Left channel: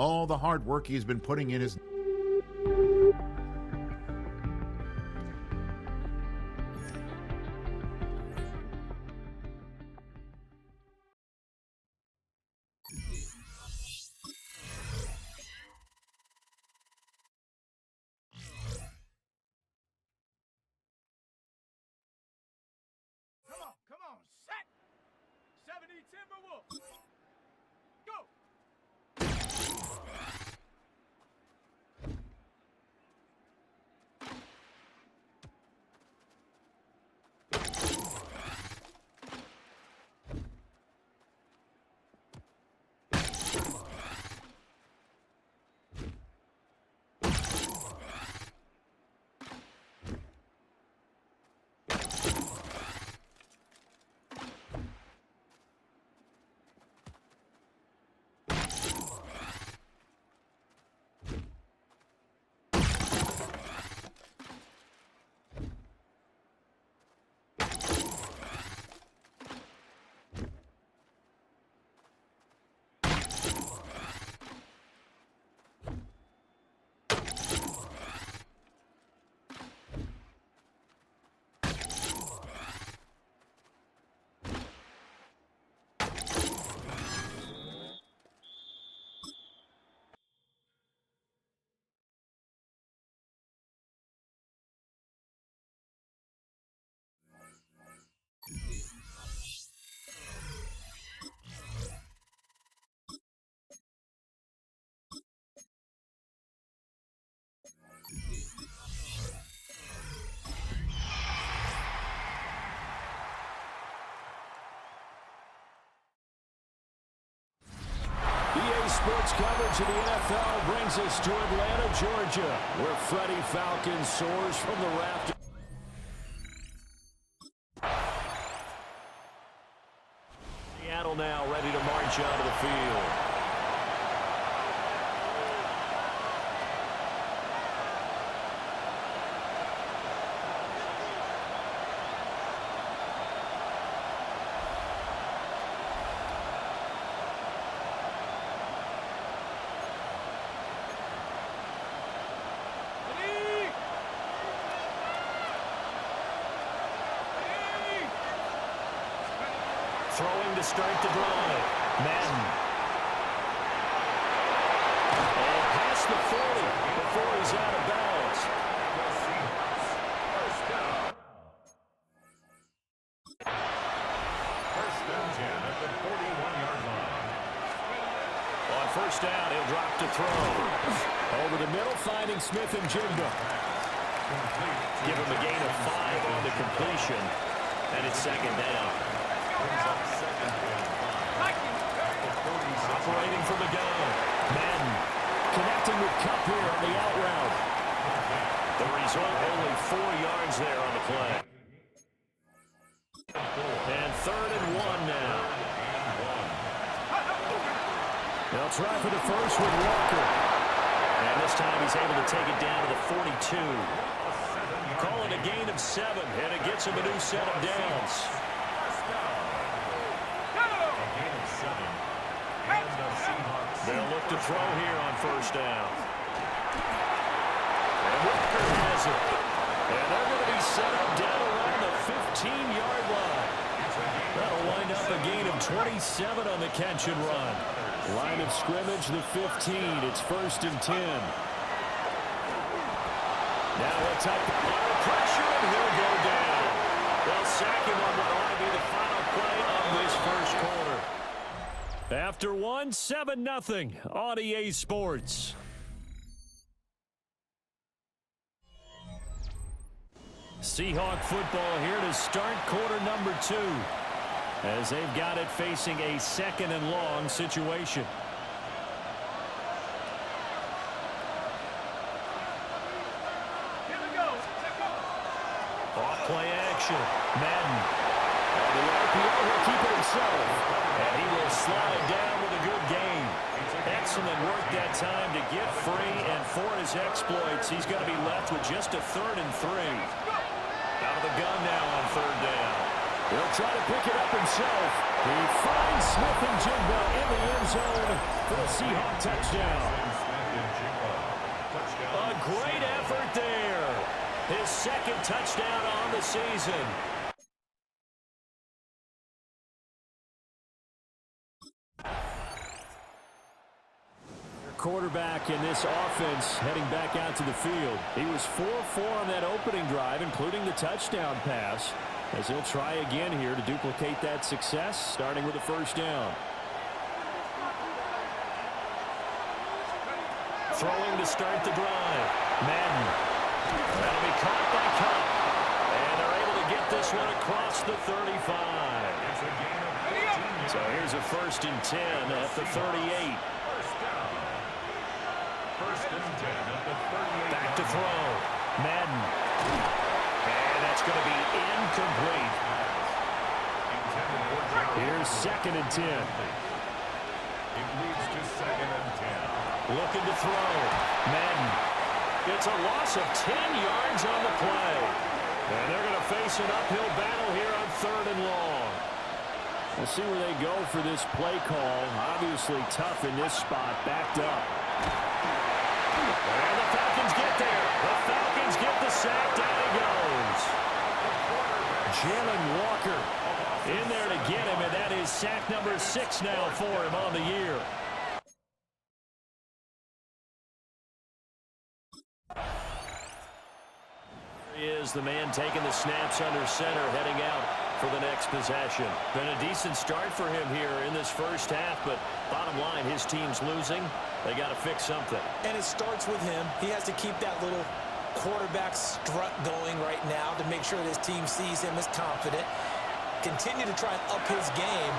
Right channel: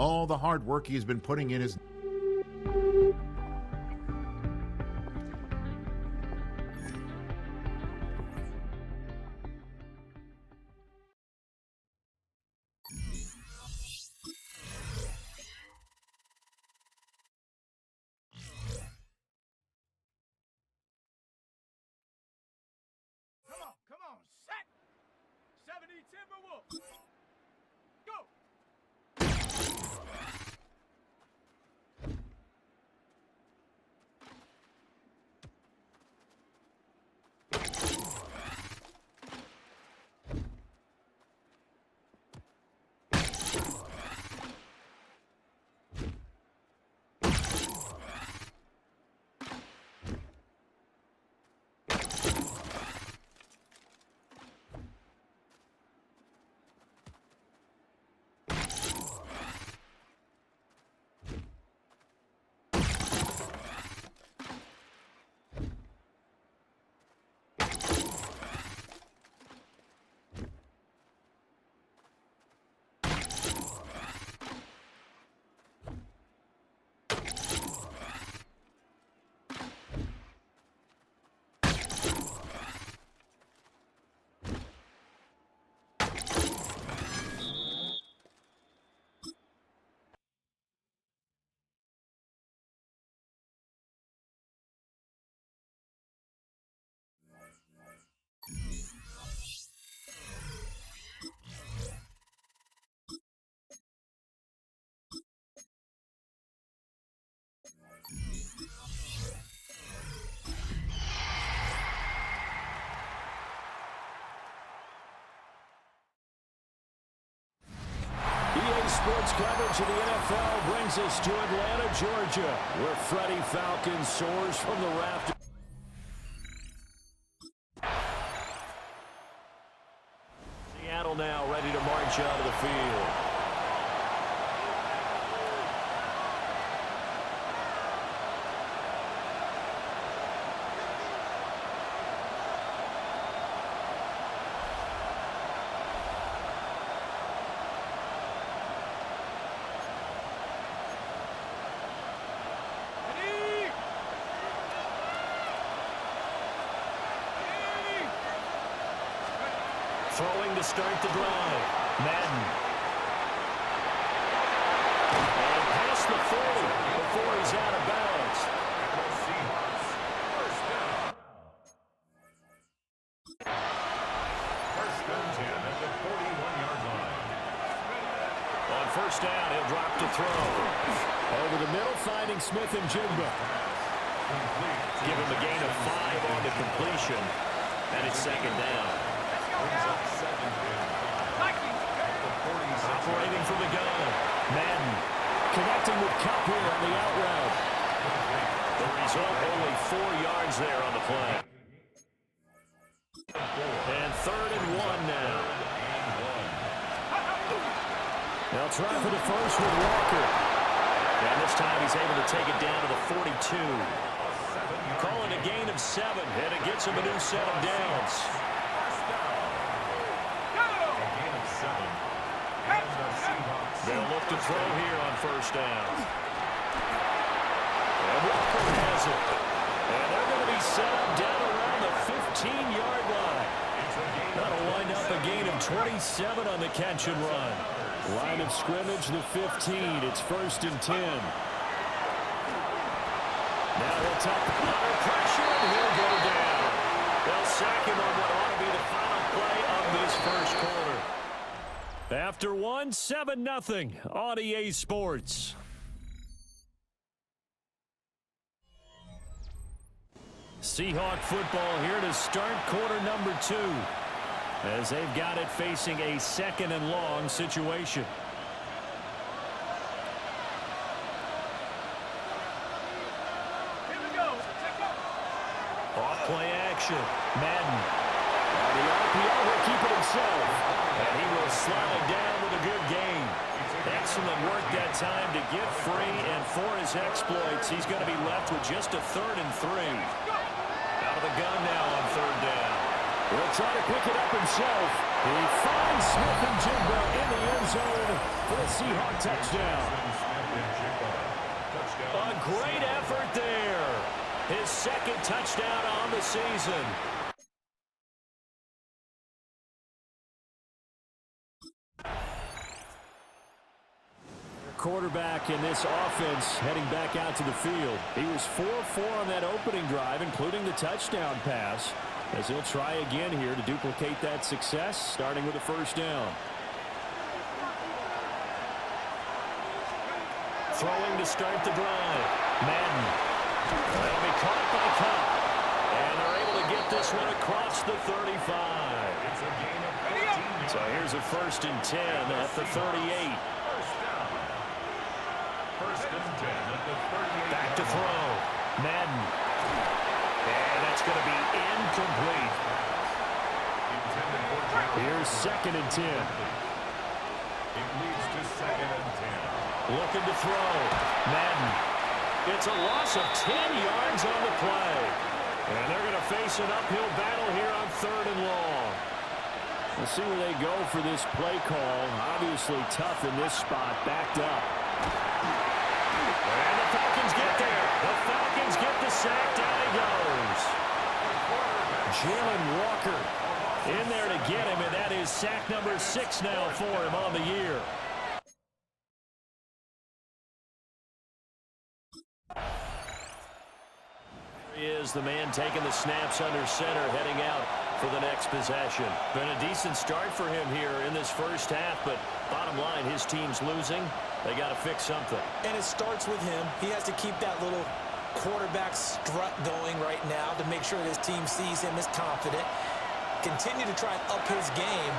all the hard work he has been putting in his... Come on, set! 70 Timberwolves! Go! EA Sports coverage of the NFL brings us to Atlanta, Georgia, where Freddie Falcon soars from the rafters. Seattle now ready to march onto the field. Throwing to start the drive. Madden. And past the 40 before he's out of bounds. First down. First and 10 at the 41-yard line. On first down, he'll drop to throw. Over the middle, finding Smith and Jigba. Give him a gain of 5 on the completion. And it's second down. Brings up second and 5. Operating from the gun. Madden connecting with Cup here on the out route. The result, only 4 yards there on the play. And third and 1 now. They'll try for the first with Walker. And this time he's able to take it down to the 42. Calling a gain of 7, and it gets him a new set of downs. They'll look to throw here on first down. And Walker has it. And they're going to be set up down around the 15-yard line. That'll wind up a gain of 27 on the catch and run. Line of scrimmage, the 15. It's first and 10. Now he'll tuck under pressure, and he'll go down. They'll sack him on what ought to be the final play of this first quarter. After 1, 7-0 on EA Sports. Seahawk football here to start quarter number 2, as they've got it facing a second and long situation. Here we go. Off play action. Madden. On the RPO, he'll keep it himself. And he will slide down with a good gain. Excellent work that time to get free, and for his exploits, he's going to be left with just a 3rd and 3. Out of the gun now on 3rd down. He'll try to pick it up himself. He finds Smith-Njigba in the end zone for the Seahawk touchdown. A great effort there. His second touchdown on the season. Quarterback in this offense heading back out to the field. He was 4-4 on that opening drive, including the touchdown pass, as he'll try again here to duplicate that success, starting with a first down. Throwing to start the drive. Madden. That'll be caught by Cup. And they're able to get this one across the 35. It's a gain of 14 yards. So here's a 1st and 10 at the 38. First and 10 at the 38. Back to throw. Madden. And that's going to be incomplete. Here's 2nd and 10. It leads to 2nd and 10. Looking to throw. Madden. It's a loss of 10 yards on the play. And they're going to face an uphill battle here on 3rd and long. We'll see where they go for this play call. Obviously tough in this spot, backed up. And the Falcons get there. The Falcons get the sack. Down he goes. Jalen Walker in there to get him, and that is sack number 6 now for him on the year. Here he is, the man taking the snaps under center, heading out for the next possession. Been a decent start for him here in this first half, but bottom line, his team's losing. They got to fix something. And it starts with him. He has to keep that little quarterback strut going right now to make sure that his team sees him as confident. Continue to try and up his game,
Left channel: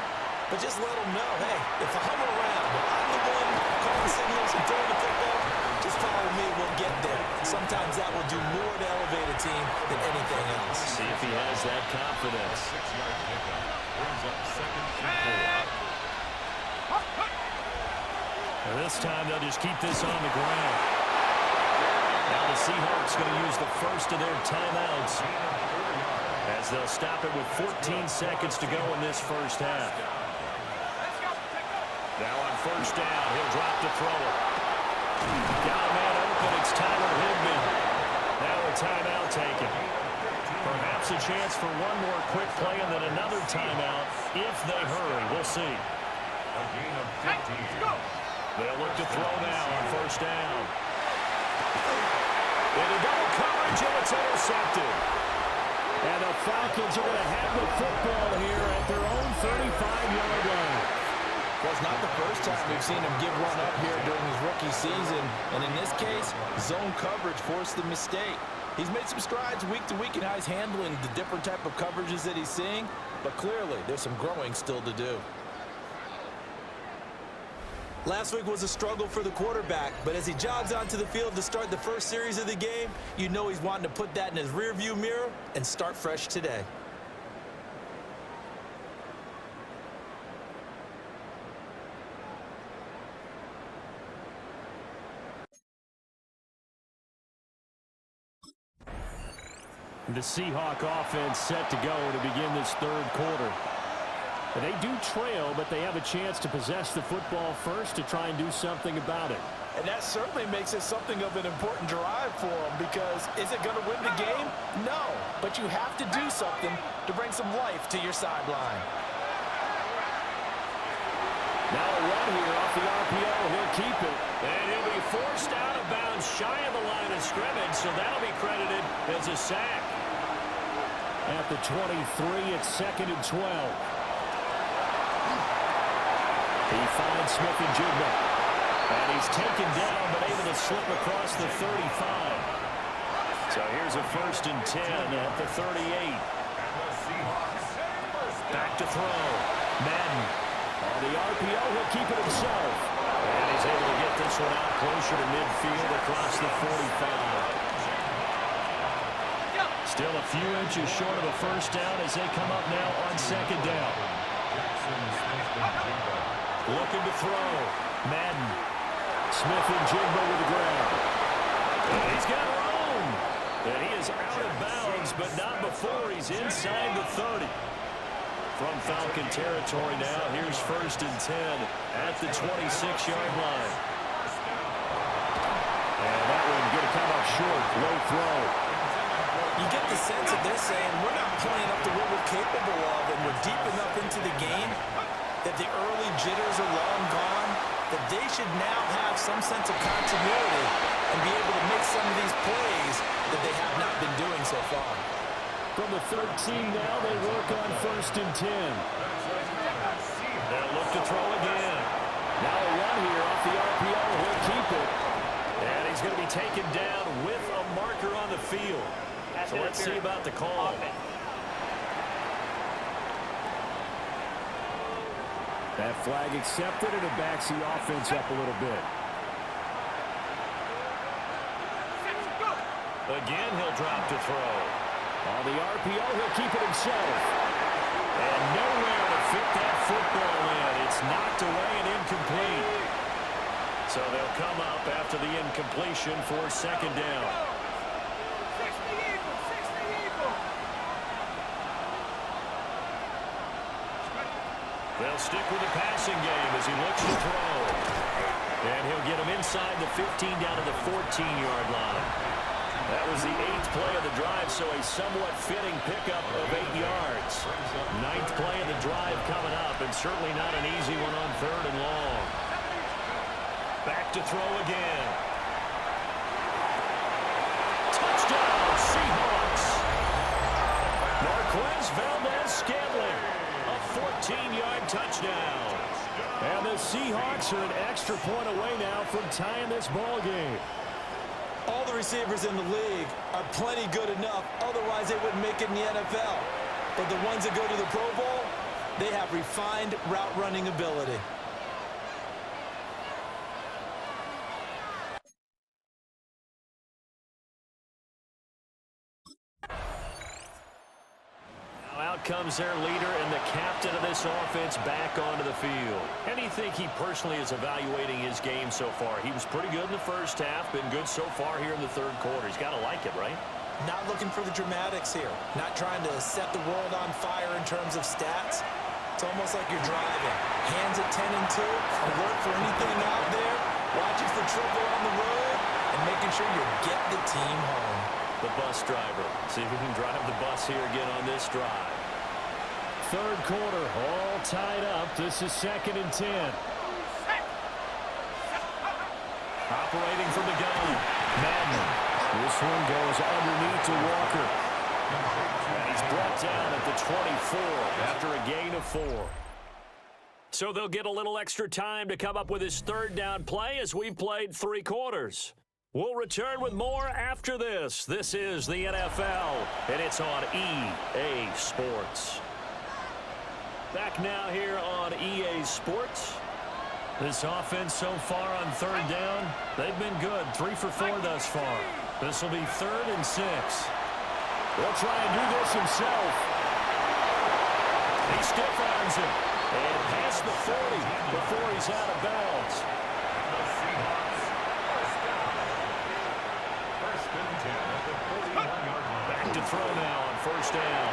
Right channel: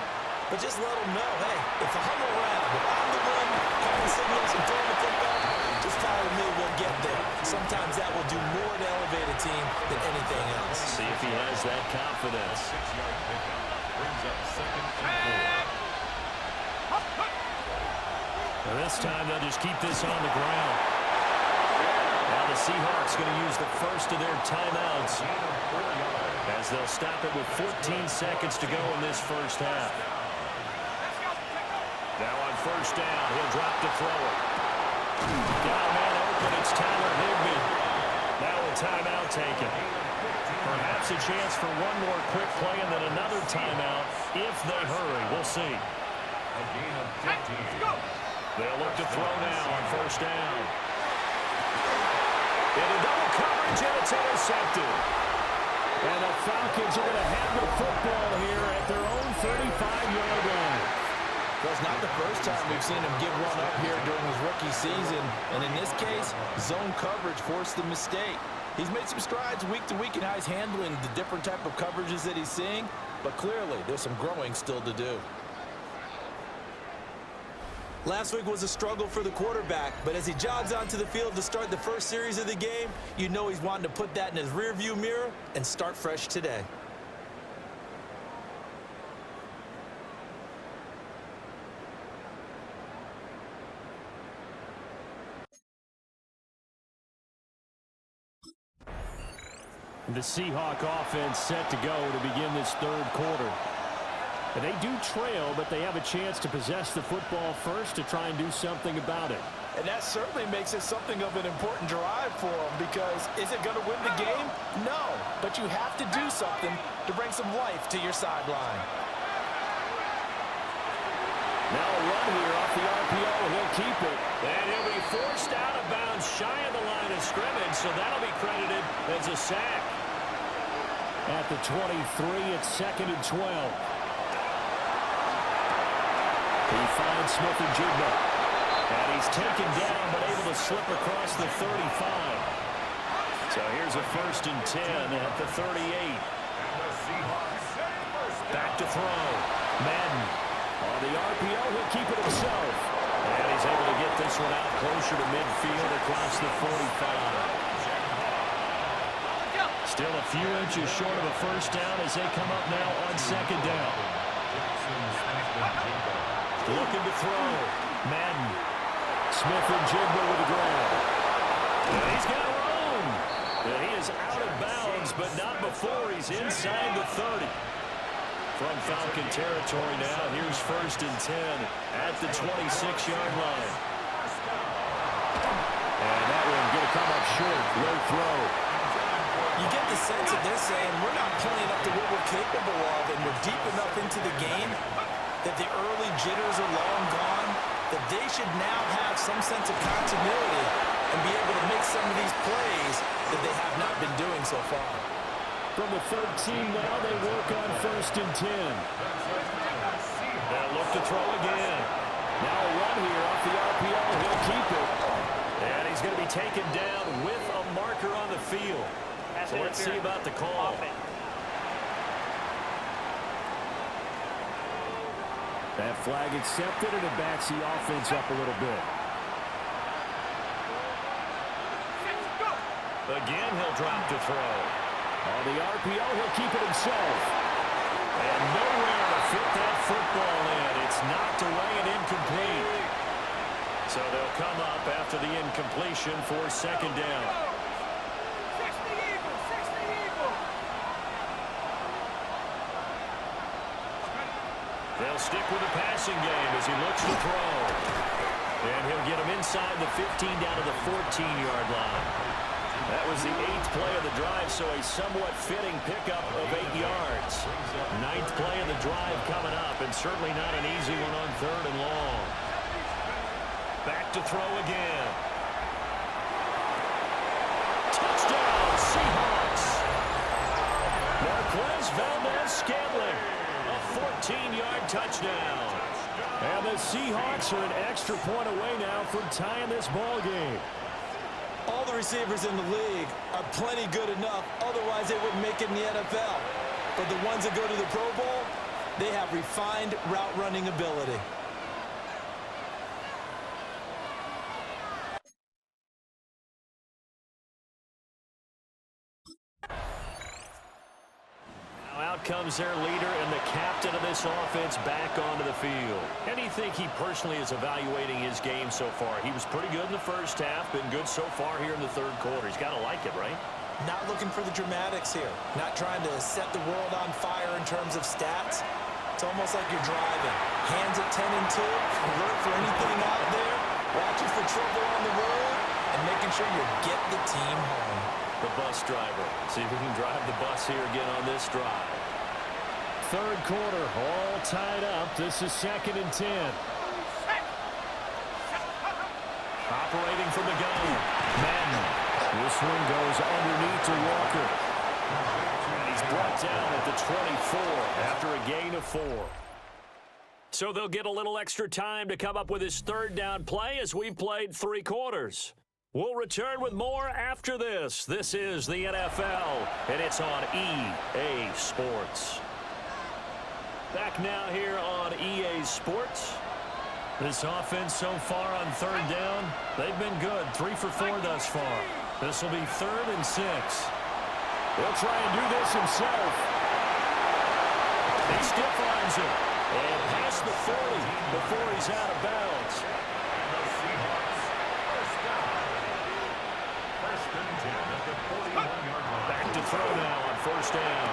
but just let him know, hey, if I'm around, if I'm the one calling signals and throwing the football, just follow me, we'll get there. Sometimes that will do more to elevate a team than anything else. See if he has that confidence. 6-yard pickup brings up 2nd and 4. And this time they'll just keep this on the ground. Now the Seahawks going to use the first of their timeouts as they'll stop it with 14 seconds to go in this first half. Now on 1st down, he'll drop to throw it. Got a man open. It's Tyler Higbee. Now a timeout taken. Perhaps a chance for one more quick play and then another timeout if they hurry. We'll see. A gain of 15. They'll look to throw now on 1st down. Into double coverage, and it's intercepted. And the Falcons are going to have the football here at their own 35-yard line. Well, it's not the first time we've seen him give one up here during his rookie season. And in this case, zone coverage forced the mistake. He's made some strides week to week in how he's handling the different type of coverages that he's seeing. But clearly, there's some growing still to do. Last week was a struggle for the quarterback, but as he jogs onto the field to start the first series of the game, you know he's wanting to put that in his rearview mirror and start fresh today. The Seahawk offense set to go to begin this 3rd quarter. They do trail, but they have a chance to possess the football first to try and do something about it. And that certainly makes it something of an important drive for them, because is it going to win the game? No, but you have to do something to bring some life to your sideline. Now a run here off the RPO. He'll keep it. And he'll be forced out of bounds shy of the line of scrimmage, so that'll be credited as a sack. At the 23, it's 2nd and 12. He finds Smith-Njigba. And he's taken down, but able to slip across the 35. So here's a 1st and 10 at the 38. Back to throw. Madden. On the RPO, he'll keep it himself. And he's able to get this one out closer to midfield across the 45. Still a few inches short of a first down as they come up now on 2nd down. Looking to throw. Madden. Smith-Njigba with the grab. And he's got room. And he is out of bounds, but not before he's inside the 30. From Falcon territory now, here's 1st and 10 at the 26-yard line. And that one going to come up short, low throw. You get the sense that they're saying we're not playing up to what we're capable of, and we're deep enough into the game that the early jitters are long gone, that they should now have some sense of continuity and be able to make some of these plays that they have not been doing so far. From the 13 now, they work on 1st and 10. They'll look to throw again. Now a run here off the RPO. He'll keep it. And he's going to be taken down with a marker on the field. So let's see about the call. That flag accepted, and it backs the offense up a little bit. Again, he'll drop to throw. On the RPO, he'll keep it himself. And nowhere to fit that football in. It's knocked away and incomplete. So they'll come up after the incompletion for 2nd down. They'll stick with the passing game as he looks to throw. And he'll get him inside the 15 down to the 14-yard line. That was the 8th play of the drive, so a somewhat fitting pickup of 8 yards. 9th play of the drive coming up, and certainly not an easy one on 3rd and long. Back to throw again. Touchdown, Seahawks. Marquez Valdez-Scantling, a 14-yard touchdown. And the Seahawks are an extra point away now from tying this ball game. All the receivers in the league are plenty good enough, otherwise they wouldn't make it in the NFL. But the ones that go to the Pro Bowl, they have refined route running ability. Out comes their leader and the captain of this offense back onto the field. And do you think he personally is evaluating his game so far? He was pretty good in the first half, been good so far here in the 3rd quarter. He's got to like it, right? Not looking for the dramatics here. Not trying to set the world on fire in terms of stats. It's almost like you're driving. Hands at 10 and 2, alert for anything out there, watching for trouble on the road, and making sure you get the team home. The bus driver. See if he can drive the bus here again on this drive. 3rd quarter, all tied up. This is 2nd and 10. Operating from the gun. Madden. This one goes underneath to Walker. And he's brought down at the 24 after a gain of 4. So they'll get a little extra time to come up with his 3rd down play as we've played 3 quarters. We'll return with more after this. This is the NFL, and it's on EA Sports. Back now here on EA Sports. This offense so far on 3rd down, they've been good. 3 for 4 thus far. This will be 3rd and 6. He'll try and do this himself. He stiff arms him and past the 40 before he's out of bounds. The Seahawks, 1st down. 1st and 10 at the 41-yard line. Back to throw now on 1st down.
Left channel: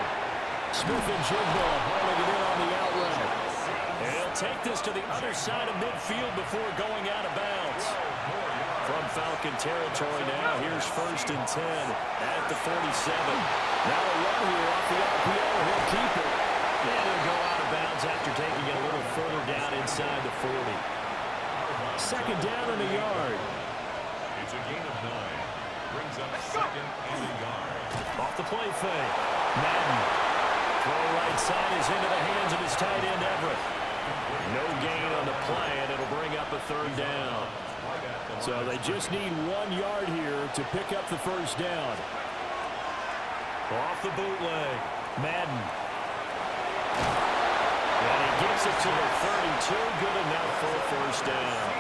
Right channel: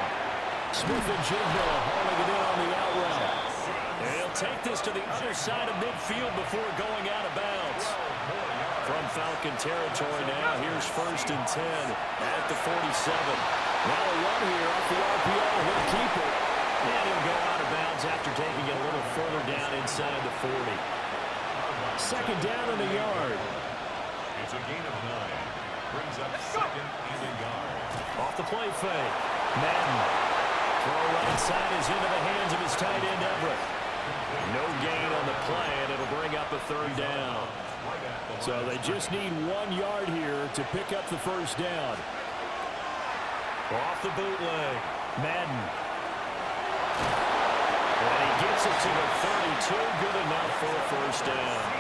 Smith and Jigba hauling it in on the out route. And he'll take this to the other side of midfield before going out of bounds. From Falcon territory now, here's 1st and 10 at the 47. Now a run here off the RPO. He'll keep it. And he'll go out of bounds after taking it a little further down inside the 40. 2nd down and a yard. It's a gain of 9. Brings up 2nd and a yard. Off the play fake. Madden. Throw right side is into the hands of his tight end, Everett. No gain on the play, and it'll bring up a 3rd down. So they just need 1 yard here to pick up the 1st down. Off the bootleg. Madden. And he gets it to the 32. Good enough for a 1st down.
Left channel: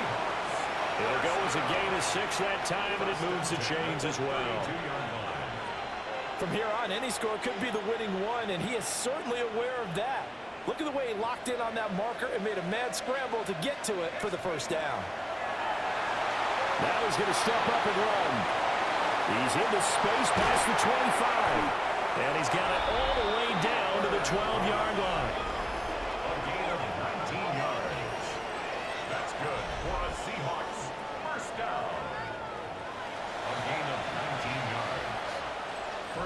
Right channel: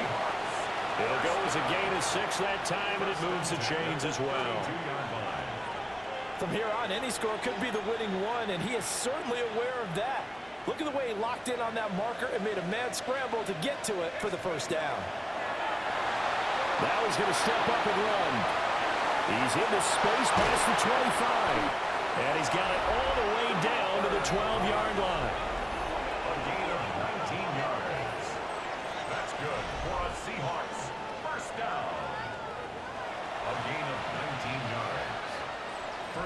It'll go as a gain of 6 that time, and it moves the chains as well. From here on, any score could be the winning one, and he is certainly aware of that. Look at the way he locked in on that marker and made a mad scramble to get to it for the 1st down. Now he's going to step up and run. He's into space past the 25. And he's got it all the way down to the 12-yard line. good for a Seahawks first down. A gain of 19 yards.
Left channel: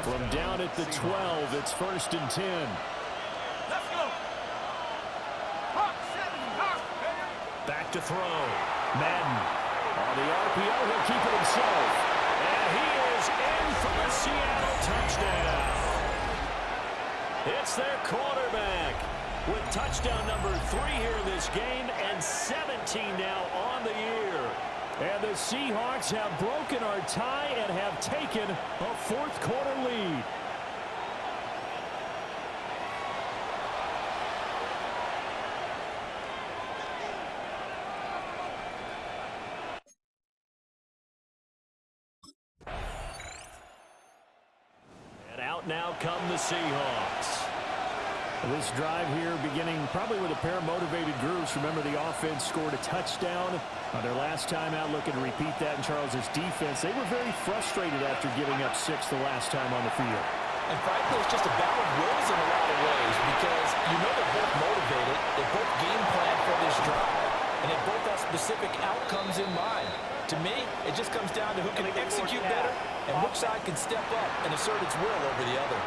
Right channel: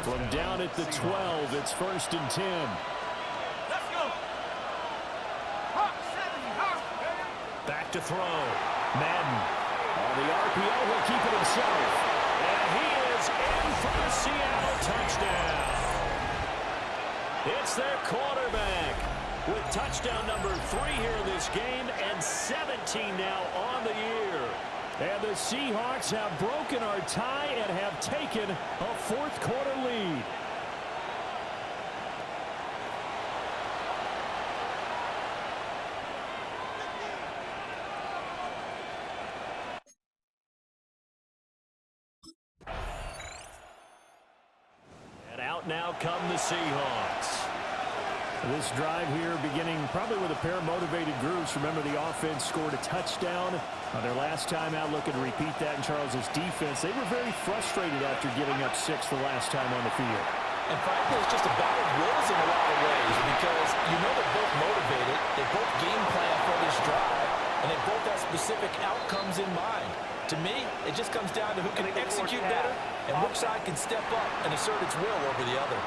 From down at the 12, it's 1st and 10. Let's go. Hawk 70, Hawk. Back to throw. Madden. On the RPO, he'll keep it himself. And he is in for the Seattle touchdown. It's their quarterback with touchdown number 3 here in this game and 17 now on the year. And the Seahawks have broken our tie and have taken a 4th quarter lead. And out now come the Seahawks. This drive here beginning probably with a pair of motivated groups. Remember, the offense scored a touchdown on their last time out. Looking to repeat that in Charles's defense. They were very frustrated after giving up 6 the last time on the field. And frankly, it's just a battle of wills in a lot of ways because you know they're both motivated. They both game plan for this drive, and they both have specific outcomes in mind. To me, it just comes down to who can execute better and which side can step up and assert its will over the other.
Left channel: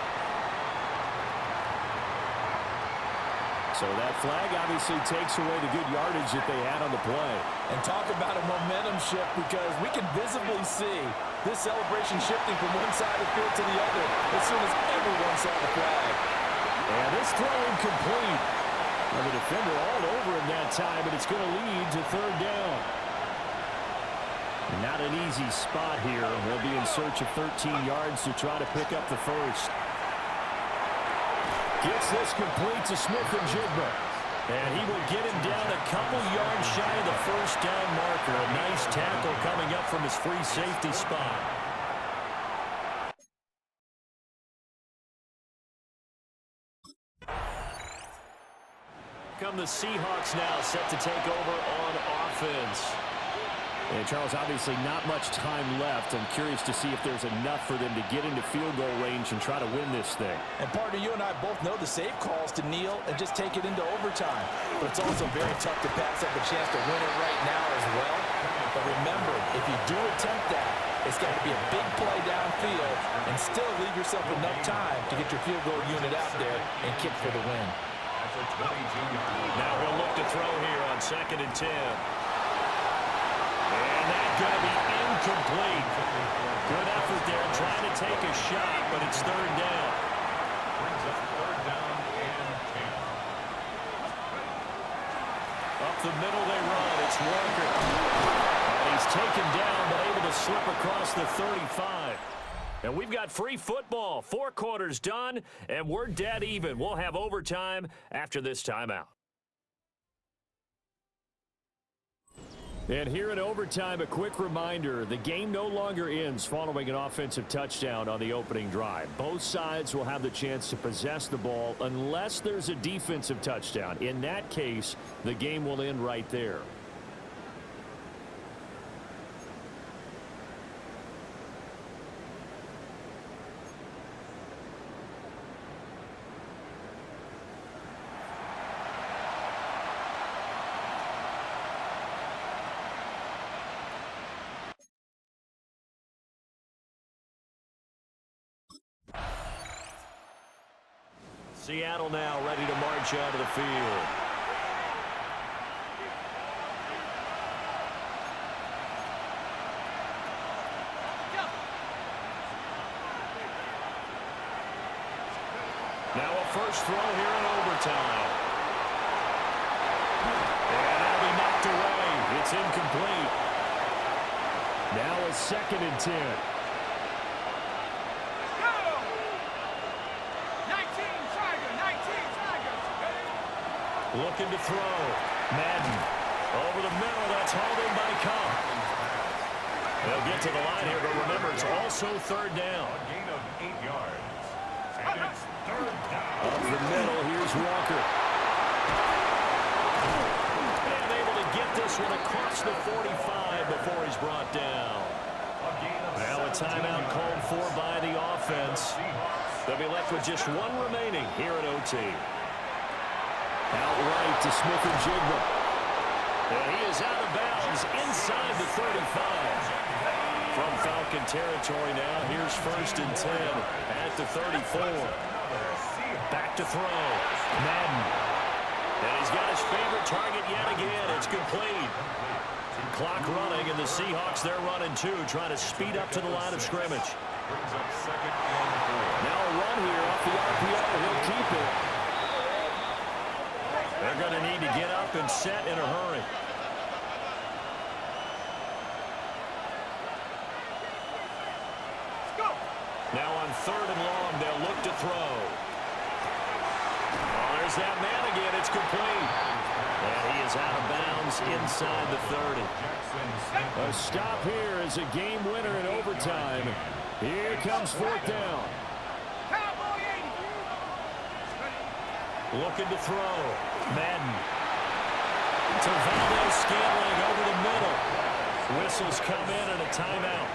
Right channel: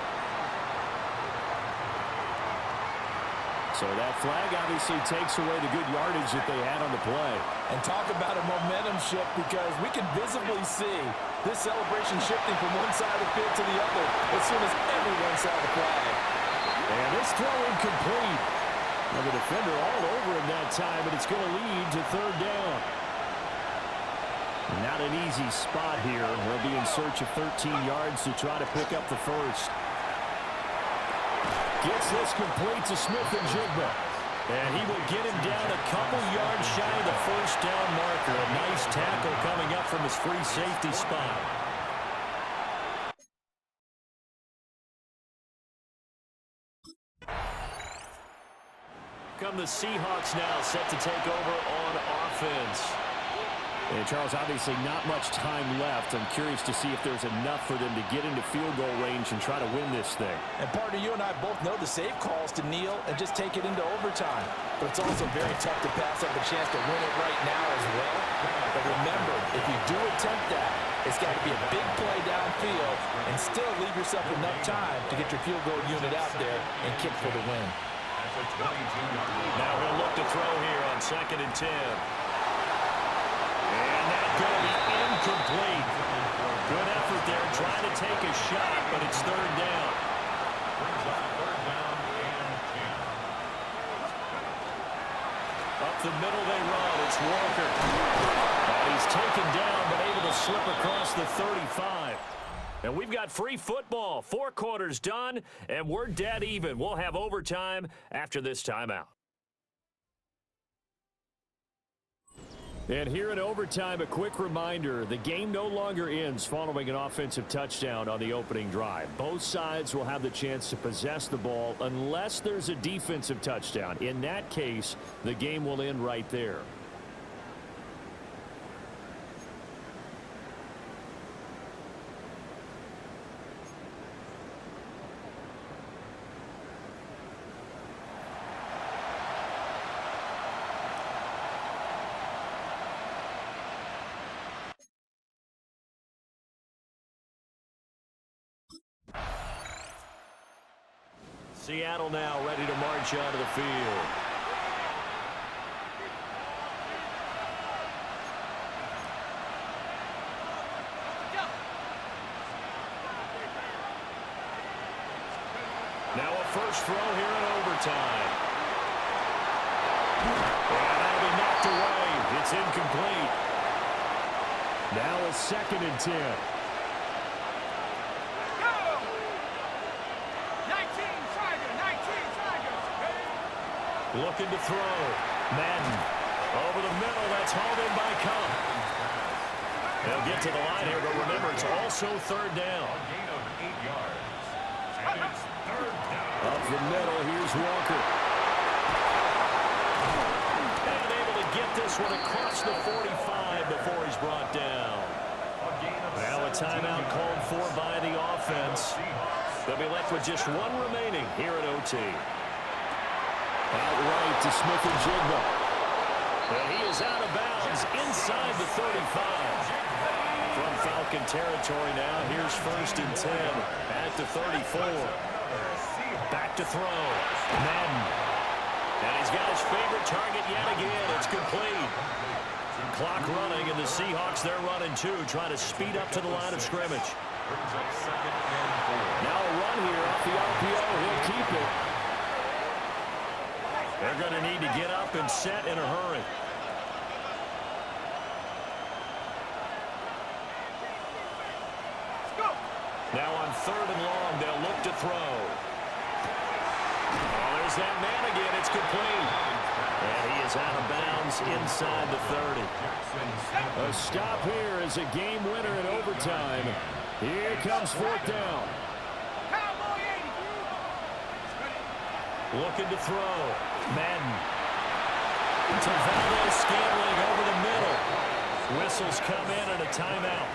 So that flag obviously takes away the good yardage that they had on the play. And talk about a momentum shift because we can visibly see this celebration shifting from one side of the field to the other as soon as everyone saw the flag. And this throw incomplete. Well, the defender all over him that time, but it's going to lead to 3rd down. Not an easy spot here. They'll be in search of 13 yards to try to pick up the first. Gets this complete to Smith-Njigba. And he will get him down a couple yards shy of the 1st down marker. A nice tackle coming up from his free safety spot. Come the Seahawks now set to take over on offense. And Charles, obviously not much time left. I'm curious to see if there's enough for them to get into field goal range and try to win this thing. And partner, you and I both know the save calls to kneel and just take it into overtime. But it's also very tough to pass up a chance to win it right now as well. But remember, if you do attempt that, it's got to be a big play downfield and still leave yourself enough time to get your field goal unit out there and kick for the win. Now he'll look to throw here on 2nd and 10. And that's going to be incomplete. Good effort there trying to take a shot, but it's 3rd down. Brings up 3rd down and 10. Up the middle they run. It's Walker. And he's taken down, but able to slip across the 35. And we've got free football. 4 quarters done, and we're dead even. We'll have overtime after this timeout. And here in overtime, a quick reminder, the game no longer ends following an offensive touchdown on the opening drive. Both sides will have the chance to possess the ball unless there's a defensive touchdown. In that case, the game will end right there. Seattle now ready to march onto the field. Now a first throw here in overtime. And that'll be knocked away. It's incomplete. Now a 2nd and 10. Looking to throw. Madden. Over the middle. That's hauled in by Cup. They'll get to the line here, but remember, it's also 3rd down. A gain of 8 yards. And it's 3rd down. Up the middle, here's Walker. And able to get this one across the 45 before he's brought down. Now a timeout called for by the offense. They'll be left with just 1 remaining here at OT. Outright to Smith-Njigba. And he is out of bounds inside the 35. From Falcon territory now, here's 1st and 10 at the 34. Back to throw. Madden. And he's got his favorite target yet again. It's complete. Clock running, and the Seahawks, they're running too, trying to speed up to the line of scrimmage. Brings up 2nd and 4. Now a run here off the RPO. He'll keep it. They're going to need to get up and set in a hurry. Now on 3rd and long, they'll look to throw. Oh, there's that man again. It's complete. And he is out of bounds inside the 30. A stop here is a game winner in overtime. Here comes 4th down. Cowboy 80. Looking to throw. Madden. To Valdez-Scantling over the middle. Whistles come in and a timeout.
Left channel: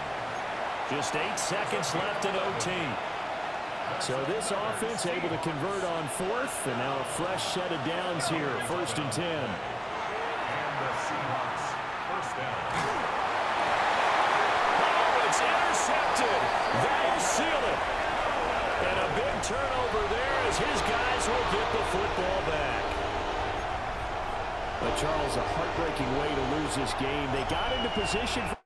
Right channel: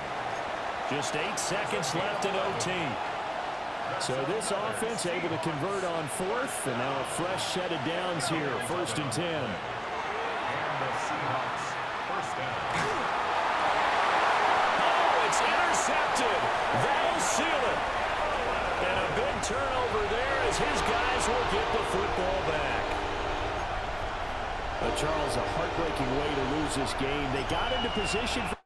Just 8 seconds left in OT. So this offense able to convert on 4th, and now a fresh set of downs here, 1st and 10. And the Seahawks, 1st down. Oh, it's intercepted. That'll seal it. And a big turnover there as his guys will get the football back. But Charles, a heartbreaking way to lose this game. They got into position for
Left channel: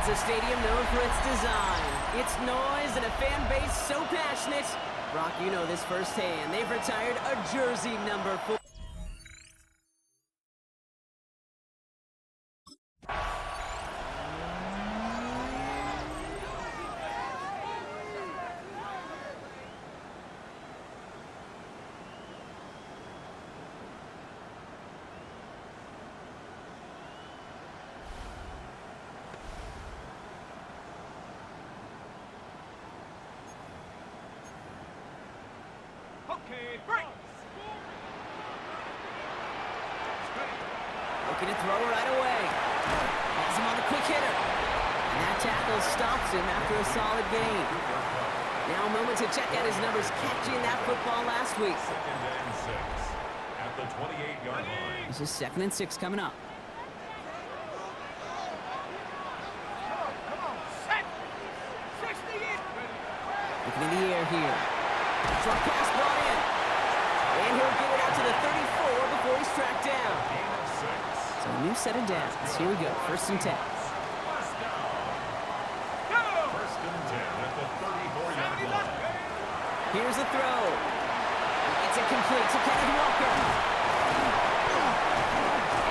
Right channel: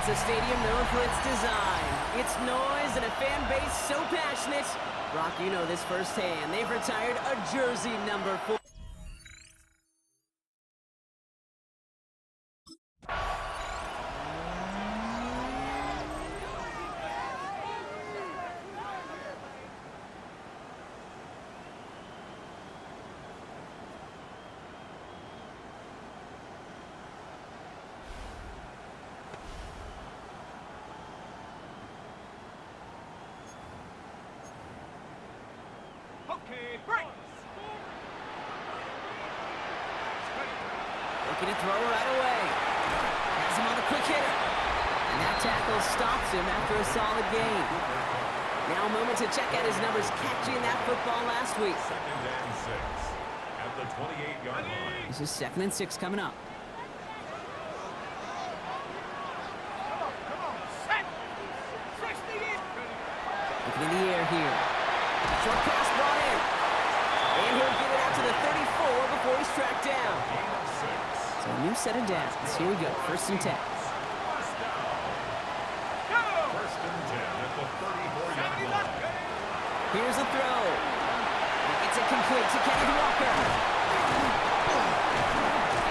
It's a stadium known for its design, its noise, and a fan base so passionate. Brock, you know this firsthand. They've retired a jersey number 4. Okay, break. Looking to throw right away. Has him on the quick hitter. And that tackle stops him after a solid gain. Now a moment to check out his numbers catching that football last week. 2nd and 6 at the 28-yard line. This is 2nd and 6 coming up. Come on, set. 60 in. Looking in the air here. Short pass brought in. And he'll get it out to the 34 before he's tracked down. Gain of 6. So a new set of downs. Here we go. 1st and 10. First down. Go. 1st and 10 at the 34-yard line. Here's a throw. He gets it complete to Kenneth Walker.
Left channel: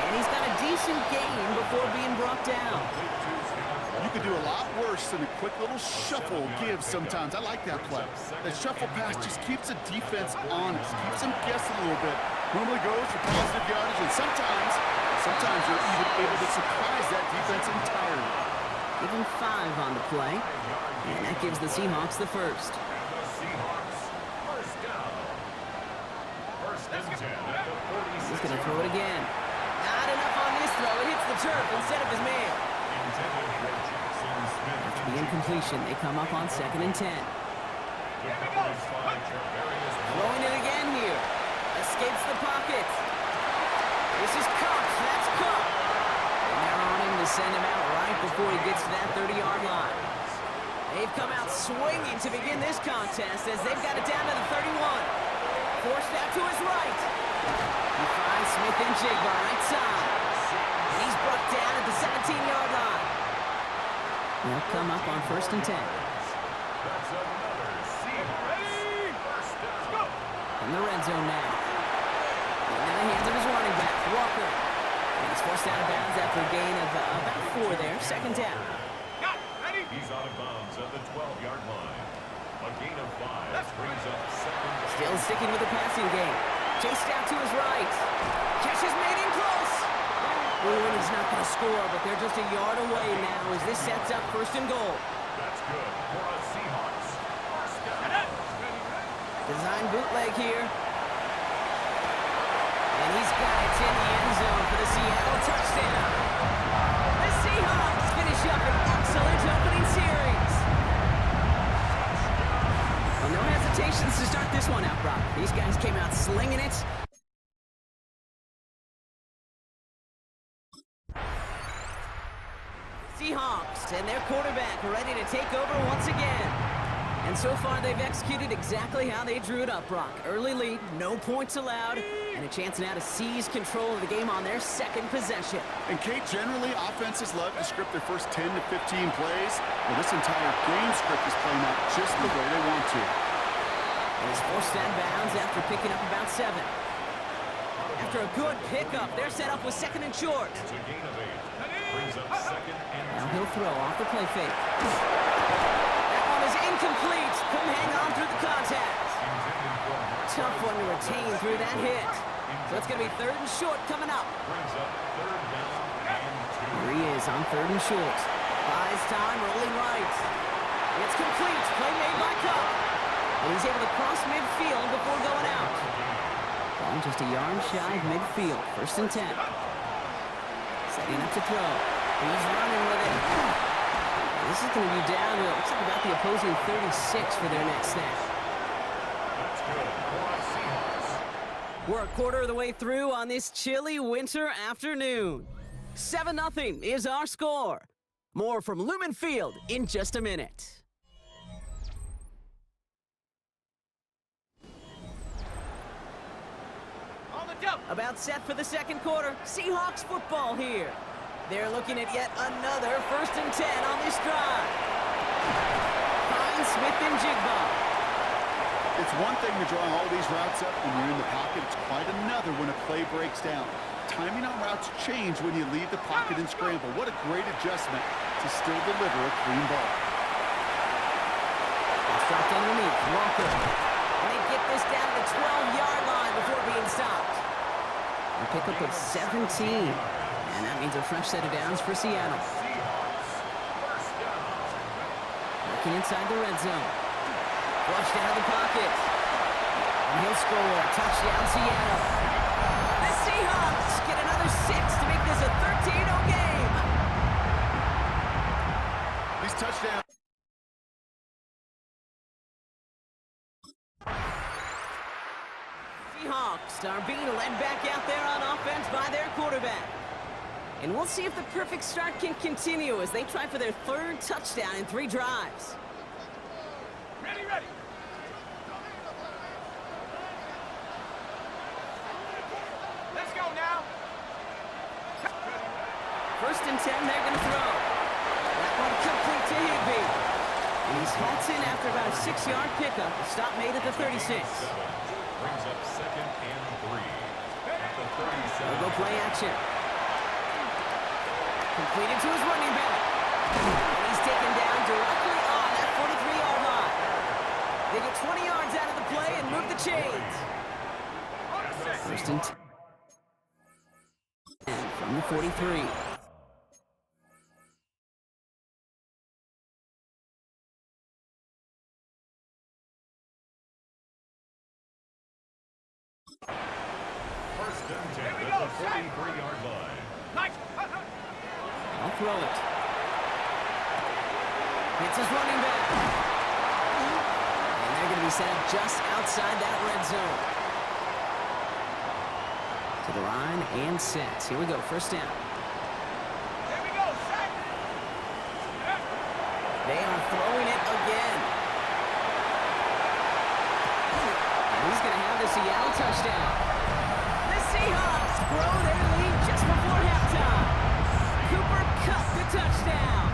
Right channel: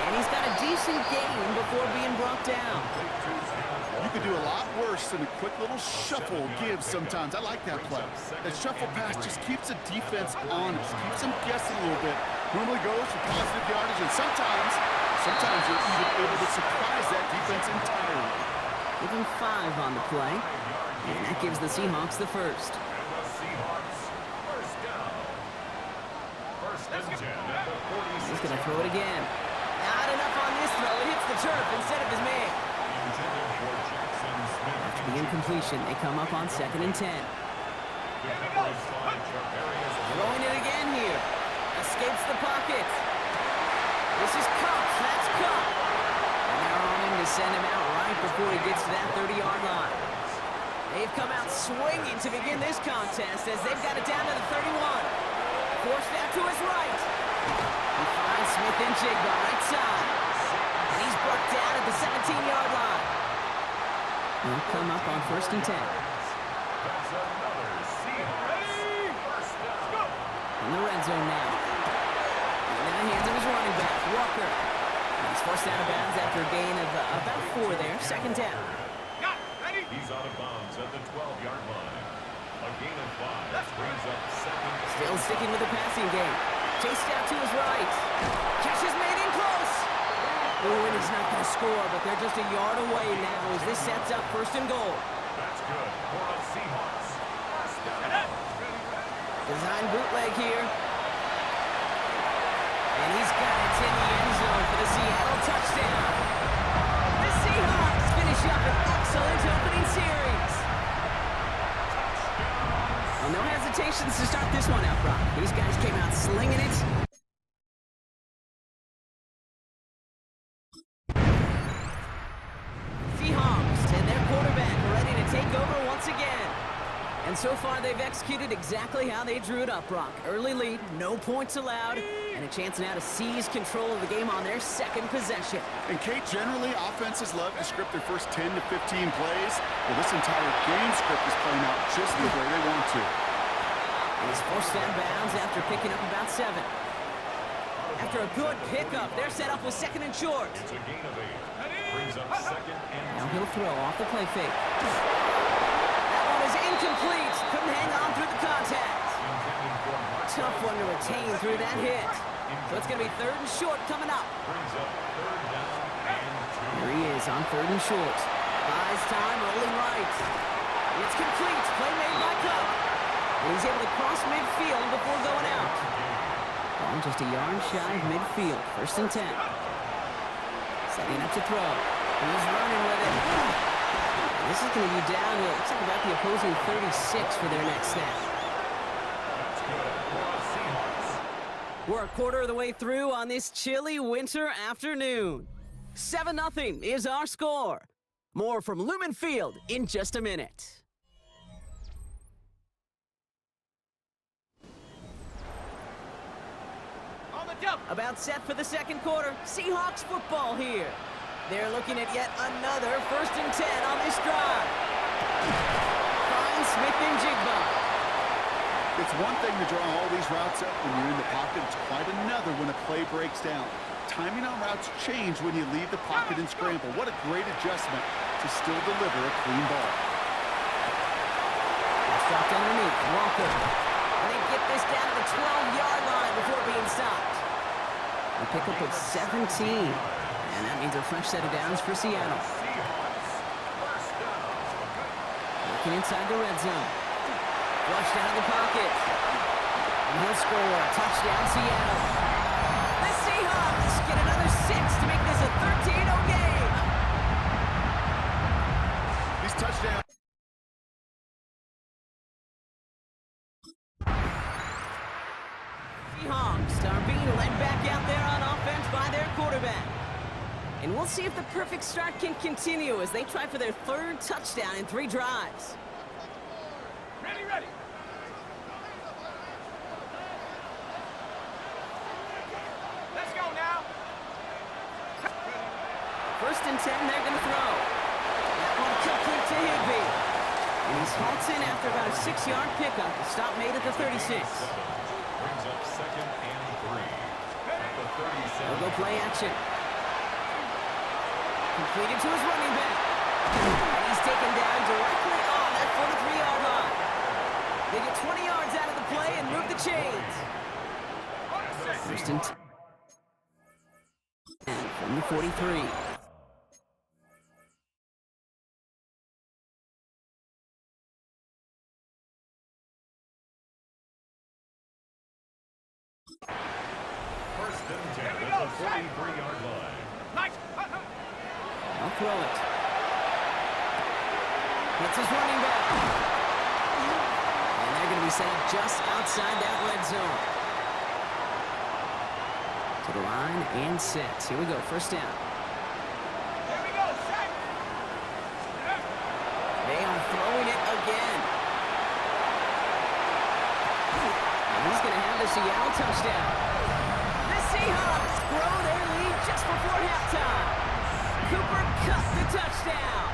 And he's got a decent gain before being brought down. You could do a lot worse than a quick little shuffle give sometimes. I like that play. That shuffle pass just keeps the defense honest, keeps them guessing a little bit. Normally goes for positive yardage, and sometimes you're even able to surprise that defense entirely. Give him 5 on the play. And that gives the Seahawks the first. And the Seahawks, first down. 1st and 10 at the 46. He's going to throw it again. Not enough on this throw. It hits the turf instead of his man. Intended for Jackson Smith. After the incompletion, they come up on 2nd and 10. Defenders by Charvarius Ward. Throwing it again here. Escapes the pocket. This is Cup. That's Cup. And they're on him to send him out right before he gets to that 30-yard line. They've come out swinging to begin this contest as they've got it down to the 31. Forced out to his right. He finds Smith and Jigba right side. And he's brought down at the 17-yard line. They'll come up on 1st and 10. That's another Seahawks. First down. In the red zone now. Into the hands of his running back, Walker. And he's forced out of bounds after a gain of about 4 there. 2nd down. Got it. Ready? He's out of bounds at the 12-yard line. A gain of 5 brings up 2nd. Still sticking with the passing game. Chased out to his right. Catch is made in close. Ooh, and he's not going to score, but they're just a yard away now as this sets up 1st and goal. That's good for a Seahawks. First down. Design bootleg here. And he's got it in the end zone for the Seattle touchdown. The Seahawks finish up an excellent opening series. Well, no hesitations to start this one out, Brock. These guys came out slinging it. Seahawks and their quarterback ready to take over once again. And so far, they've executed exactly how they drew it up, Brock. Early lead, no points allowed, and a chance now to seize control of the game on their 2nd possession. And Kate, generally, offenses love to script their first 10 to 15 plays. Well, this entire game script is playing out just the way they want to. And he's forced out of bounds after picking up about 7. After a good pickup, they're set up with 2nd and short. It's a gain of 8. Brings up 2nd and 2. Now he'll throw off the play fake. That one is incomplete. Couldn't hang on through the contact. Intended for Mark. Tough one to retain through that hit. So it's going to be 3rd and short coming up. Brings up 3rd down and 2. Here he is on 3rd and short. Buys time, rolling right. It's complete. Play made by Cup. And he's able to cross midfield before going out. Ball just a yard shy of midfield. 1st and 10. Setting up to throw. He's running with it. And this is going to be down to, looks like about the opposing 36 for their next snap. That's good for a Seahawks. We're a quarter of the way through on this chilly winter afternoon. 7-0 is our score. More from Lumen Field in just a minute. On the jump. About set for the 2nd quarter. Seahawks football here. They're looking at yet another 1st and 10 on this drive. Finds Smith and Jigba. It's one thing to draw all these routes up when you're in the pocket. It's quite another when a play breaks down. Timing on routes change when you leave the pocket and scramble. What a great adjustment to still deliver a clean ball. That's dropped underneath. Walker. And they get this down to the 12-yard line before being stopped. A pickup of 17. And that means a fresh set of downs for Seattle. Seahawks. First down. Working inside the red zone. Flushed out of the pocket. And he'll score. Touchdown, Seattle. The Seahawks get another 6 to make this a 13-0 game. These touchdowns. Seahawks are being led back out there on offense by their quarterback. And we'll see if the perfect start can continue as they try for their 3rd touchdown in 3 drives. Ready, ready. Let's go now. 1st and 10, they're going to throw. That one complete to Higbee. And he's halted after about a 6-yard pickup. The stop made at the 36. Brings up 2nd and 3 at the 37. They'll go play action. Completed to his running back. And he's taken down directly on that 43-yard line. They get 20 yards out of the play and move the chains. 1st and 10 from the 43. First and 10 at the 43-yard line. Nice. I'll throw it. Hits his running back. And they're going to be set up just outside that red zone. To the line and set. Here we go, 1st down. Here we go, set. They are throwing it again. And he's going to have the Seattle touchdown. The Seahawks grow their lead just before halftime. Cooper Kupp the touchdown.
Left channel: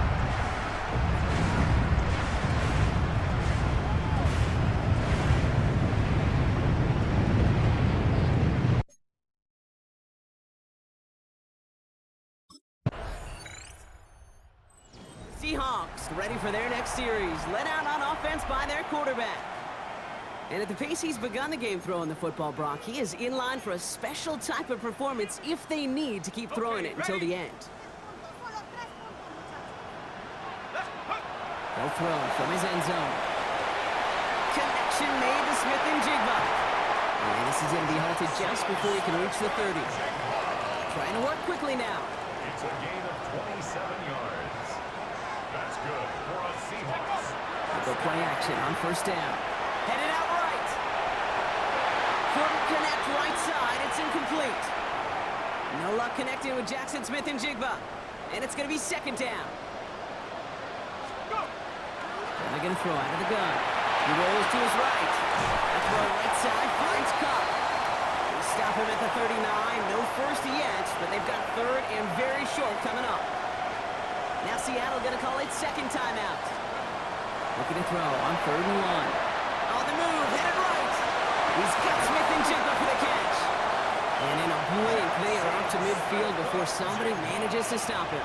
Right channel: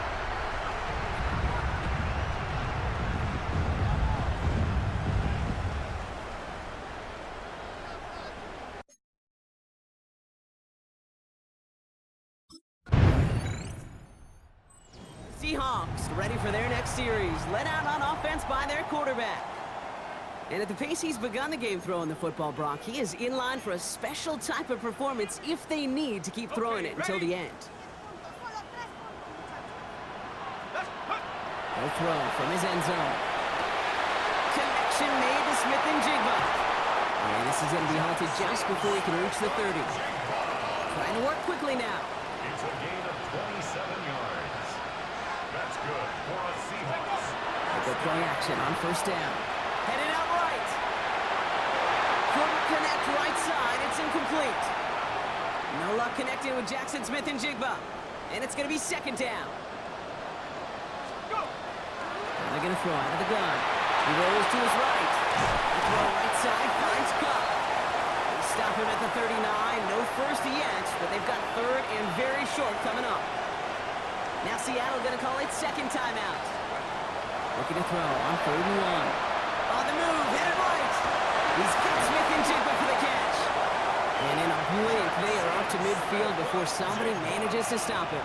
Seahawks ready for their next series, led out on offense by their quarterback. And at the pace he's begun the game throwing the football, Brock, he is in line for a special type of performance if they need to keep throwing it until the end. He'll throw from his end zone. Connection made to Smith-Njigba. And this is going to be halted just before he can reach the 30. Trying to work quickly now. It's a gain of 27 yards. That's good for a Seahawks. They'll go play action on 1st down. Headed out right. Couldn't connect right side. It's incomplete. No luck connecting with Jackson Smith-Njigba. And it's going to be 2nd down. Go. And they're going to throw out of the gun. He rolls to his right. The throw right side finds Kupp. They stop him at the 39. No first yet, but they've got 3rd and very short coming up. Now Seattle going to call it 2nd timeout. Looking to throw on 3rd and 1. On the move, headed right. He's got Smith-Njigba for the catch. And in a blink, they are up to midfield before somebody manages to stop him.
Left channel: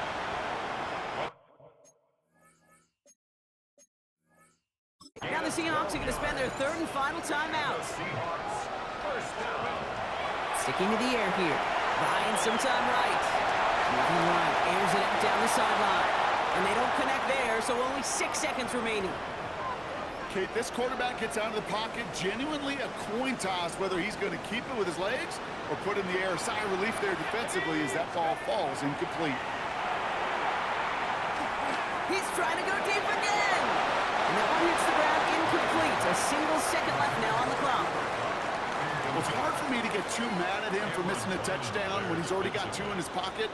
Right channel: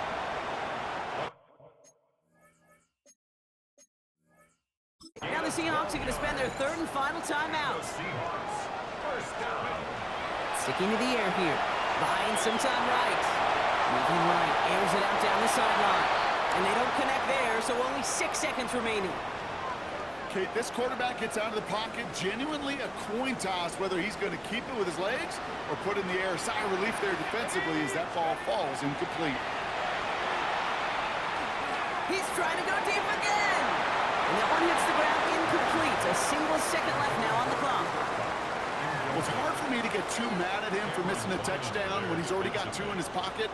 Now the Seahawks are going to spend their 3rd and final timeout. Seahawks, 1st down. Sticking to the air here. Buying some time right. Moving right, airs it out down the sideline. And they don't connect there, so only 6 seconds remaining. Kate, this quarterback gets out of the pocket, genuinely a coin toss whether he's going to keep it with his legs or put in the air. Sigh of relief there defensively as that ball falls incomplete. He's trying to go deep again. And that one hits the ground incomplete. A single second left now on the clock. Well, it's hard for me to get too mad at him for missing a touchdown when he's already got 2 in his pocket.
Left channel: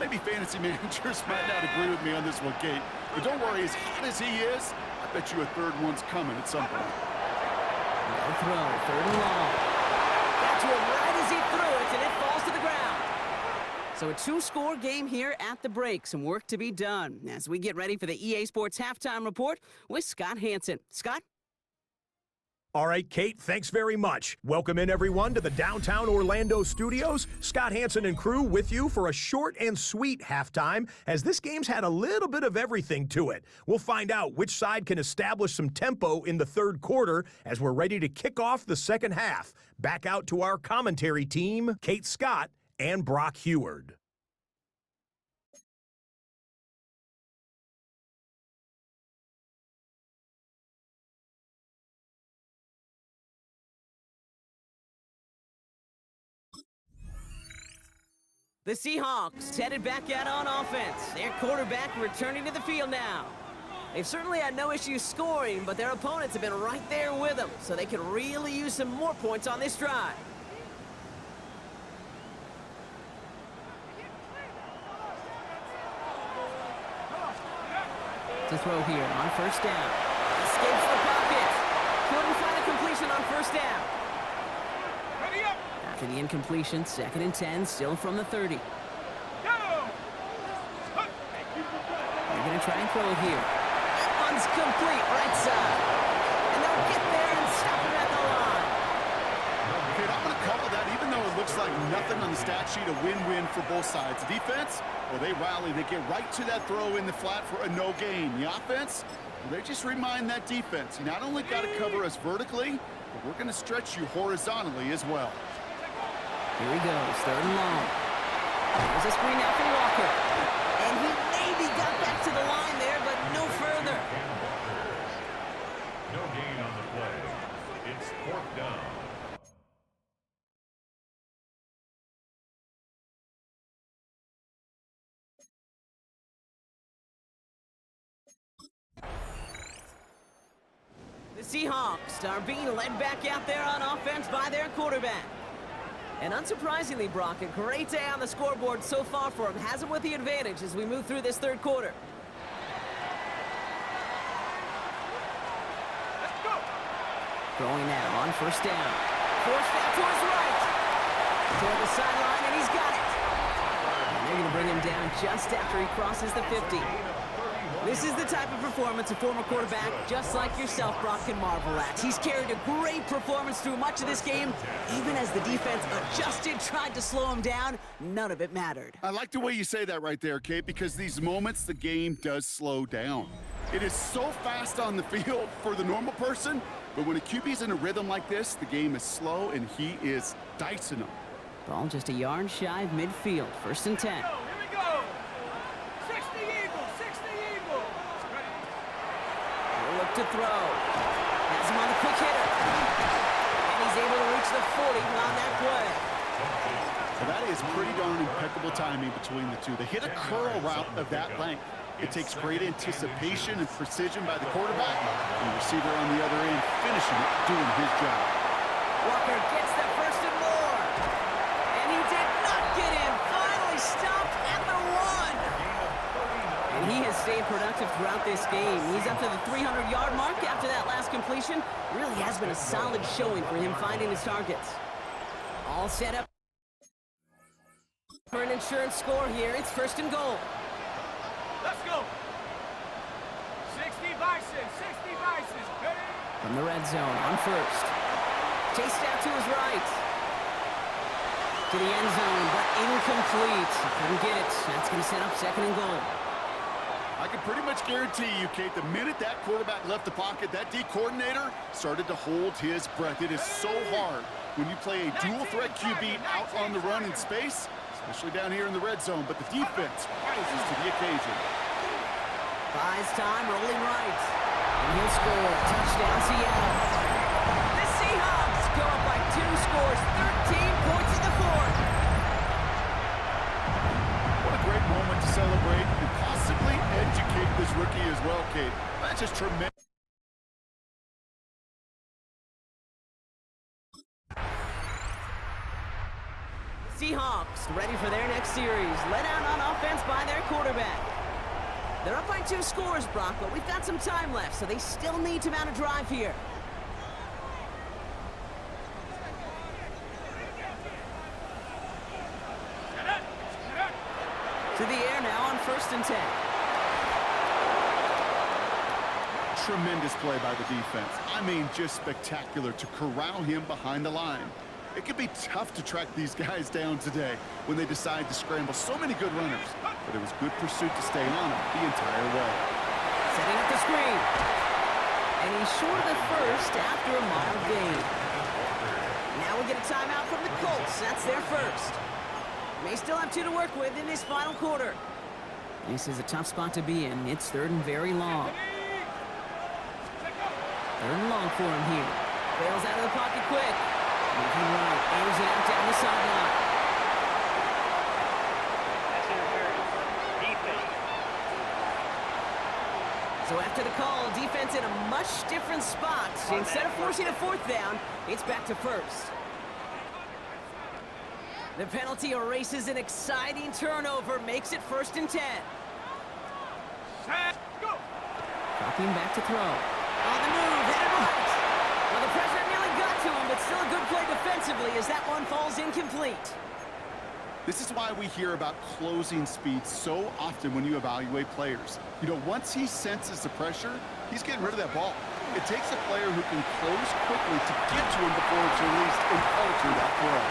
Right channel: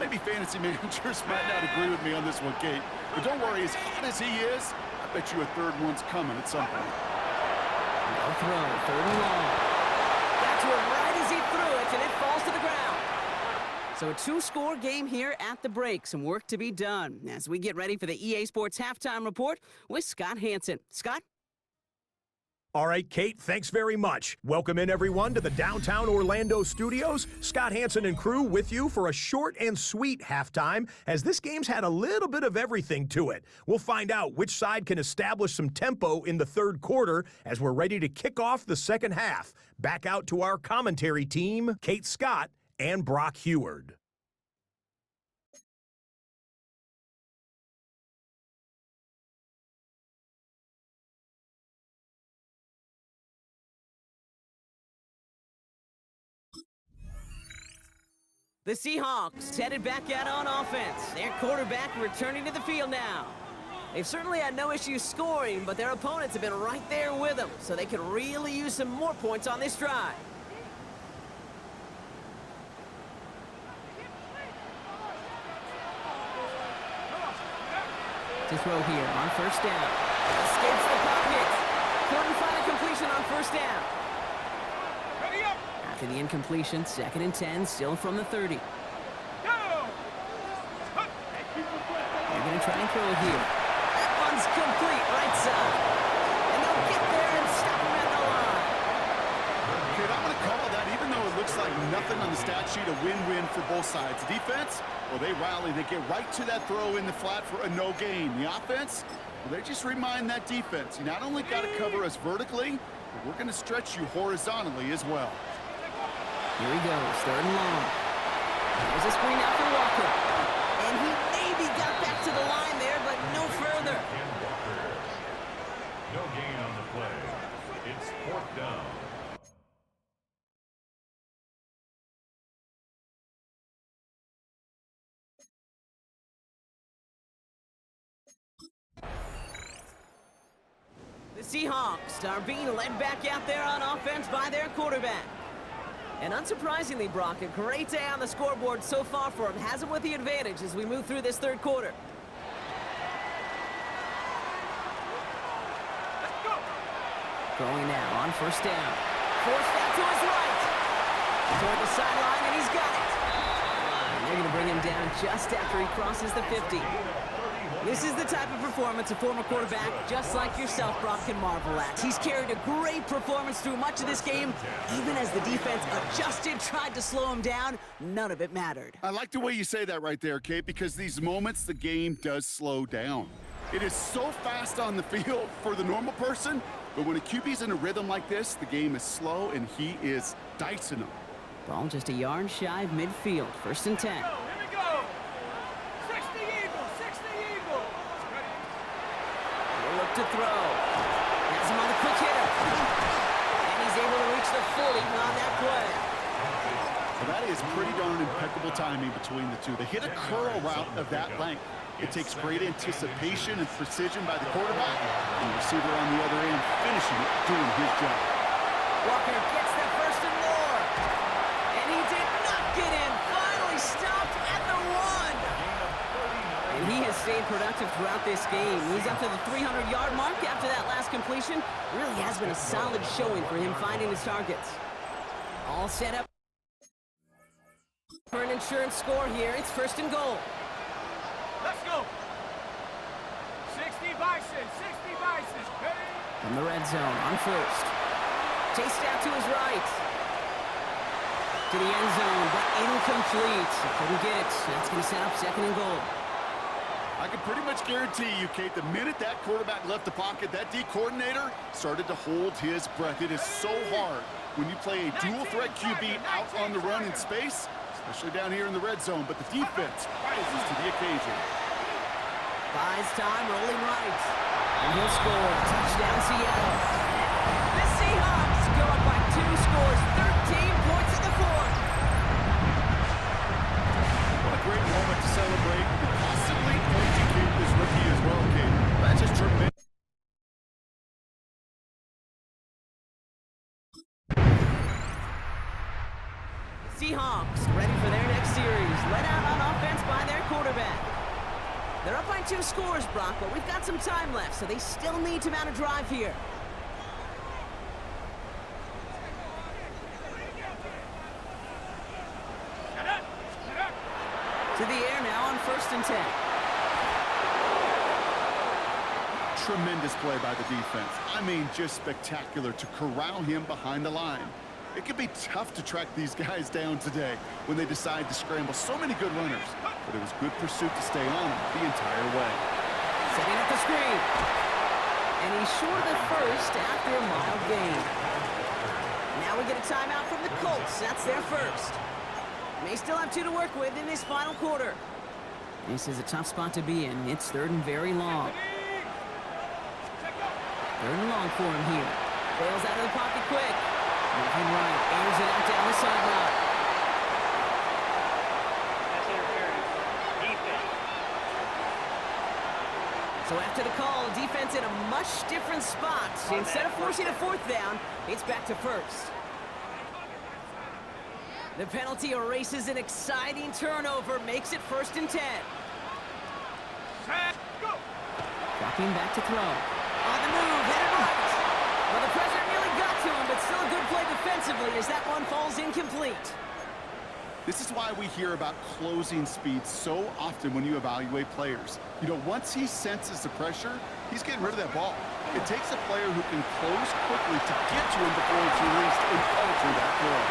Maybe fantasy managers might not agree with me on this one, Kate. But don't worry, as hot as he is, I bet you a 3rd one's coming at some point. No throw, 3rd and long. Got to him right as he threw it, and it falls to the ground. So a 2-score game here at the break. Some work to be done as we get ready for the EA Sports Halftime Report with Scott Hansen. Scott? All right, Kate, thanks very much. Welcome in, everyone, to the downtown Orlando studios. Scott Hansen and crew with you for a short and sweet halftime, as this game's had a little bit of everything to it. We'll find out which side can establish some tempo in the 3rd quarter as we're ready to kick off the 2nd half. Back out to our commentary team, Kate Scott and Brock Heward. The Seahawks headed back out on offense. Their quarterback returning to the field now. They've certainly had no issues scoring, but their opponents have been right there with them, so they could really use some more points on this drive. To throw here on first down. Escapes the pocket. Couldn't find a completion on first down. Ready up. After the incompletion, 2nd and 10, still from the 30. Go. They're going to try and throw it here. That one's complete, right side. And they'll get there and stop him at the line. Kid, I'm going to call that, even though it looks like nothing on the stat sheet, a win-win for both sides. The defense, well, they rally. They get right to that throw in the flat for a no gain. The offense, well, they just remind that defense, you not only got to cover us vertically, but we're going to stretch you horizontally as well. Here he goes, 3rd and long. There's a screen out for Walker. And he maybe got back to the line there, but no further. No gain on the play. It's 4th down. The Seahawks are being led back out there on offense by their quarterback. And unsurprisingly, Brock, a great day on the scoreboard so far for him. Has him with the advantage as we move through this 3rd quarter. Let's go. Throwing now on first down. Forced out to his right. Toward the sideline, and he's got it. And they're going to bring him down just after he crosses the 50. This is the type of performance a former quarterback, just like yourself, Brock, can marvel at. He's carried a great performance through much of this game. Even as the defense adjusted, tried to slow him down, none of it mattered. I like the way you say that right there, Kate, because these moments the game does slow down. It is so fast on the field for the normal person, but when a QB's in a rhythm like this, the game is slow and he is dicing them. Ball just a yard shy of midfield, 1st and 10. Here we go. 60 Eagles, 60 Eagles. Ready. He'll look to throw. Has him on the quick hitter. And he's able to reach the 40 on that play. So that is pretty darn impeccable timing between the two. They hit a curl route of that length. It takes great anticipation and precision by the quarterback, and the receiver on the other end finishing it, doing his job. Walker gets the 1st and more. And he did not get in. Finally stopped at the 1. And he has stayed productive throughout this game. He's up to the 300-yard mark after that last completion. Really has been a solid showing for him finding his targets. All set up for an insurance score here. It's 1st and goal. Let's go. 60 Bison, 60 Bison. Ready. From the red zone on first. Chased out to his right. To the end zone, but incomplete. He couldn't get it. That's going to set up 2nd and goal. I can pretty much guarantee you, Kate, the minute that quarterback left the pocket, that D coordinator started to hold his breath. It is so hard when you play a dual-threat QB out on the run in space, especially down here in the red zone, but the defense rises to the occasion. Buys time, rolling right. And he'll score. Touchdown, Seattle. The Seahawks go up by 2 scores, 13 points in the 4th. What a great moment to celebrate and possibly educate this rookie as well, Kate. That's just tremendous. Seahawks ready for their next series. Led out on offense by their quarterback. They're up by 2 scores, Brock, but we've got some time left, so they still need to mount a drive here. To the air now on 1st and 10. Tremendous play by the defense. I mean, just spectacular to corral him behind the line. It can be tough to track these guys down today when they decide to scramble. So many good runners, but it was good pursuit to stay on him the entire way. Setting up the screen. And he's short of the 1st after a mild gain. Now we get a timeout from the Colts. That's their 1st. May still have 2 to work with in this final quarter. This is a tough spot to be in. It's 3rd and very long. 3rd and long for him here. Bails out of the pocket quick. Moving right, airs it out down the sideline. So after the call, defense in a much different spot. Instead of forcing a fourth down, it's back to first. The penalty erases an exciting turnover, makes it 1st and 10. Set, go! Dropping back to throw. On the move, headed right. Well, the pressure nearly got to him, but still a good play defensively as that one falls incomplete. This is why we hear about closing speed so often when you evaluate players. You know, once he senses the pressure, he's getting rid of that ball. It takes a player who can close quickly to get to him before it's released and alter that throw.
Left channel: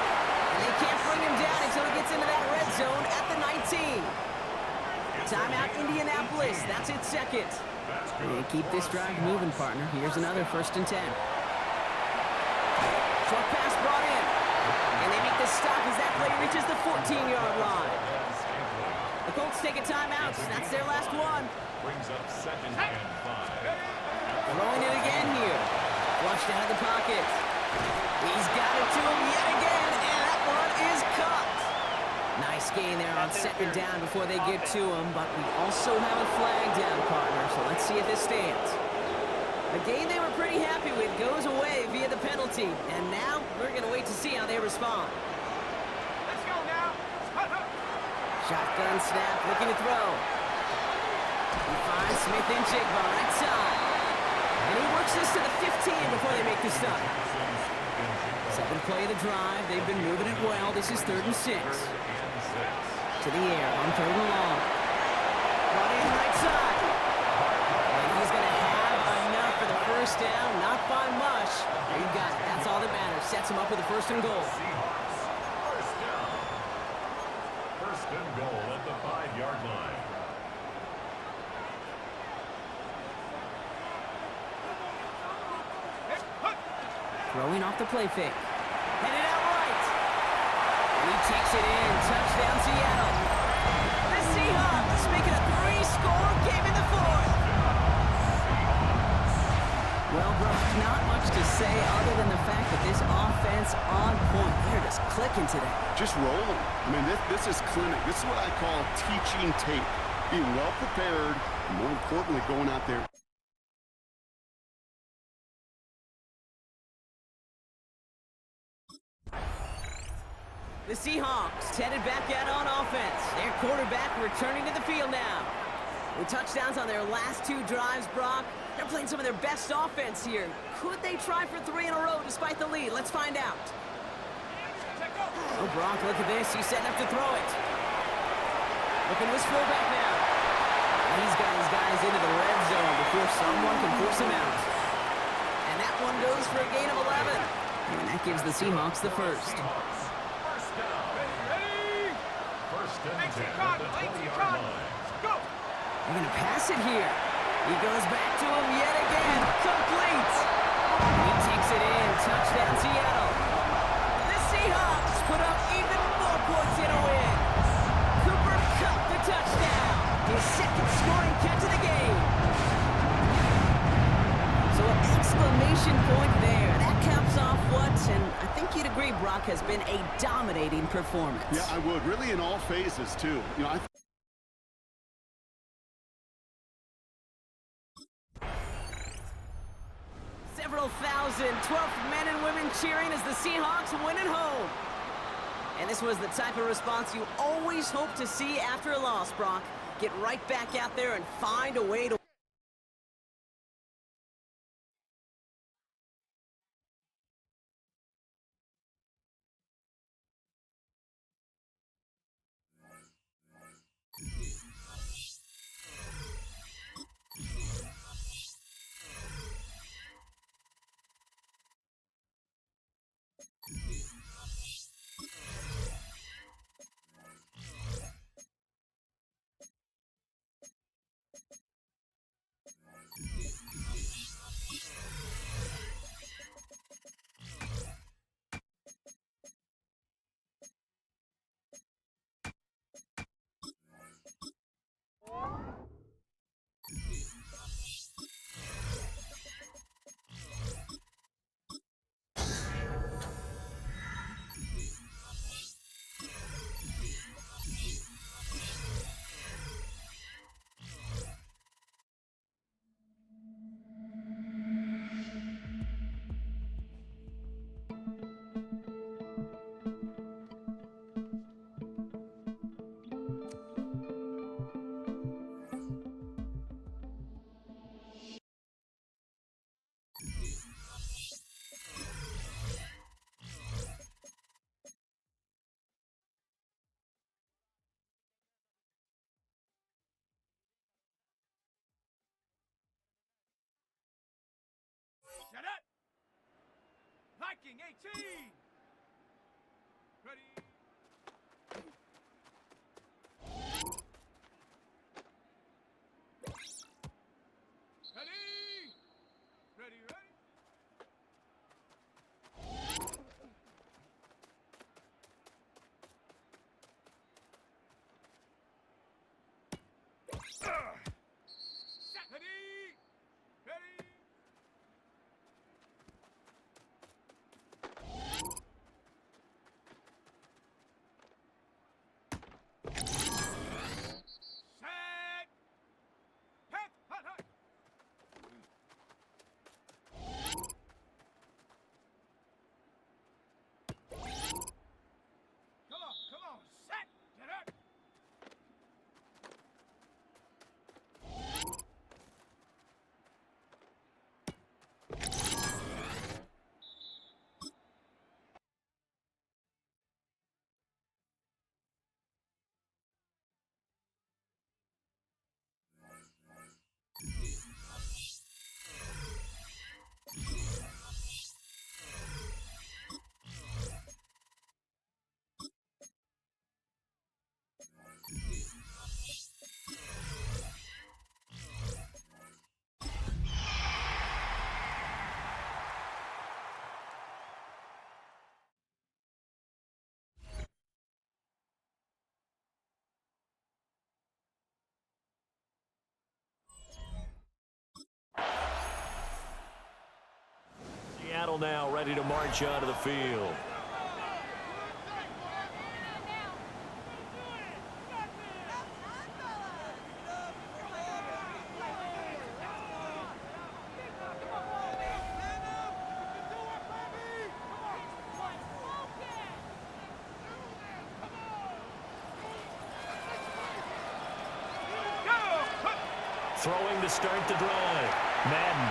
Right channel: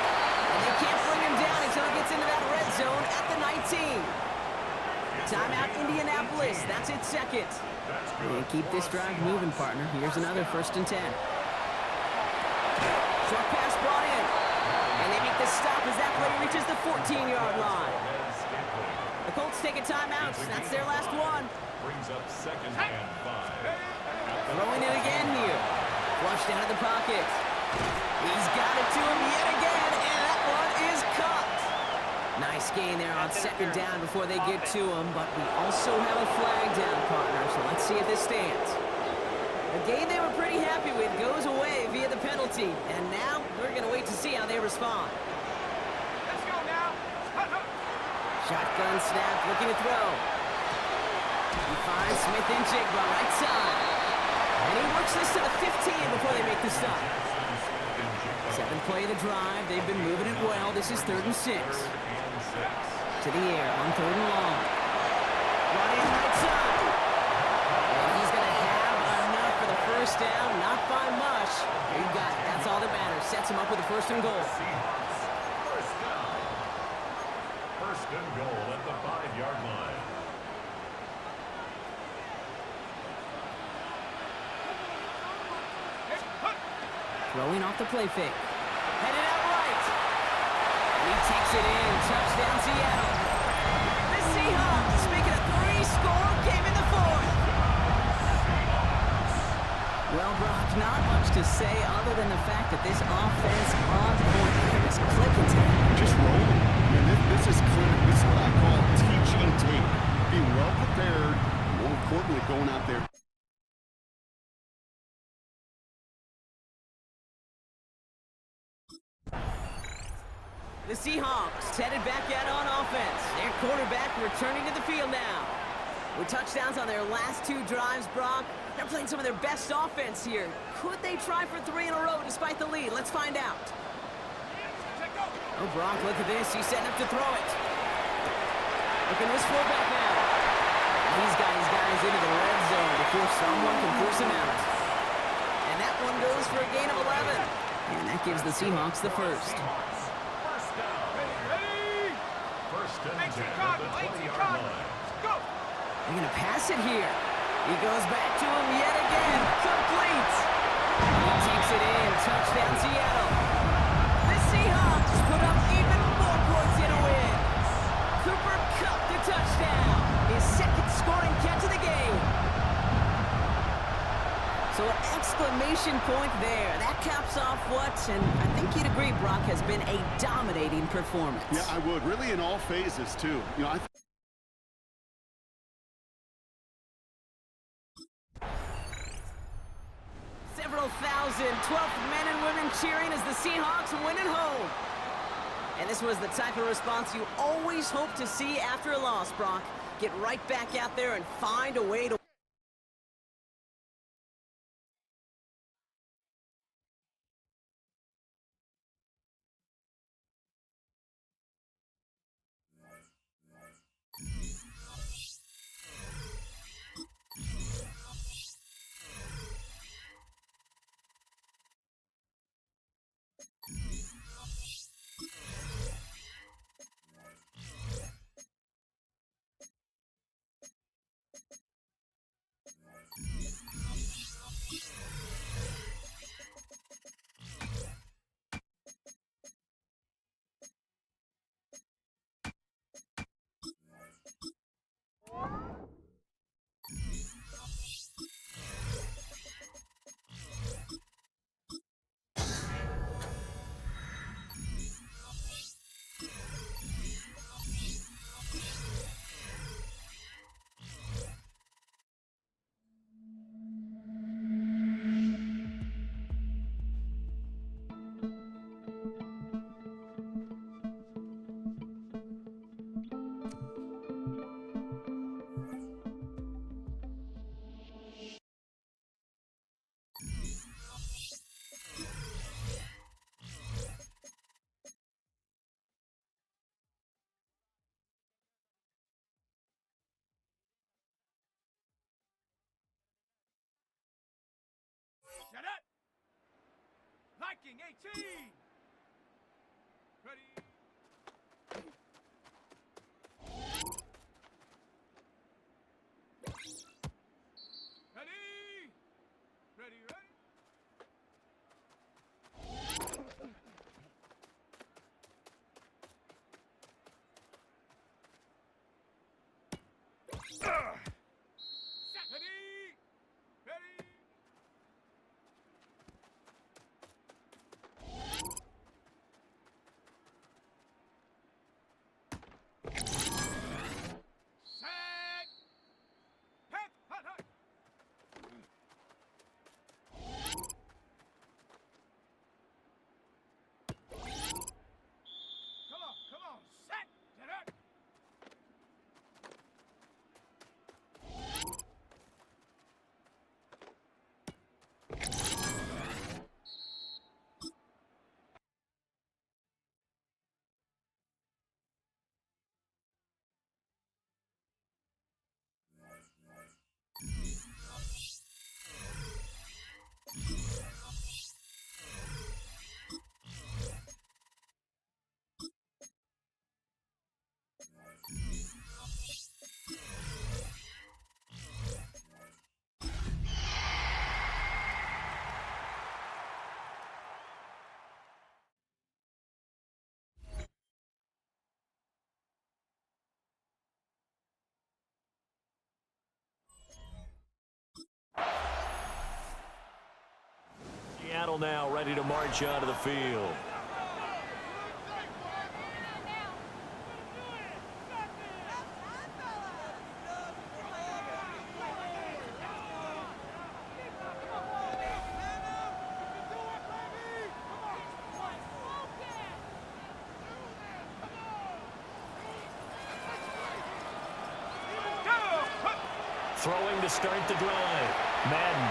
And they can't bring him down until he gets into that red zone at the 19. Timeout, Indianapolis. That's its second. And keep this drive moving, partner. Here's another 1st and 10. Short pass brought in. And they make the stop as that play reaches the 14-yard line. The Colts take a timeout. That's their last one. Brings up 2nd and 5. Throwing it again here. Flushed out of the pocket. He's got it to him yet again, and that one is caught. Nice gain there on 2nd down before they get to him, but we also have a flag down, partner, so let's see if this stands. A game they were pretty happy with goes away via the penalty, and now we're going to wait to see how they respond. Let's go now. Shotgun snap, looking to throw. He finds Smith and Jigba right side. And he works this to the 15 before they make the stop. 7th play of the drive. They've been moving it well. This is 3rd and 6. To the air on 3rd and long. Brought in right side. And he's going to have enough for the 1st down. Not by much. He got it. That's all that matters. Sets him up with a 1st and goal. First down. 1st and goal at the 5-yard line. Throwing off the play fake. Headed out right. And he takes it in. Touchdown, Seattle. The Seahawks making a 3-score game in the 4th. Well, Brock, not much to say other than the fact that this offense on point. They're just clicking today. Just roll them. I mean, this is clinic. This is what I call teaching tape. Being well prepared, and more importantly, going out there. The Seahawks headed back out on offense. Their quarterback returning to the field now. With touchdowns on their last 2 drives, Brock, they're playing some of their best offense here. Could they try for 3 in a row despite the lead? Let's find out. Oh, Brock, look at this. He's setting up to throw it. Looking to his fullback now. And he's got his guys into the red zone before someone can force him out. And that one goes for a gain of 11. And that gives the Seahawks the 1st. Ready? 1st and 10 at Chicago, the late 20-yard Chicago. line. Go! They're going to pass it here. He goes back to him yet again. Complete. He takes it in. Touchdown, Seattle. The Seahawks put up even more points in a win. Cooper Kupp the touchdown. His 2nd scoring catch of the game. So an exclamation point there. That caps off what, and I think you'd agree, Brock, has been a dominating performance. Yeah, I would. Really in all phases, too. You know, Several thousand 12th men and women cheering as the Seahawks win at home. And this was the type of response you always hope to see after a loss, Brock. Get right back out there and find a way to Blocking 18. Ready. Ready, ready. Ready, ready. Set. Hut, hut, hut. Come on, set, get up. Seattle now ready to march onto the field. Throwing to start the drive. Madden.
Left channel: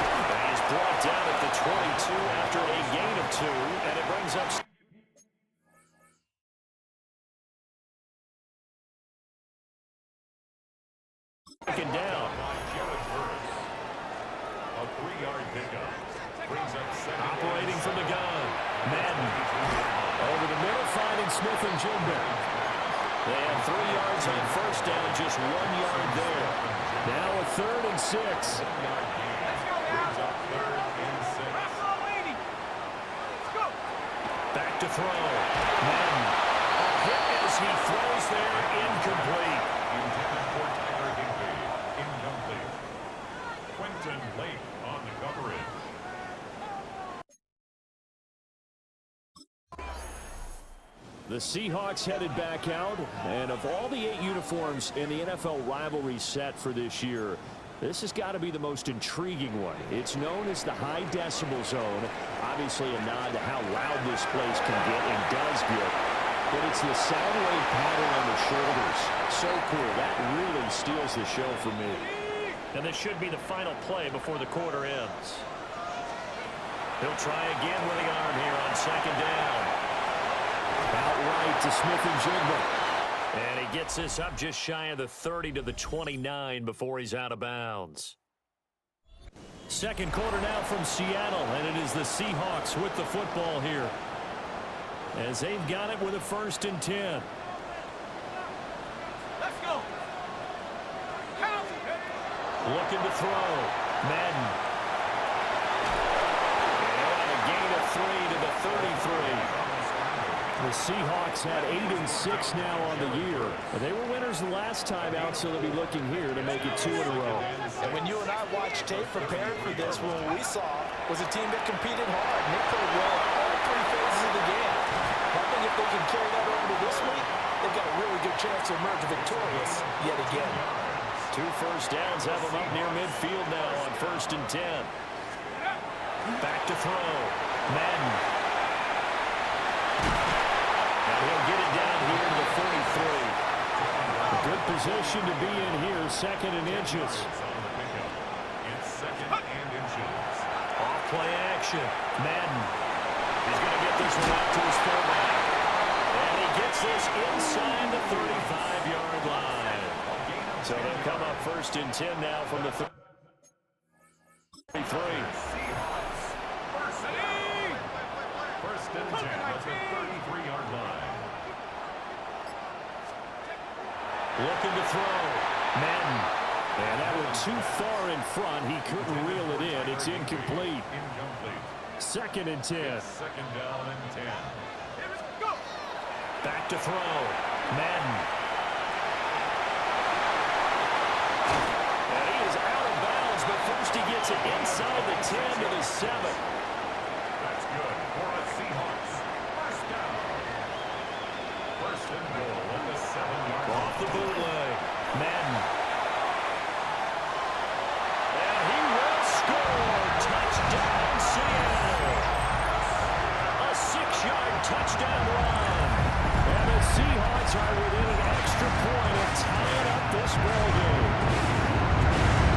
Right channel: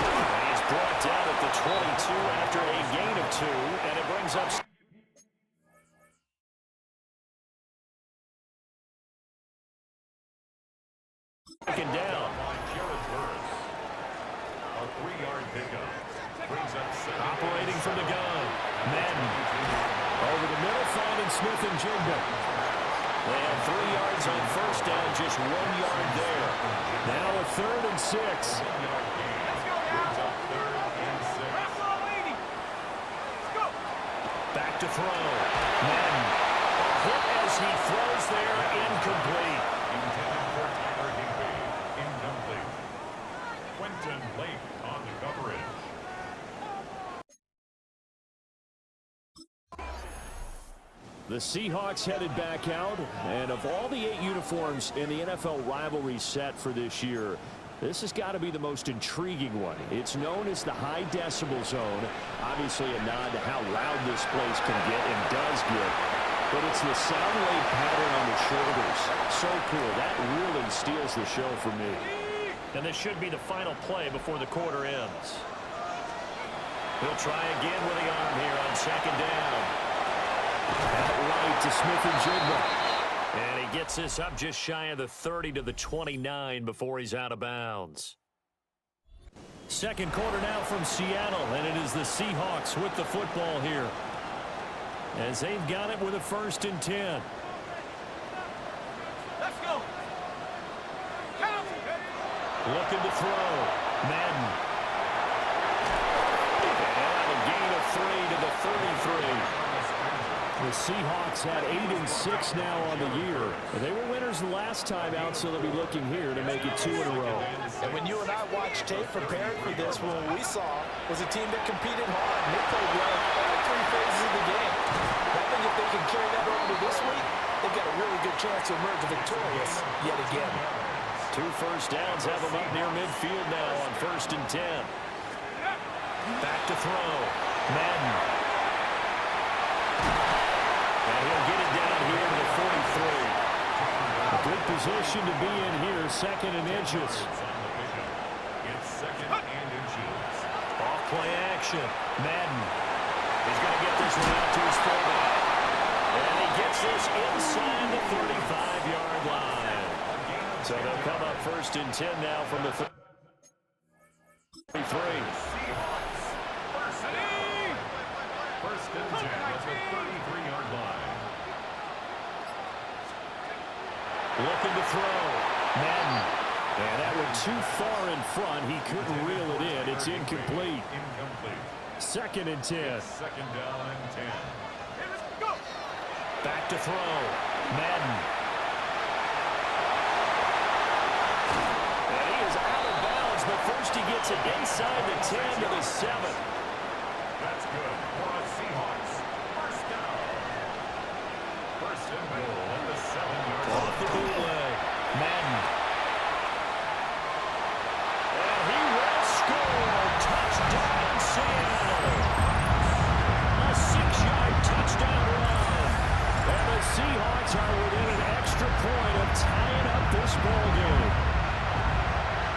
And he is brought down at the 22 after a gain of 2, and it brings up second down. A 3-yard pickup. Brings up second. Operating from the gun. Madden. Over the middle, finding Smith and Jigba. They had 3 yards on first down, just 1 yard there. Now a 3rd and 6. Let's go now. 3rd and 6. Let's go. Back to throw. Madden. A hit as he throws there, incomplete. Intended for Tyler Higbee. Incomplete. Quentin Lake on the coverage. The Seahawks headed back out, and of all the 8 uniforms in the NFL rivalry set for this year, this has got to be the most intriguing one. It's known as the high decibel zone, obviously a nod to how loud this place can get and does get, but it's the sound wave pattern on the shoulders. So cool. That really steals the show for me. And this should be the final play before the quarter ends. He'll try again with the arm here on second down. Outright to Smith and Jigba. And he gets this up just shy of the 30 to the 29 before he's out of bounds. Second quarter now from Seattle, and it is the Seahawks with the football here, as they've got it with a 1st and 10. Let's go. Count. Looking to throw. Madden. And he'll have a gain of 3 to the 33. The Seahawks had 8 and 6 now on the year. They were winners the last time out, so they'll be looking here to make it 2 in a row. And when you and I watched tape preparing for this, what we saw was a team that competed hard, and they played well all 3 phases of the game. I think if they can carry that over to this week, they've got a really good chance to emerge victorious yet again. 2 first downs have them up near midfield now on 1st and 10. Back to throw. Madden. And he'll get it down here to the 43. A good position to be in here, 2nd and inches. It's 2nd and inches. Off play action. Madden. He's going to get this one out to his fullback. And he gets this inside the 35-yard line. So they'll come up 1st and 10 now from the 33. Seahawks. 1st down. and 10 at the 33-yard line. Looking to throw. Madden. And that went too far in front. He couldn't reel it in. It's incomplete. Incomplete. 2nd and 10. Second down and 10. Back to throw. Madden. And he is out of bounds, but first he gets it inside the 10 to the 7. That's good for a Seahawks. First down. First and goal at the 7-yard line. Off the bootleg. Madden. And he will score. Touchdown, Seattle. A 6-yard touchdown run. And the Seahawks are within an extra point of tying up this ball game.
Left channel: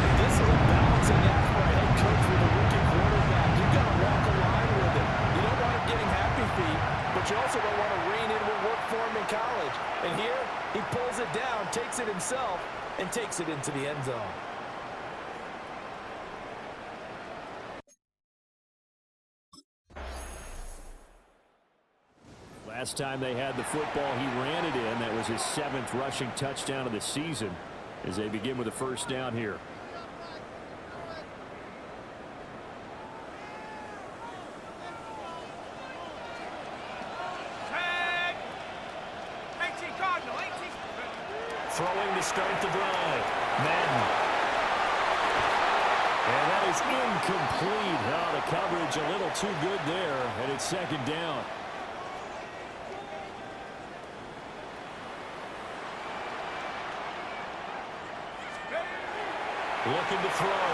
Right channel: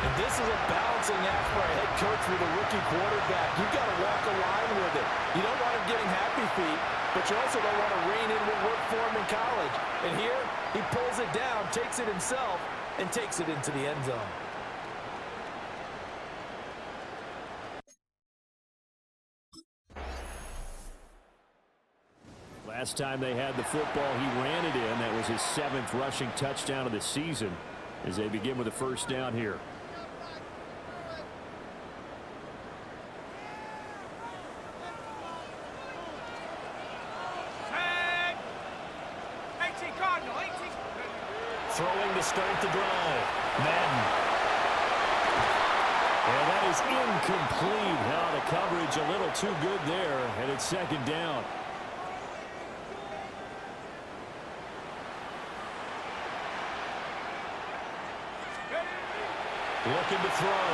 And this is a balancing act for a head coach with a rookie quarterback. You've got to walk a line with him. You don't want him getting happy feet, but you also don't want to rein in what worked for him in college. And here, he pulls it down, takes it himself, and takes it into the end zone. Last time they had the football, he ran it in. That was his 7th rushing touchdown of the season as they begin with a first down here. Throwing to start the drive. Madden. And that is incomplete. Oh, the coverage a little too good there, and it's 2nd down. Looking to throw.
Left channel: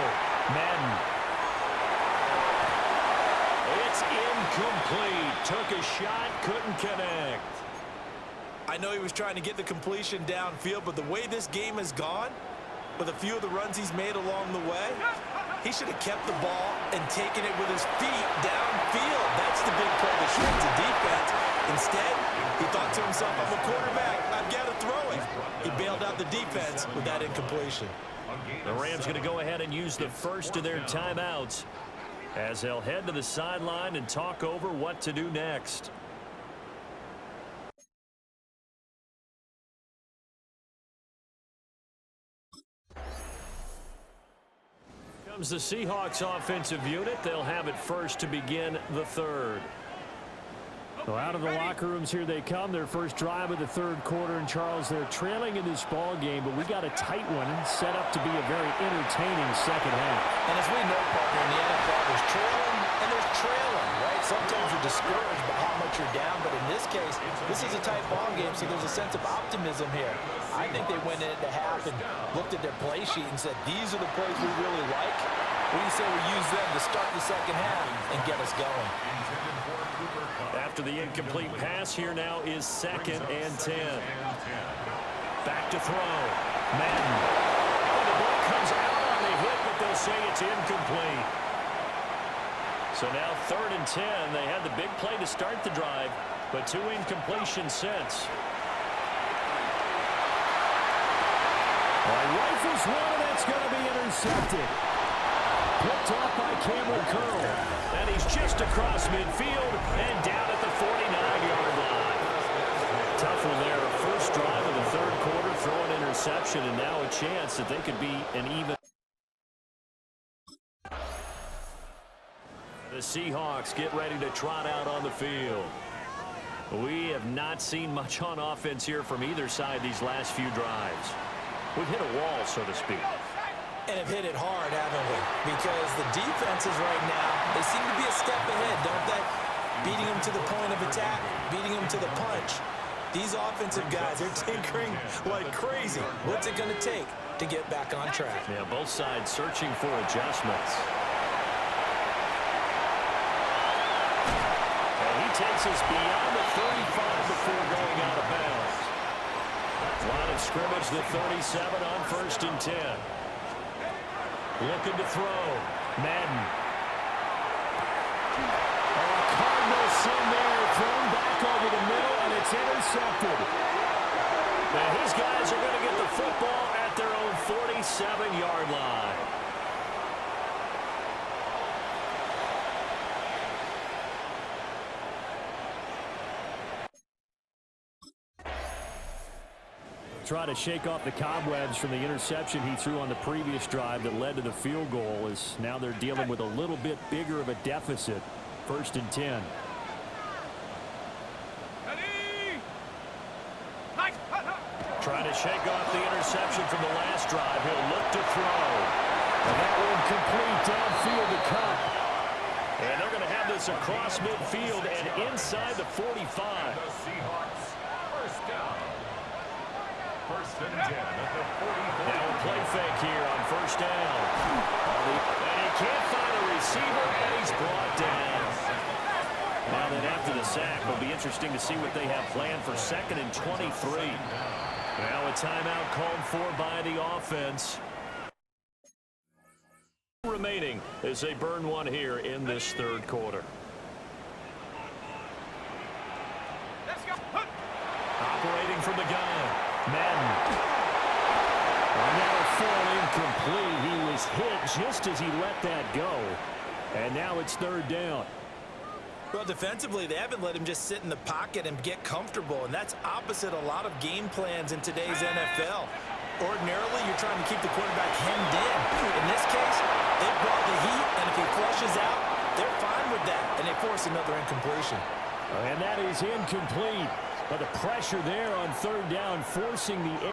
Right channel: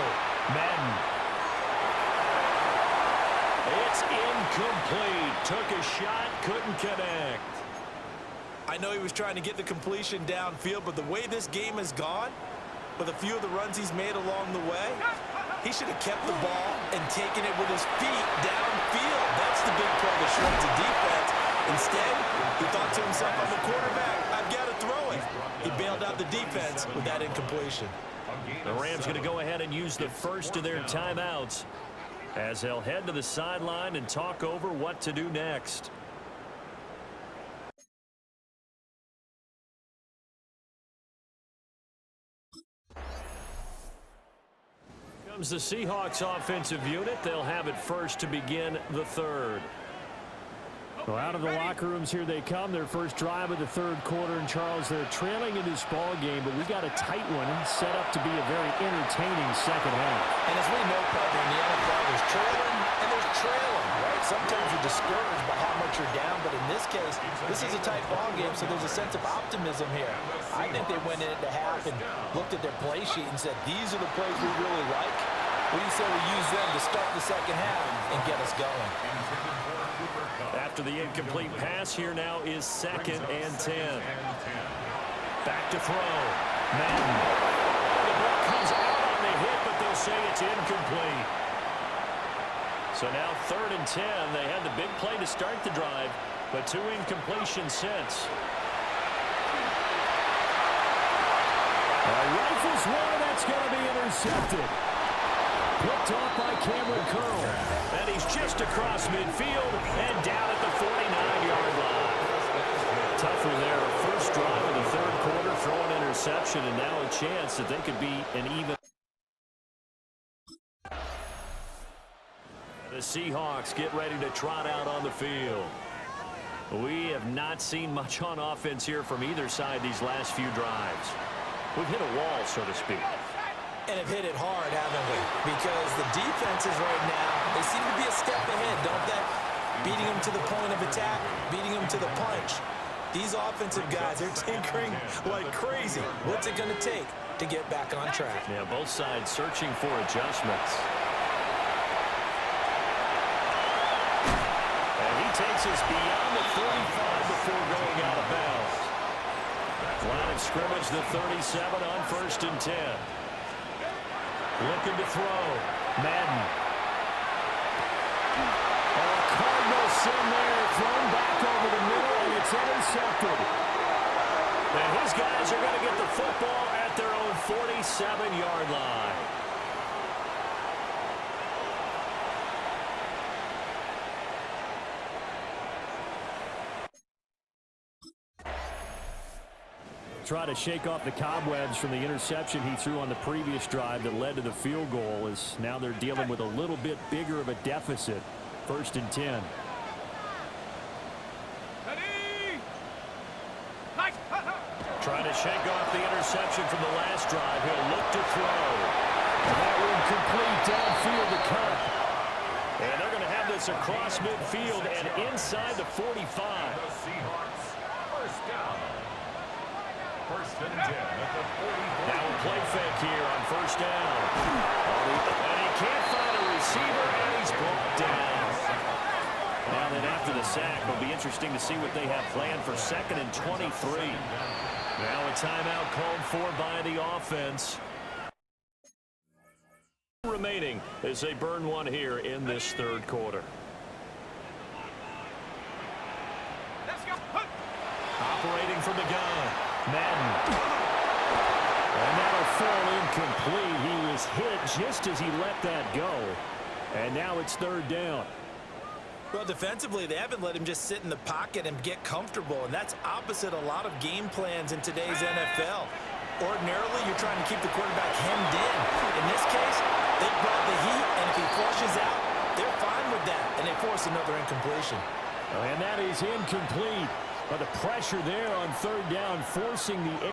Madden. It's incomplete. Took a shot, couldn't connect. I know he was trying to get the completion downfield, but the way this game has gone, with a few of the runs he's made along the way, he should have kept the ball and taken it with his feet downfield. That's the big play that shreds the defense. Instead, he thought to himself, I'm a quarterback, I've got to throw it. He bailed out the defense with that incompletion. The Rams going to go ahead and use the first of their timeouts as they'll head to the sideline and talk over what to do next. Comes the Seahawks offensive unit. They'll have it first to begin the 3rd. So out of the locker rooms, here they come. Their first drive of the 3rd quarter. And, Charles, they're trailing in this ball game, but we got a tight one set up to be a very entertaining second half. And as we know, partner, in the NFL, there's trailing and there's trailing, right? Sometimes you're discouraged by how much you're down, but in this case, this is a tight ball game, so there's a sense of optimism here. I think they went into half and looked at their play sheet and said, these are the plays we really like. What do you say we use them to start the second half and get us going? After the incomplete pass, here now is 2nd and 10. Back to throw. Madden. Oh, the ball comes out on the hit, but they'll say it's incomplete. So now 3rd and 10. They had the big play to start the drive, but 2 incompletions since. Rifles one, and that's going to be intercepted. Picked off by Cameron Curl. And he's just across midfield and down at the 49-yard line. Tough one there. First drive of the 3rd quarter, throw an interception, and now a chance that they could be an even. The Seahawks get ready to trot out on the field. We have not seen much on offense here from either side these last few drives. We've hit a wall, so to speak. And have hit it hard, haven't we? Because the defenses right now, they seem to be a step ahead, don't they? Beating them to the point of attack, beating them to the punch. These offensive guys, they're tinkering like crazy. What's it going to take to get back on track? Yeah, both sides searching for adjustments. And he takes us beyond the 35 before going out of bounds. Line of scrimmage, the 37 on 1st and 10. Looking to throw. Madden. Oh, Cardinal sin there. Thrown back over the middle, and it's intercepted. Now his guys are going to get the football at their own 47-yard line. try to shake off the cobwebs from the interception he threw on the previous drive that led to the field goal, as now they're dealing with a little bit bigger of a deficit. 1st and 10. Trying to shake off the interception from the last drive. He'll look to throw. And that one complete downfield to Cup. And they're going to have this across midfield and inside the 45. The Seahawks, 1st down. 1st and 10 at the 44. Now a play fake here on 1st down. And he can't find a receiver, and he's brought down. Now then, after the sack, it'll be interesting to see what they have planned for 2nd and 23. Now a timeout called for by the offense. Remaining as they burn one here in this 3rd quarter. Let's go. Operating from the gun, Madden. And that'll fall incomplete. He was hit just as he let that go. And now it's 3rd down. Well, defensively, they haven't let him just sit in the pocket and get comfortable, and that's opposite a lot of game plans in today's NFL. Ordinarily, you're trying to keep the quarterback hemmed in. In this case, they brought the heat, and if he flushes out, they're fine with that, and they force another incompletion. And that is incomplete. But the pressure there on 3rd down, forcing the...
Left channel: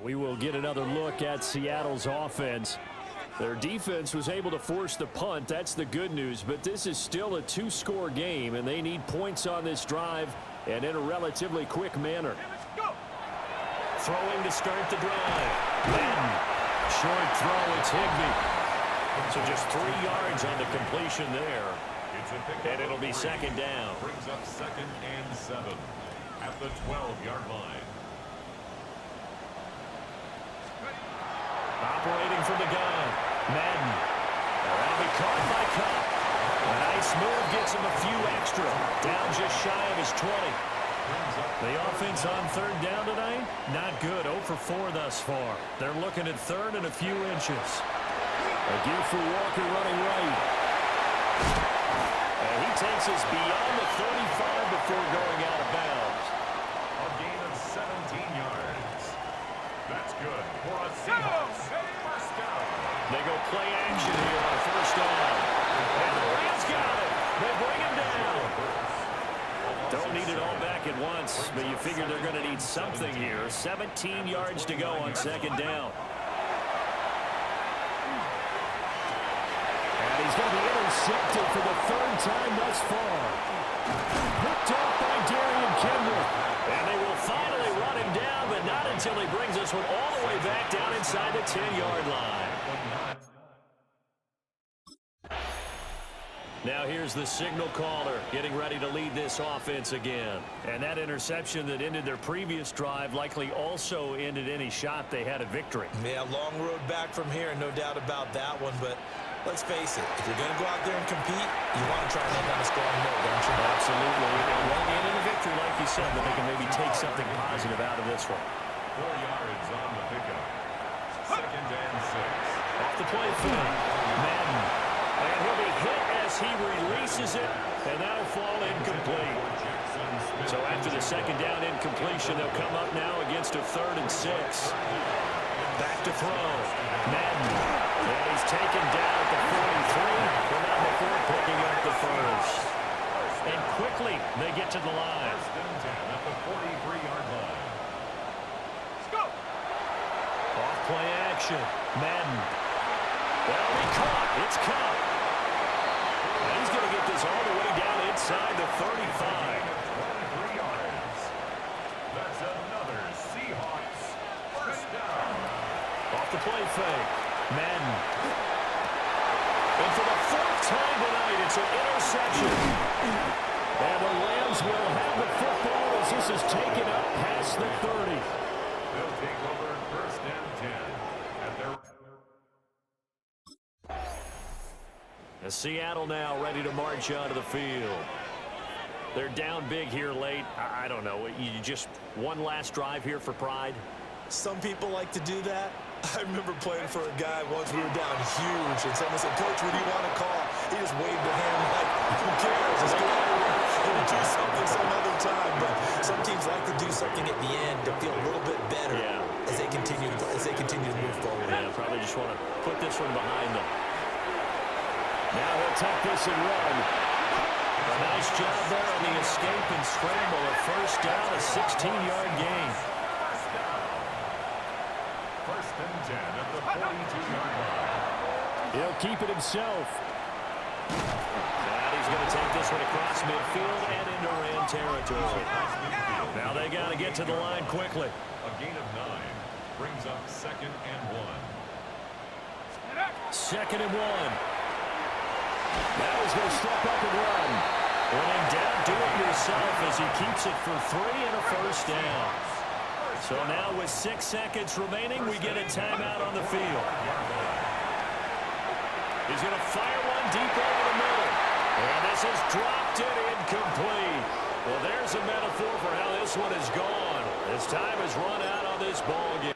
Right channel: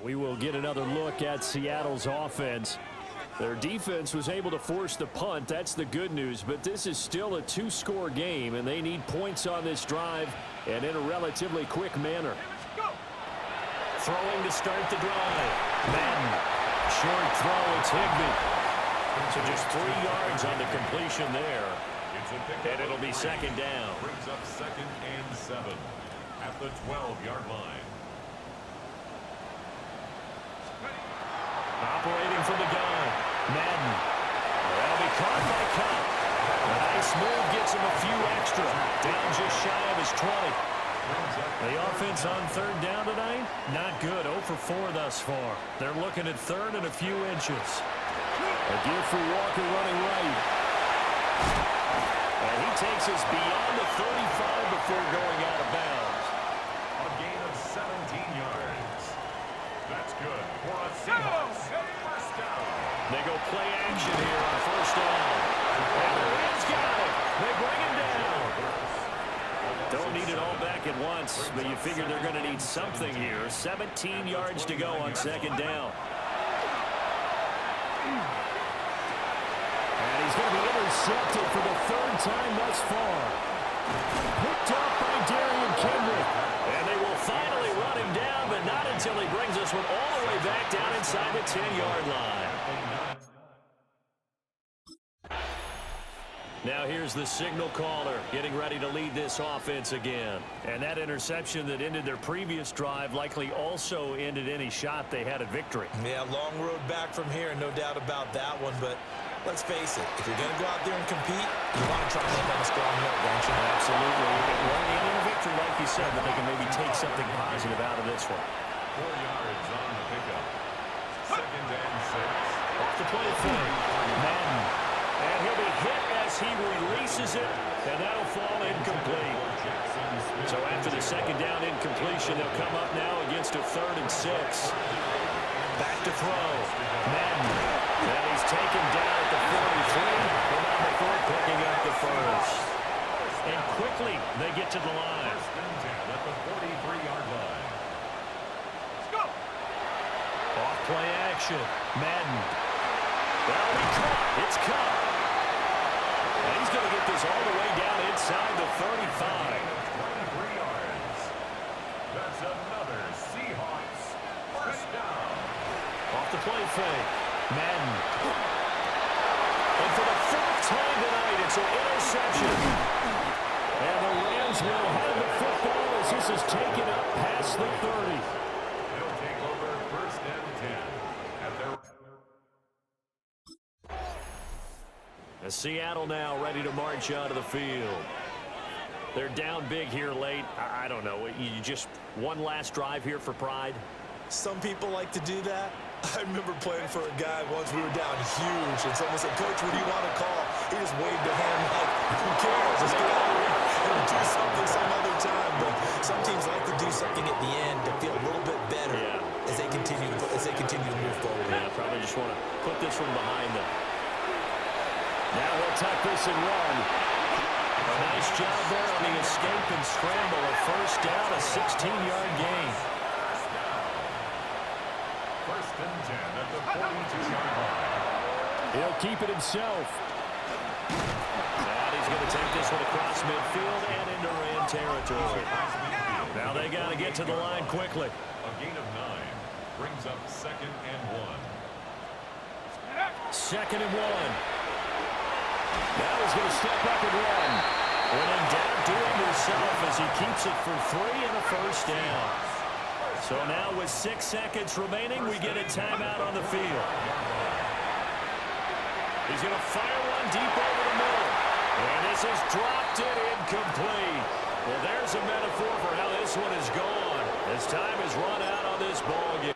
We will get another look at Seattle's offense. Their defense was able to force the punt. That's the good news. But this is still a 2-score game, and they need points on this drive and in a relatively quick manner. Throwing to start the drive. Madden. Short throw. It's Higbee. So just 3 yards on the completion there. And it'll be 2nd down. Brings up 2nd and 7 at the 12-yard line. Operating from the gun, Madden. That'll be caught by Cup. A nice move gets him a few extra. Down just shy of his 20. The offense on 3rd down tonight, not good. 0 for 4 thus far. They're looking at 3rd and a few inches. A give for Walker running right. And he takes us beyond the 35 before going out of bounds. A gain of 17 yards. That's good for a Seahawks 1st down. They go play action here on 1st down. And the Rams got it. They bring him down. Don't need it all back at once, but you figure they're going to need something here. 17 yards to go on 2nd down. And he's going to be intercepted for the 3rd time thus far. Picked off by Darian Kendrick. And they will finally run him down, but not until he brings this one all the way back down inside the 10-yard line. Now here's the signal caller getting ready to lead this offense again. And that interception that ended their previous drive likely also ended any shot they had at victory. Yeah, long road back from here, no doubt about that one, but let's face it, if you're going to go out there and compete, you want to try and end on a strong note, don't you? Absolutely. It won't end in a victory, like you said, but they can maybe take something positive out of this one. 4 yards on the pickup. 2nd and 6. Off the play fake. Madden. And he'll be hit as he releases it, and that'll fall incomplete. So after the 2nd down incompletion, they'll come up now against a 3rd and 6. Back to throw. Madden. And he's taken down at the 43, but not before picking up the 1st. And quickly, they get to the line. 1st and 10 at the 43-yard line. Let's go. Off play action. Madden. That'll be caught. It's Cup. And he's going to get this all the way down inside the 35. 23 yards. That's another Seahawks 1st down. Off the play fake. Madden. And for the 4th time tonight, it's an interception. And the Rams will have the football as this is taken up past the 30. They'll take over 1st and 10 at their... Seattle now ready to march onto the field. They're down big here late. I don't know. You just one last drive here for pride? Some people like to do that. I remember playing for a guy once. We were down huge, and someone said, "Coach, what do you want to call?" He just waved a hand like, "Who cares? Let's get out of here." He'll do something some other time, but some teams like to do something at the end to feel a little bit better as they continue to move forward. Yeah, probably just want to put this one behind them. Now he'll tuck this and run. A nice job there on the escape and scramble. A first down, a 16-yard gain. First down. First and 10 at the 42-yard line. He'll keep it himself. And he's going to take this one across midfield and into Ram territory. Now they got to get to the line quickly. A gain of 9 brings up 2nd and 1. 2nd and 1. Now he's going to step up and run. When in doubt, do it yourself as he keeps it for 3 and a first down. So now with 6 seconds remaining, we get a timeout on the field. He's going to fire one deep over the middle. And this has dropped it incomplete. Well, there's a metaphor for how this one is gone. As time has run out on this ball game.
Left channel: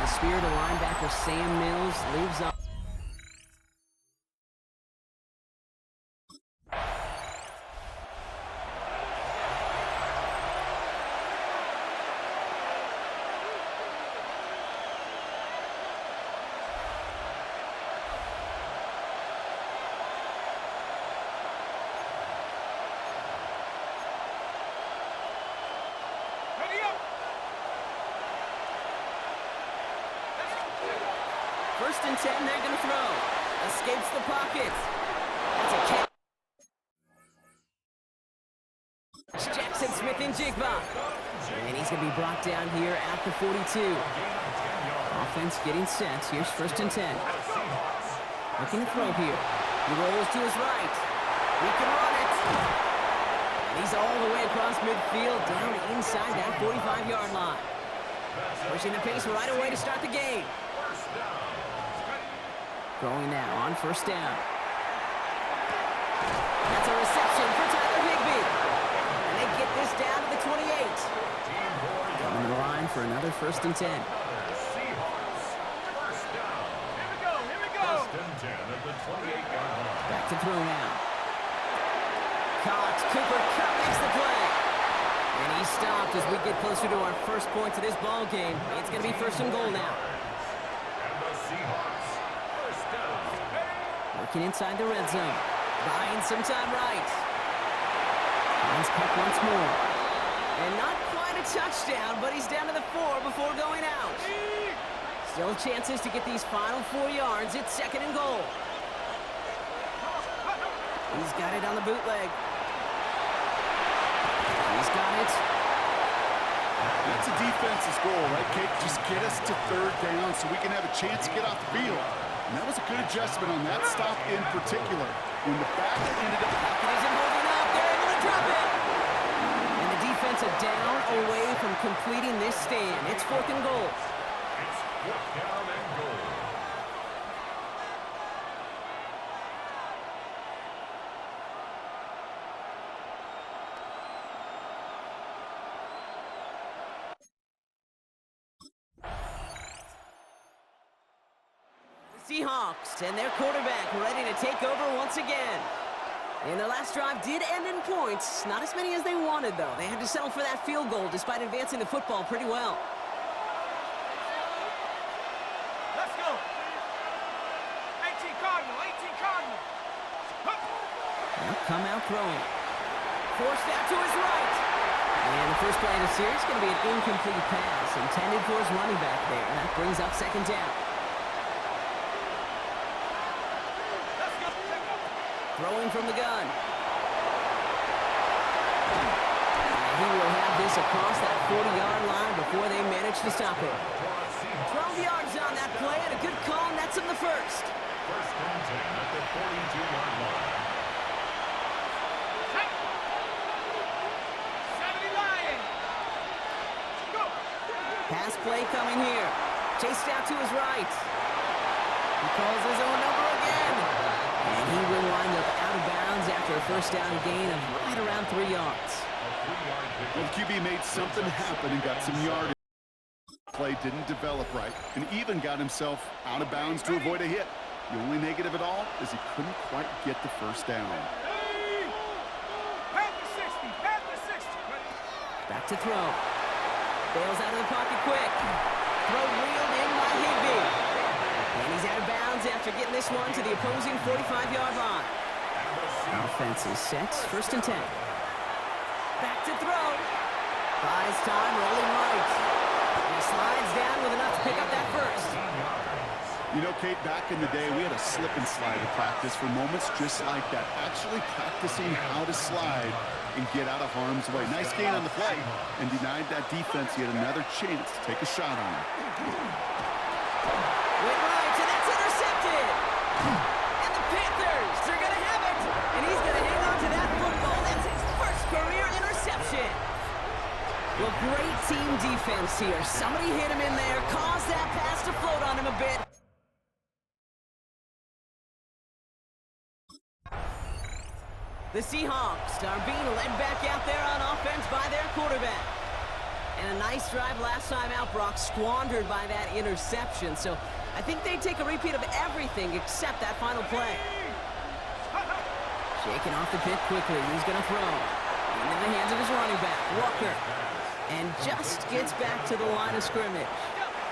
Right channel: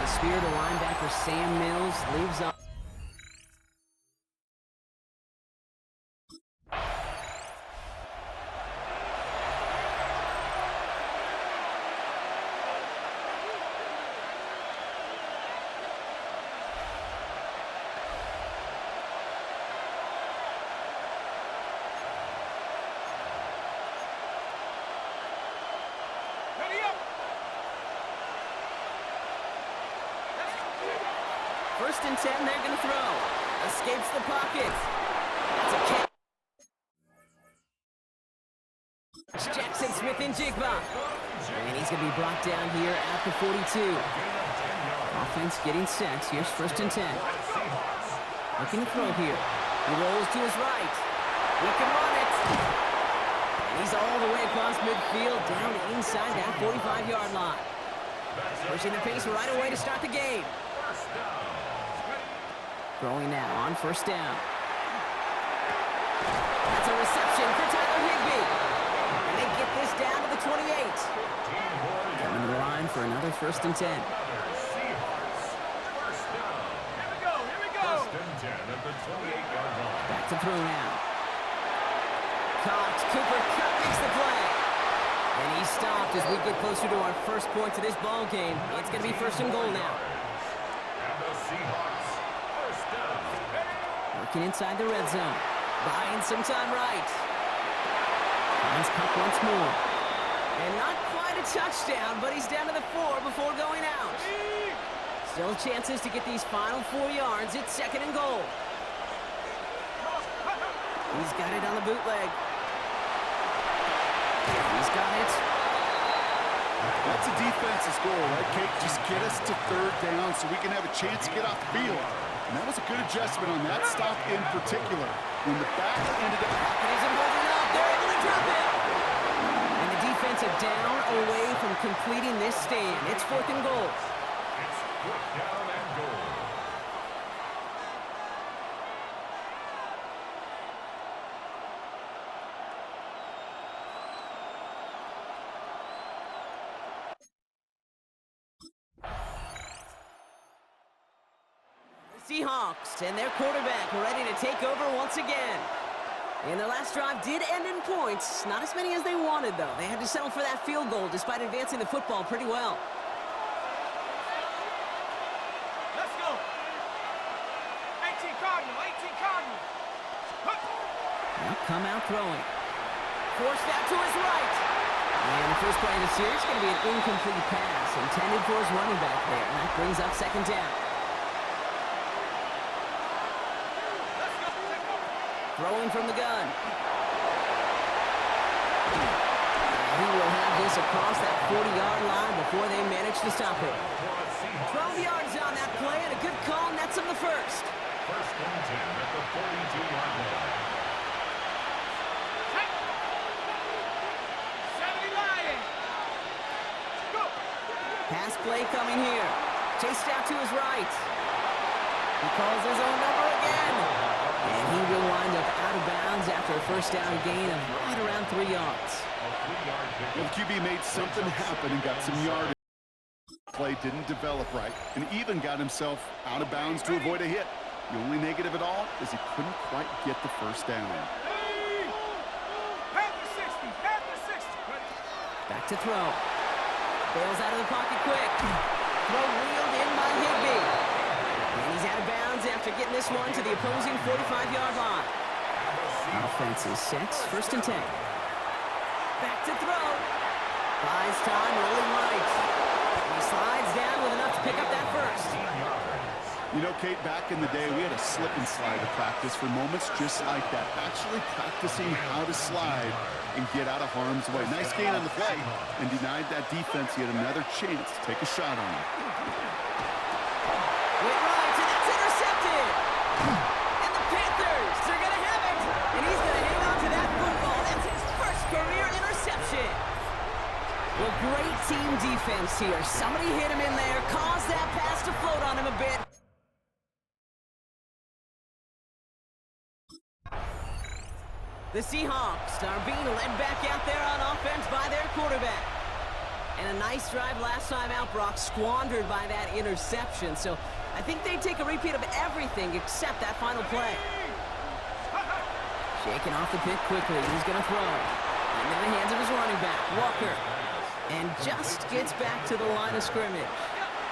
The spear to linebacker Sam Mills leaves up. First and 10, they're going to throw. Escapes the pocket. That's a catch. Jackson Smith and Jigba. And he's going to be brought down here at the 42. Offense getting set. Here's first and 10. Looking to throw here. He rolls to his right. He can run it. And he's all the way across midfield, down inside that 45-yard line. Pushing the pace right away to start the game. Throwing now on first down. That's a reception for Tyler Higbee. And they get this down to the 28. Coming to the line for another first and 10. Here we go. First and 10 at the 28-yard line. Back to throw now. Caught. Cooper Kupp makes the play. And he's stopped as we get closer to our first point to this ball game. It's going to be first and goal now. And the Seahawks, first down. Working inside the red zone. Buying some time right. Finds Kupp once more. And not quite a touchdown, but he's down to the 4 before going out. Still chances to get these final 4 yards. It's second and goal. He's got it on the bootleg. He's got it. That's a defense's goal, right, Kate? Just get us to third down so we can have a chance to get off the field. And that was a good adjustment on that stop in particular. When the back ended up... Pocket isn't holding up. They're able to drop it. And the defense a down away from completing this stand. It's 4th and goal. It's 4th down and goal. Seahawks and their quarterback ready to take over once again. And their last drive did end in points. Not as many as they wanted, though. They had to settle for that field goal despite advancing the football pretty well. Let's go. 18 Cardinal, 18 Cardinal. Now come out throwing. Forced out to his right. And the first play of the series is going to be an incomplete pass intended for his running back there. And that brings up 2nd down. Throwing from the gun. And he will have this across that 40-yard line before they manage to stop it. 12 yards on that play, and a good call nets him the first. 1st and 10 at the 42-yard line. 70 Lions. Go. Pass play coming here. Chased out to his right. He calls his own number again. And he will wind up out of bounds after a first down gain of right around 3 yards. Well, the QB made something happen and got some yardage. Play didn't develop right and even got himself out of bounds to avoid a hit. The only negative at all is he couldn't quite get the first down. Panther 60, Panther 60. Back to throw. Bails out of the pocket quick. Throw reeled in by Higbee. And he's out of bounds after getting this one to the opposing 45-yard line. Offense is set. 1st and 10. Back to throw. Buys time, rolling right. And he slides down with enough to pick up that first. You know, Kate, back in the day, we had a slip and slide to practice for moments just like that. Actually practicing how to slide and get out of harm's way. Nice gain on the play and denied that defense yet another chance to take a shot on him. Went right, and that's intercepted. And the Panthers are going to have it. And he's going to hang on to that football. That's his first career interception. Well, great team defense here. Somebody hit him in there, caused that pass to float on him a bit. The Seahawks are being led back out there on offense by their quarterback. And a nice drive last time out, Brock, squandered by that interception. So I think they take a repeat of everything except that final play. Shaking off the pit quickly. He's going to throw into the hands of his running back, Walker. And just gets back to the line of scrimmage.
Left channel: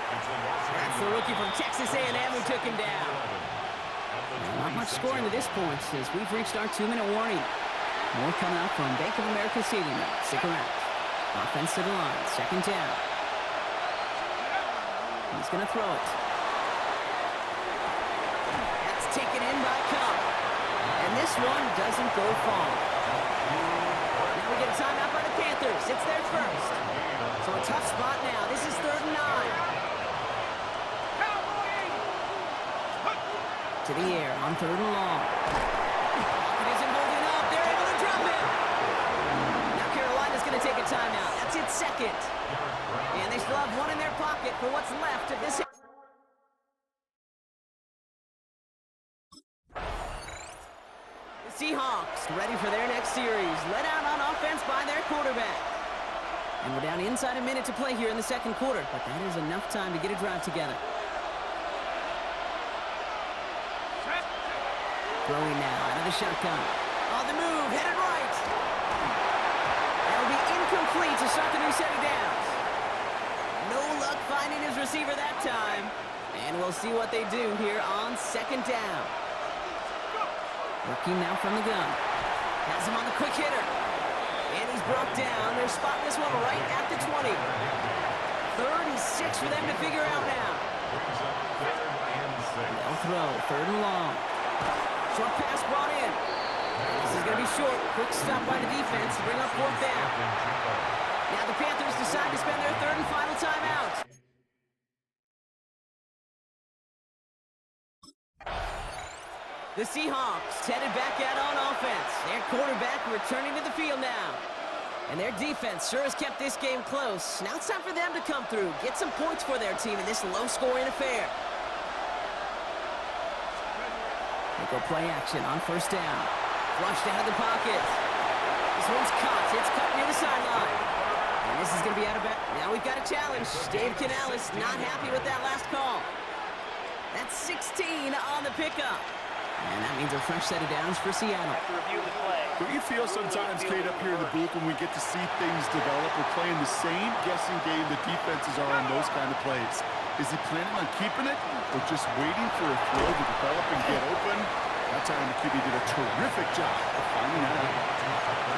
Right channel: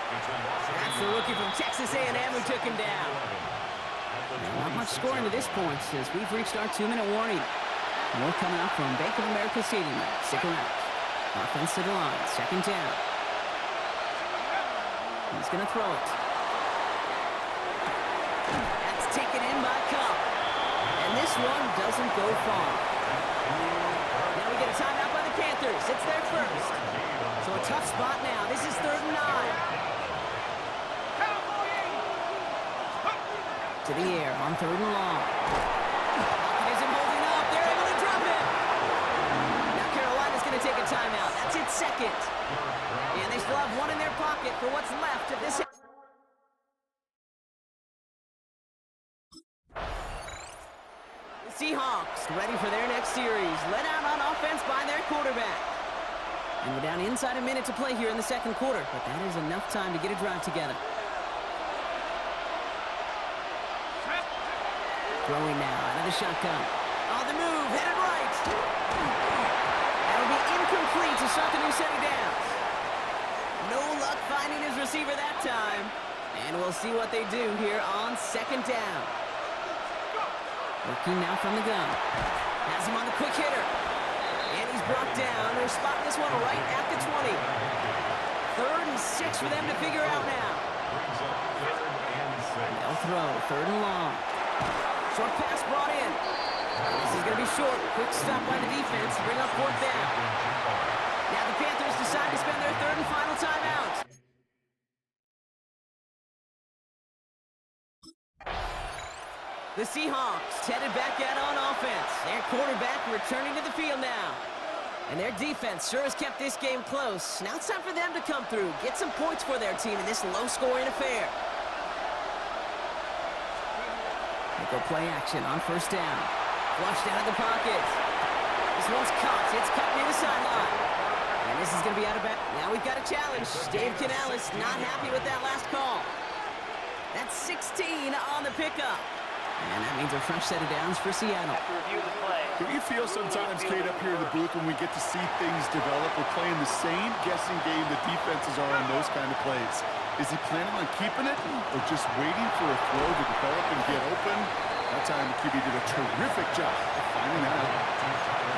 That's the rookie from Texas A&M who took him down. Not much scoring to this point as we've reached our 2-minute warning. More coming out from Bank of America Stadium. Stick around. Offense to the line. 2nd down. He's going to throw it. That's taken in by Cup. And this one doesn't go far. Now we get a timeout by the Panthers. It's their first. So a tough spot now. This is 3rd and 9. To the air on 3rd and long. Pocket isn't holding up. They're able to drop it. Now Carolina's going to take a timeout. That's its 2nd. And they still have one in their pocket for what's left of this. The Seahawks ready for their next series. Led out on offense by their quarterback. And we're down inside a minute to play here in the 2nd quarter. But that is enough time to get a drive together. Throwing now out of the shotgun. On the move, headed right. That'll be incomplete to start the new set of downs. No luck finding his receiver that time. And we'll see what they do here on 2nd down. Working now from the gun. Has him on the quick hitter. And he's brought down. They're spotting this one right at the 20. 3rd and 6 for them to figure out now. They'll throw 3rd and long. Short pass brought in. This is going to be short. Quick stop by the defense to bring up 4th down. Now the Panthers decide to spend their third and final timeout. The Seahawks headed back out on offense. Their quarterback returning to the field now. And their defense sure has kept this game close. Now it's time for them to come through, get some points for their team in this low-scoring affair. They go play action on first down. Flushed out of the pocket. This one's caught. It's cut near the sideline. And this is going to be out of bounds. Now we've got a challenge. Dave Canales not happy with that last call. That's 16 on the pickup. And that means a fresh set of downs for Seattle. Have to review the play. Don't you feel sometimes, Kate, up here in the booth when we get to see things develop? We're playing the same guessing game the defenses are on those kind of plays. Is he planning on keeping it or just waiting for a throw to develop and get open? That time the QB did a terrific job of finding that out.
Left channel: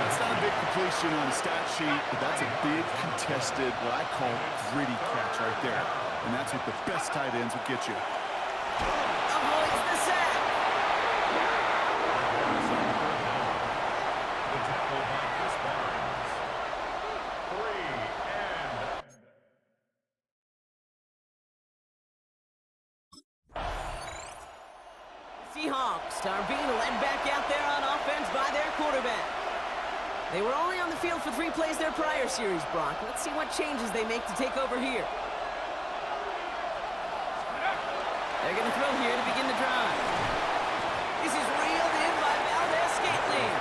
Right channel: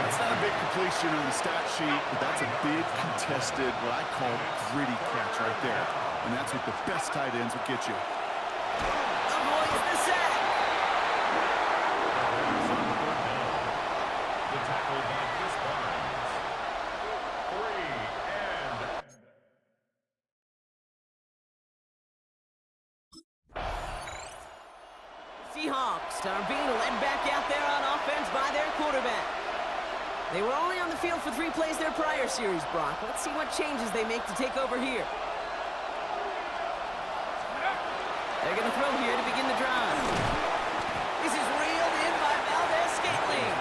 That's not a big completion on the stat sheet, but that's a big contested, what I call gritty catch right there. And that's what the best tight ends will get you. Avoids the sack. The tackle by Chris Barnes. 3 and... Seahawks are being led back out there on offense by their quarterback. They were only on the field for 3 plays their prior series, Brock. Let's see what changes they make to take over here. They're going to throw here to begin the drive. This is reeled in by Valdez-Scantling.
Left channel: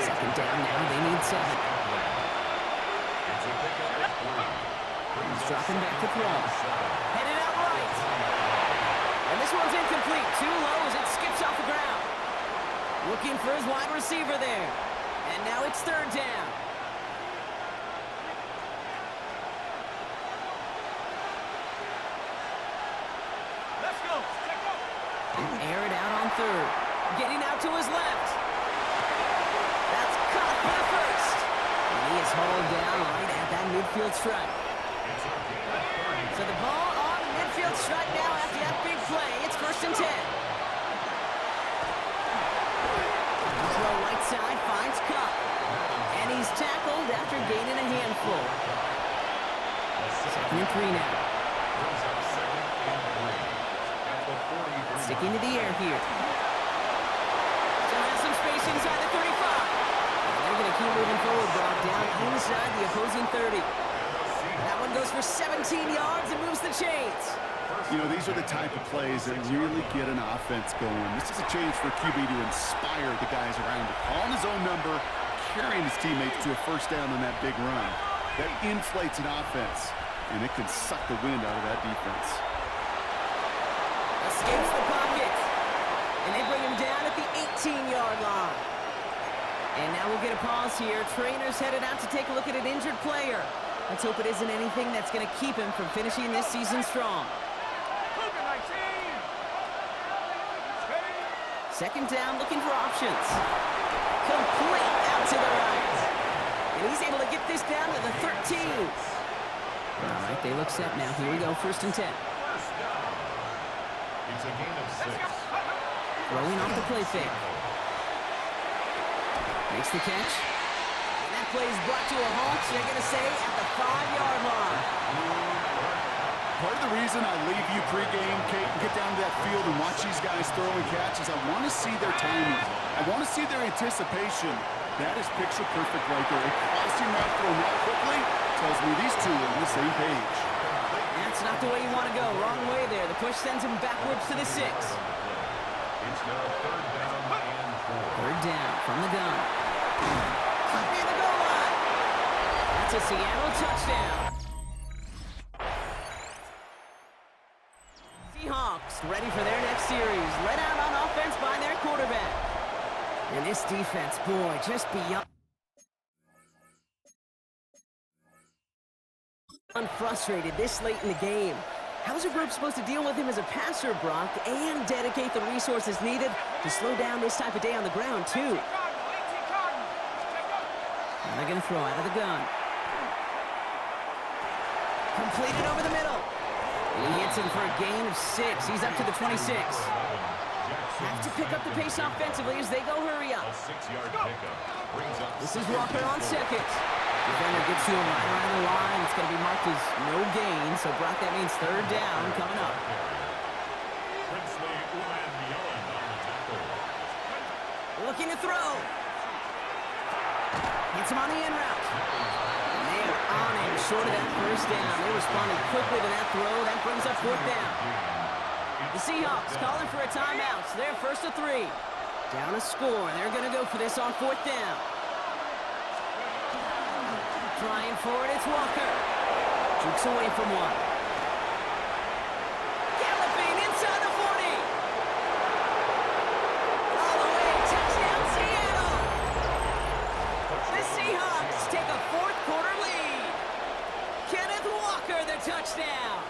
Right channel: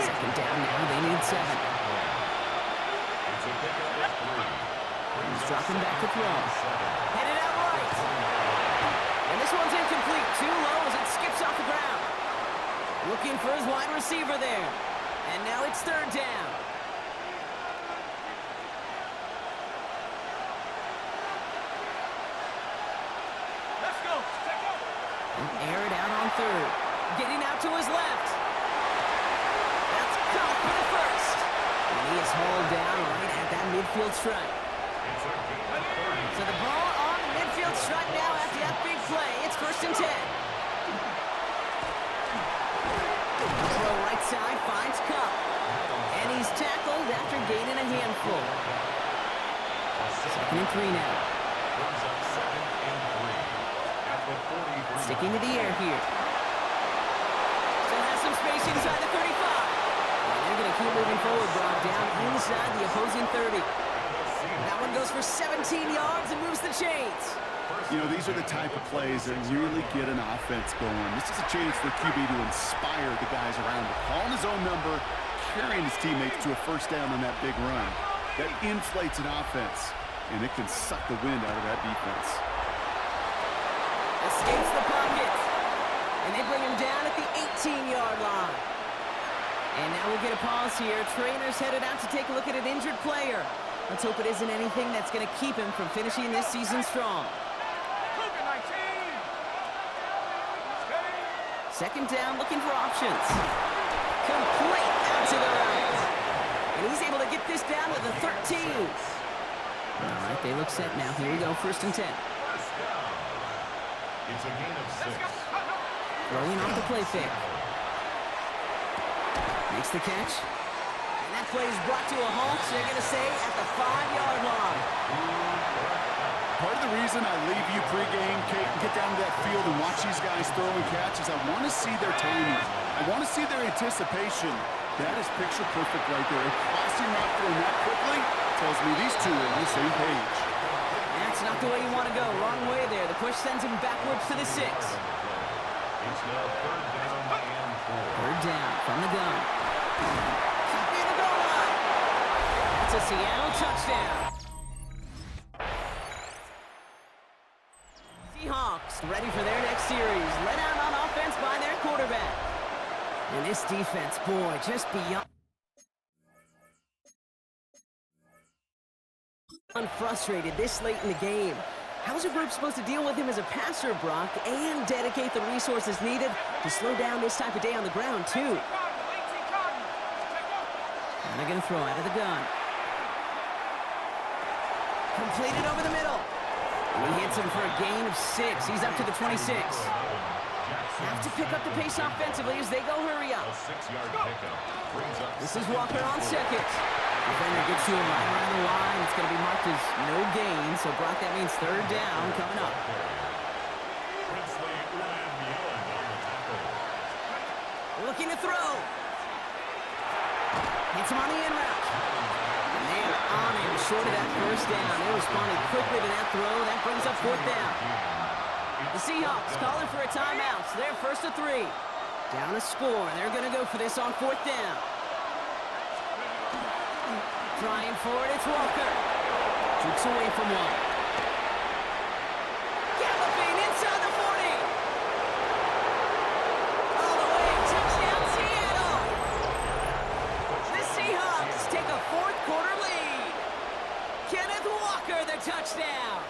Second down now, they need 7. It's a pickup at 3. He's dropping back to throw. Headed out right. And this one's incomplete. Too low as it skips off the ground. Looking for his wide receiver there. And now it's third down. Let's go. Check out. And air it out on third. Getting out to his left. That's caught for the first. And he is hauled down right at that midfield strike. It's a gain of 30. So the ball on the midfield strike now after that big play. It's first and 10. A throw right side finds Cup. And he's tackled after gaining a handful. Second and 3 now. Brings up second and 3. At the 43. Sticking to the air here. Still has some space inside the 35. And they're going to keep moving forward, brought down inside the opposing 30. That one goes for 17 yards and moves the chains. You know, these are the type of plays that really get an offense going. This is a chance for QB to inspire the guys around him. Calling his own number, carrying his teammates to a first down on that big run. That inflates an offense, and it can suck the wind out of that defense. Escapes the pocket. And they bring him down at the 18-yard line. And now we'll get a pause here. Trainers headed out to take a look at an injured player. Let's hope it isn't anything that's going to keep him from finishing this season strong. Cougar 19. Second down, looking for options. Complete out to the right. And he's able to get this down to the 13. All right, they look set now. Here we go, first and 10. First down. It's a gain of 6. Throwing off the play fake. Makes the catch. And that play is brought to a halt, they're going to say, at the 5-yard line. Part of the reason I leave you pregame, Kate, and get down to that field and watch these guys throw and catch is I want to see their timing. I want to see their anticipation. That is picture perfect right there. A crossing route thrown that quickly tells me these two are on the same page. That's not the way you want to go. Wrong way there. The push sends him backwards to the 6. It's now third down and 4. Third down from the gun. Near the goal line. That's a Seattle touchdown. Seahawks ready for their next series. Led out on offense by their quarterback. And this defense, boy, just beyond frustrated this late in the game. How's a group supposed to deal with him as a passer, Brock, and dedicate the resources needed to slow down this type of day on the ground, too? 18 Cardinal. Check out. And they're going to throw out of the gun. Completed over the middle. And he hits him for a gain of 6. He's up to the 26. Have to pick up the pace offensively as they go hurry up. A 6-yard pickup brings up. This is Walker on second. Defender gets to him right around the line. It's going to be marked as no gain. So, Brock, that means third down coming up. Looking to throw. Gets him on the in route. And they are on him short of that first down. They responded quickly to that throw. That brings up fourth down. The Seahawks calling for a timeout. So they're first to 3. Down a score. They're going to go for this on fourth down. Trying for it, it's Walker. Jukes away from one. Galloping inside the 40. All the way, touchdown Seattle. The Seahawks take a fourth quarter lead. Kenneth Walker, the touchdown.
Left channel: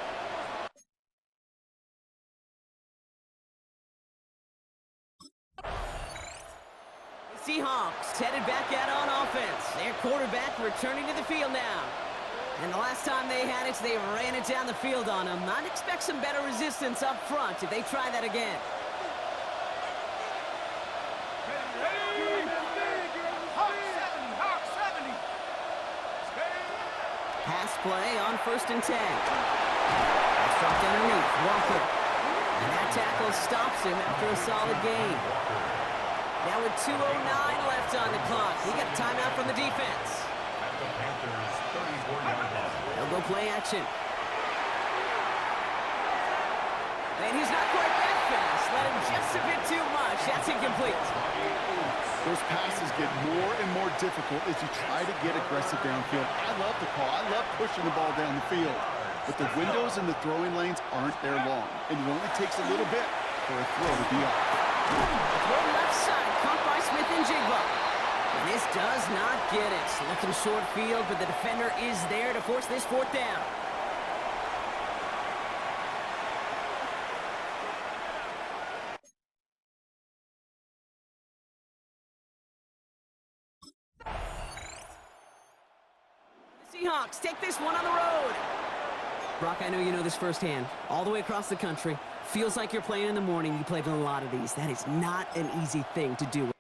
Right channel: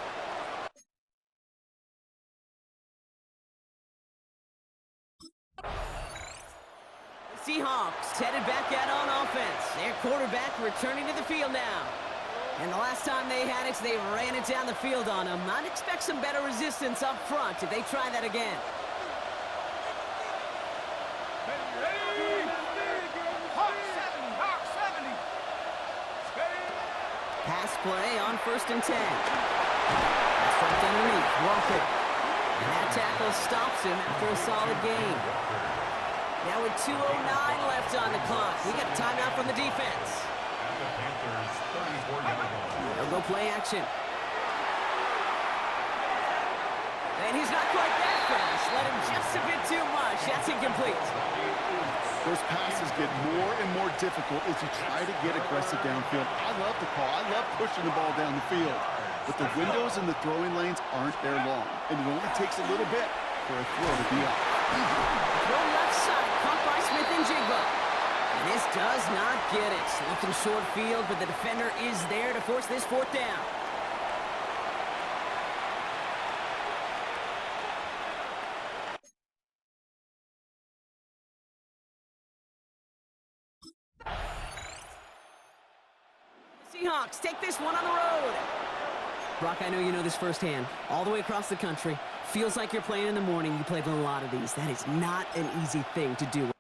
Seahawks headed back out on offense. Their quarterback returning to the field now. And the last time they had it, they ran it down the field on him. I'd expect some better resistance up front if they try that again. Ready? Hawk 70, Hawk 70. Pass play on 1st and 10. That's dropped underneath. Walker. And that tackle stops him after a solid gain. Now with 2:09 left on the clock, we got a timeout from the defense. At the Panthers' 34-yard line. They'll go play action. And he's not quite that fast. Let him just a bit too much. That's incomplete. Those passes get more and more difficult as you try to get aggressive downfield. I love the call. I love pushing the ball down the field. But the windows in the throwing lanes aren't there long. And it only takes a little bit for a throw to be off. Throw left side, caught by Smith and Jigba. And this does not get it. Looking short field, but the defender is there to force this fourth down. The Seahawks take this one on the road. Brock, I know you know this firsthand. All the way across the country. Feels like you're playing in the morning. You played in a lot of these. That is not an easy thing to do.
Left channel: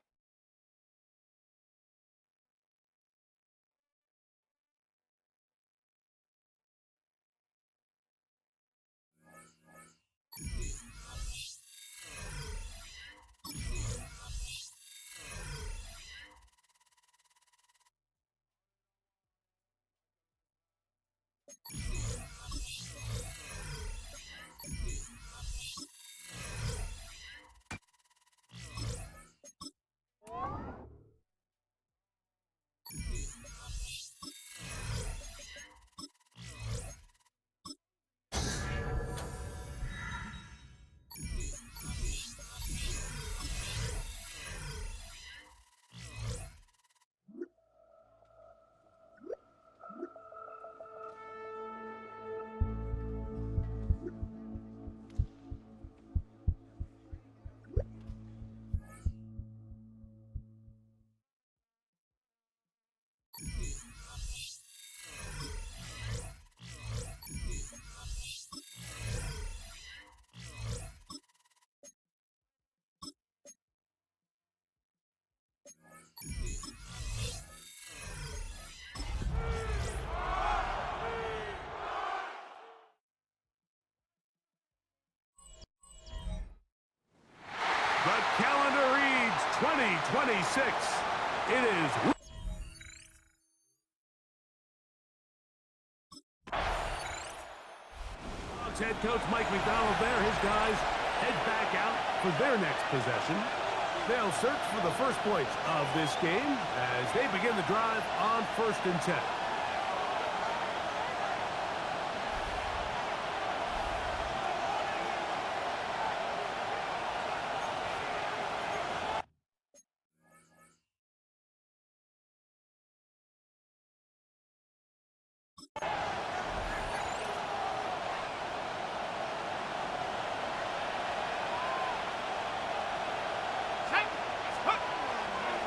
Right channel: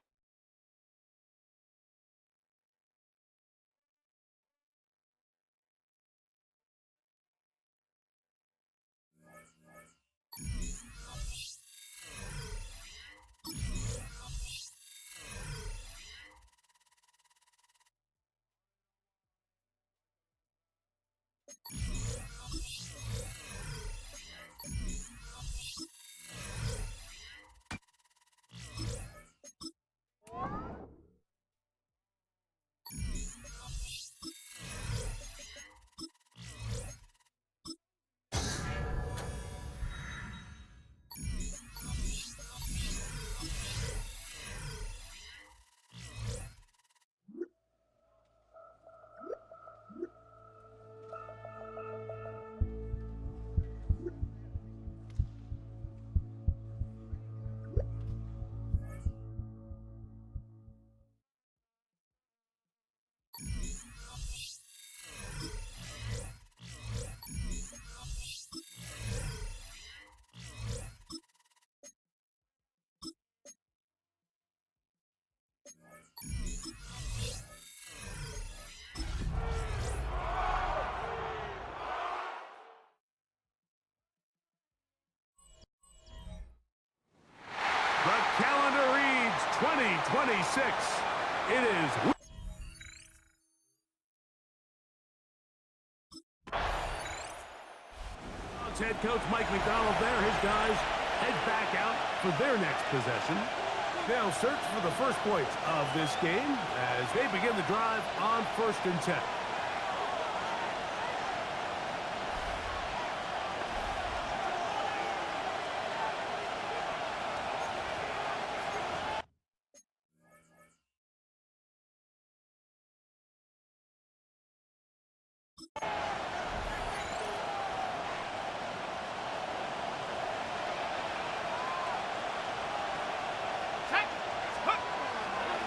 The calendar reads 2026. It is... Head coach Mike McDonald there. His guys head back out for their next possession. They'll search for the first points of this game as they begin the drive on 1st and 10.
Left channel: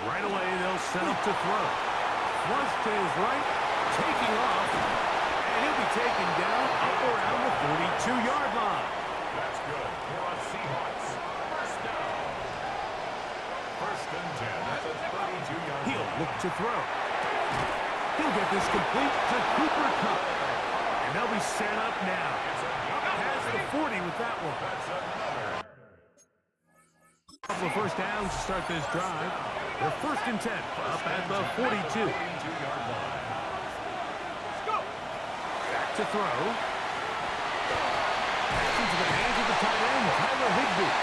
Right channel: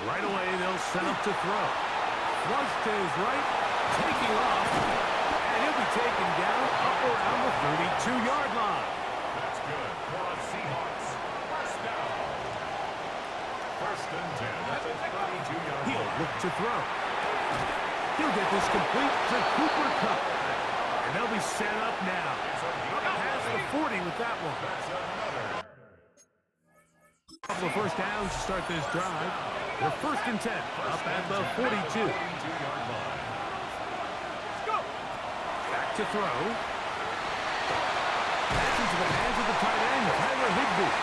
Right away, they'll set up to throw. Flush to his right, taking off, and he'll be taken down up around the 32-yard line. That's good for a Seahawks. First down. 1st and 10 at the 32-yard line. He'll look to throw. He'll get this complete to Cooper Kupp. And they'll be set up now. Up past the 40 with that one. Couple of first downs to start this drive. They're 1st and 10, up at the 42. Back to throw. Pass into the hands of the tight end, Tyler Higbee.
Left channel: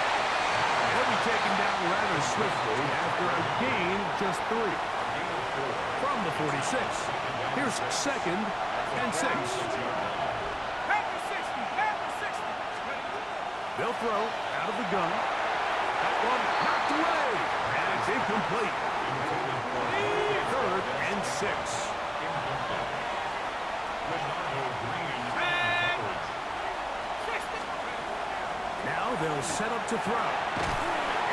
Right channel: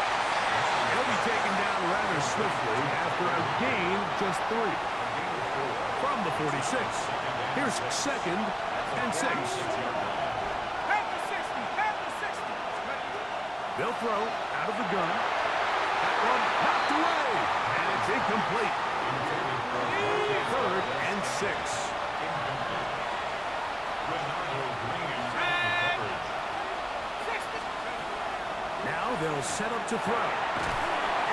He'll be taken down rather swiftly after a gain of just 3. From the 46, here's 2nd and 6. Panther 60, Panther 60. They'll throw out of the gun. That one knocked away, and it's incomplete. 3rd and 6. Now they'll set up to throw.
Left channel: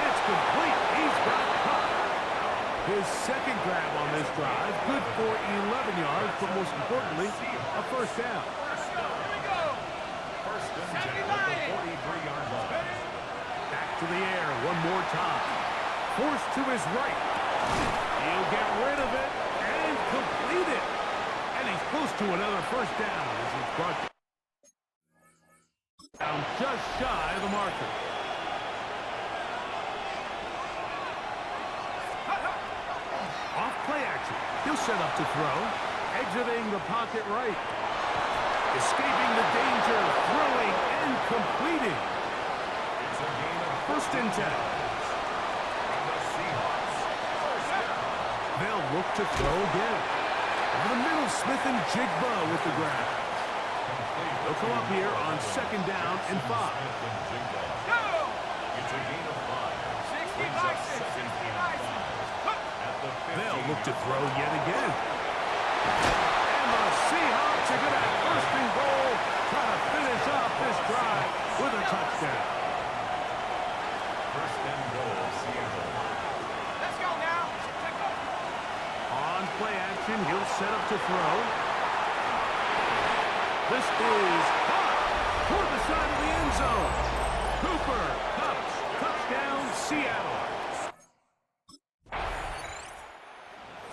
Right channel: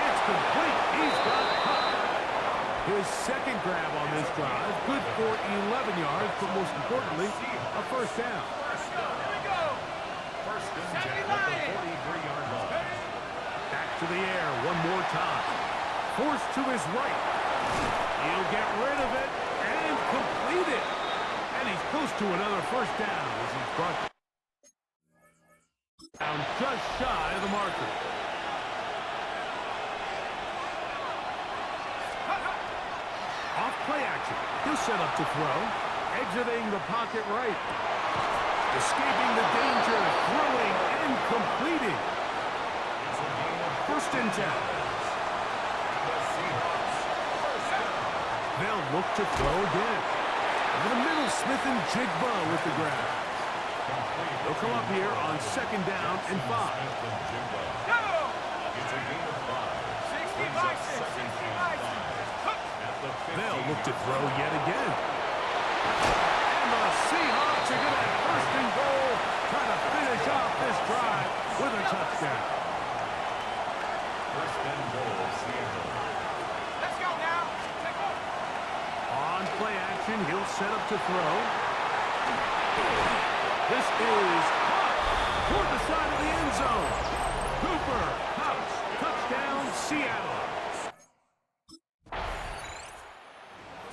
It's complete. He's got Kupp. His 2nd grab on this drive, good for 11 yards, but most importantly, a first down. Here we go. 1st and 10 at the 43-yard line. Back to the air one more time. Forced to his right. He'll get rid of it and complete it. And he's close to another first down as he's brought down just shy of the marker. Off play action. He'll set up to throw. Exiting the pocket right. Escaping the danger. Throwing and completing. It's a gain of 1st and 10. And the Seahawks first down. They'll look to throw again. Over the middle, Smith and Jigba with the grab. They'll come up here on 2nd down and 5. Go. It's a gain of 5. 60 bison, 60 bison. They'll look to throw yet again. And the Seahawks are going to have 1st and goal, try to finish off this drive with a touchdown. 1st and goal, Seattle. Let's go now. Take off. On play action, he'll set up to throw. This is caught toward the side of the end zone. Cooper Kupp, touchdown, Seattle.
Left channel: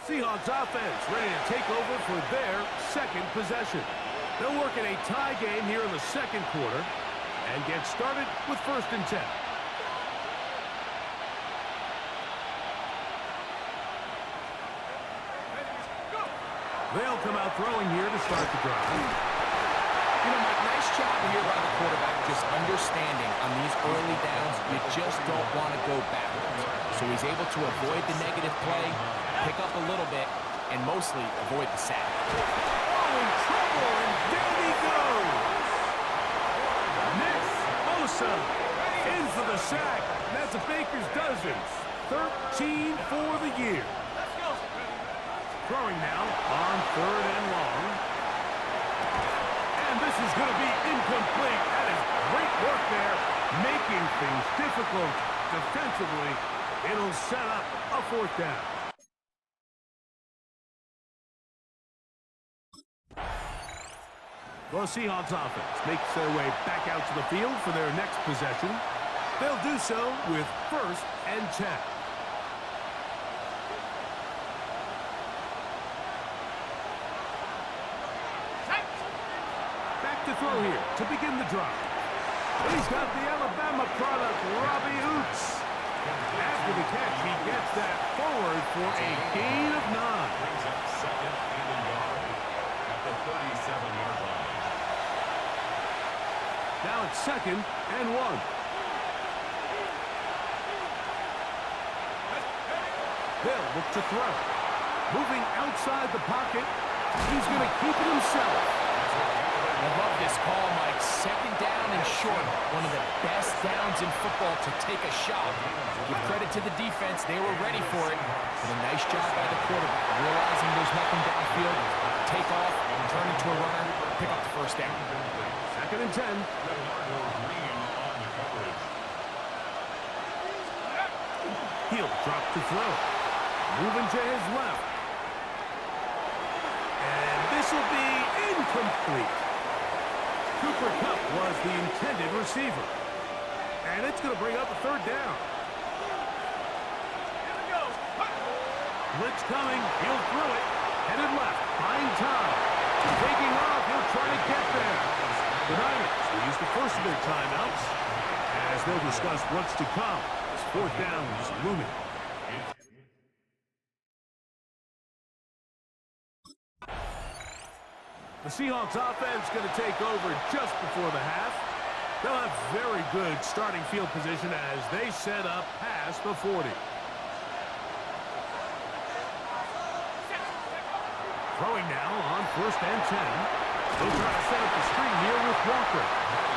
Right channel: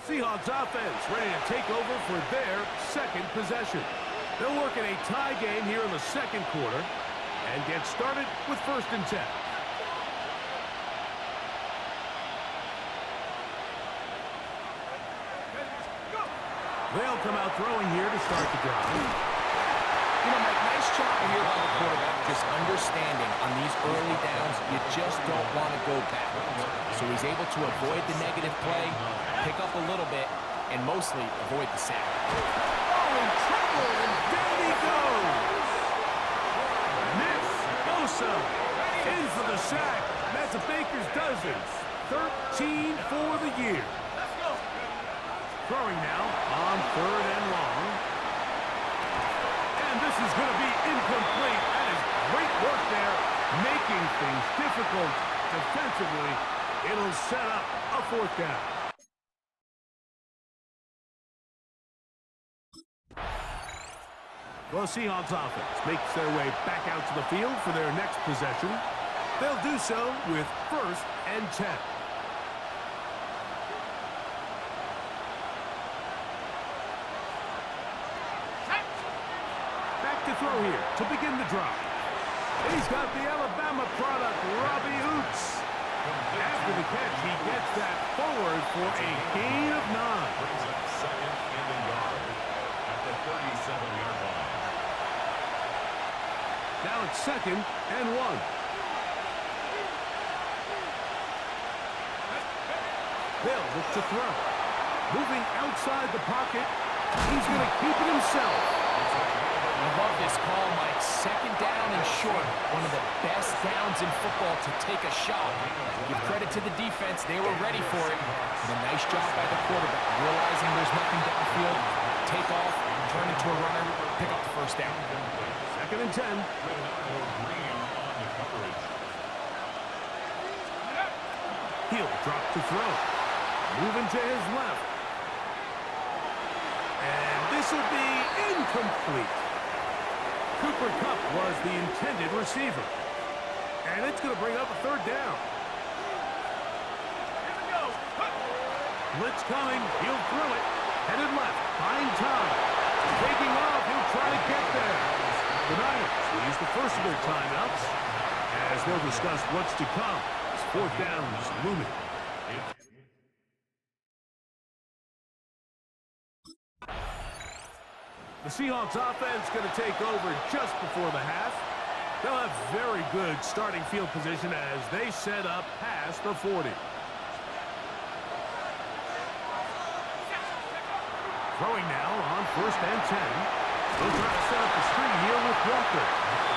Seahawks offense ready to take over for their 2nd possession. They'll work in a tie game here in the 2nd quarter and get started with 1st and 10. They'll come out throwing here to start the drive. You know, Mike, nice job here by the quarterback, just understanding on these early downs, you just don't want to go backwards. So he's able to avoid the negative play, pick up a little bit, and mostly avoid the sack. Oh, in trouble, and down he goes. Nick Bosa in for the sack. That's a baker's dozen. 13 for the year. Let's go. Throwing now on 3rd and long. And this is going to be incomplete. That is great work there, making things difficult defensively. It'll set up a 4th down. The Seahawks offense makes their way back out to the field for their next possession. They'll do so with 1st and 10. To throw here to begin the drive. He's got the Alabama product, Robbie Oots. After the catch, he gets that forward for a gain of 9. Brings up 2nd and a yard at the 37-yard line. Now it's 2nd and 1. They'll look to throw. Moving outside the pocket. He's going to keep it himself. I love this call, Mike. 2nd down and short. One of the best downs in football to take a shot. Give credit to the defense. They were ready for it. But a nice job by the quarterback. Realizing there's nothing downfield. Take off, turn into a runner, pick up the 1st down. 2nd and 10. Leonardo Green on the coverage. He'll drop to throw. Moving to his left. And this will be incomplete. Cooper Kupp was the intended receiver. And it's going to bring up a 3rd down. Here we go. Blitz coming. He'll throw it. Headed left, buying time. Taking off, he'll try to get there. The Niners will use the first of their timeouts as they'll discuss what's to come as fourth down is looming. The Seahawks offense going to take over just before the half. They'll have very good starting field position as they set up past the 40. Throwing now on 1st and 10. They'll try to set up the screen here with Walker.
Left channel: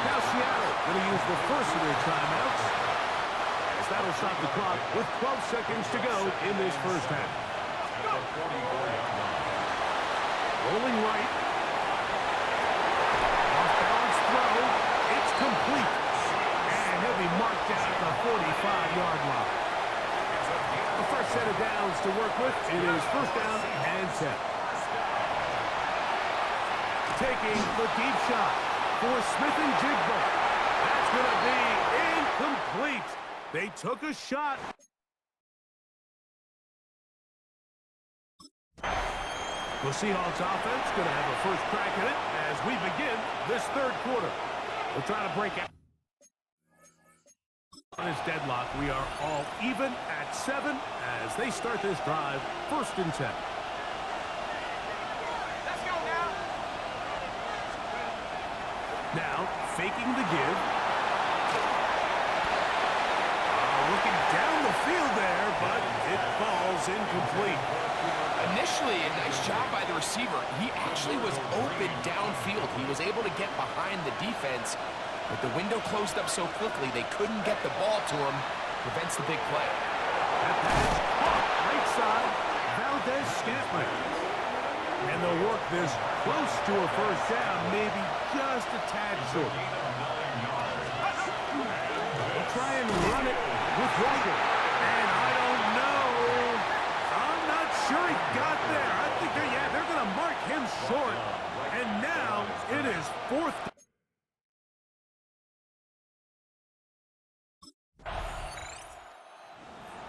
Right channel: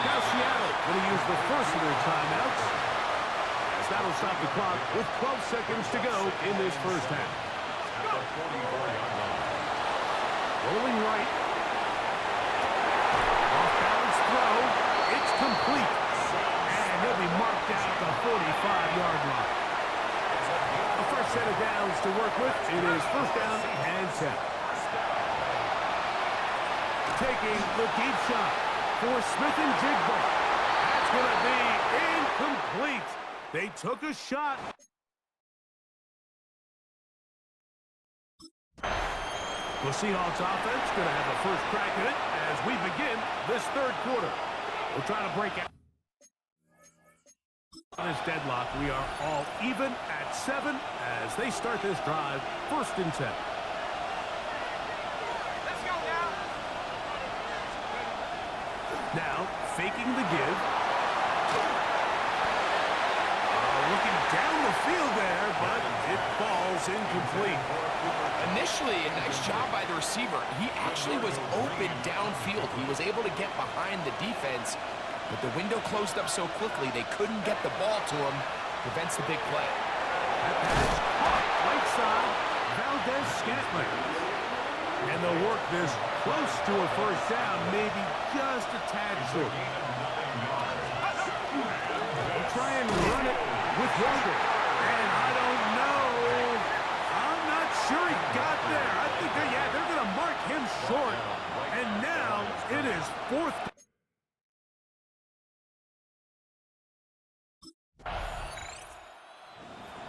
Now Seattle going to use the first of their timeouts as that'll stop the clock with 12 seconds to go in this first half. Rolling right. Off-balance throw. It's complete. And he'll be marked out at the 45-yard line. A fresh set of downs to work with. It is 1st down and 10. Taking the deep shot for Smith and Jigba. That's going to be incomplete. They took a shot. The Seahawks offense going to have a first crack at it as we begin this third quarter. We'll try to break out. On this deadlock, we are all even at 7 as they start this drive, 1st and 10. Let's go now. Now, faking the give. Looking down the field there, but it falls incomplete. Initially, a nice job by the receiver. He actually was open downfield. He was able to get behind the defense, but the window closed up so quickly they couldn't get the ball to him. Prevents the big play. That pass caught right side, Valdez-Scantling. And they'll work this close to a first down, maybe just a tad short. They'll try and run it with Walker. And I don't know. I'm not sure he got there. I think they're going to mark him short. And now it is 4th.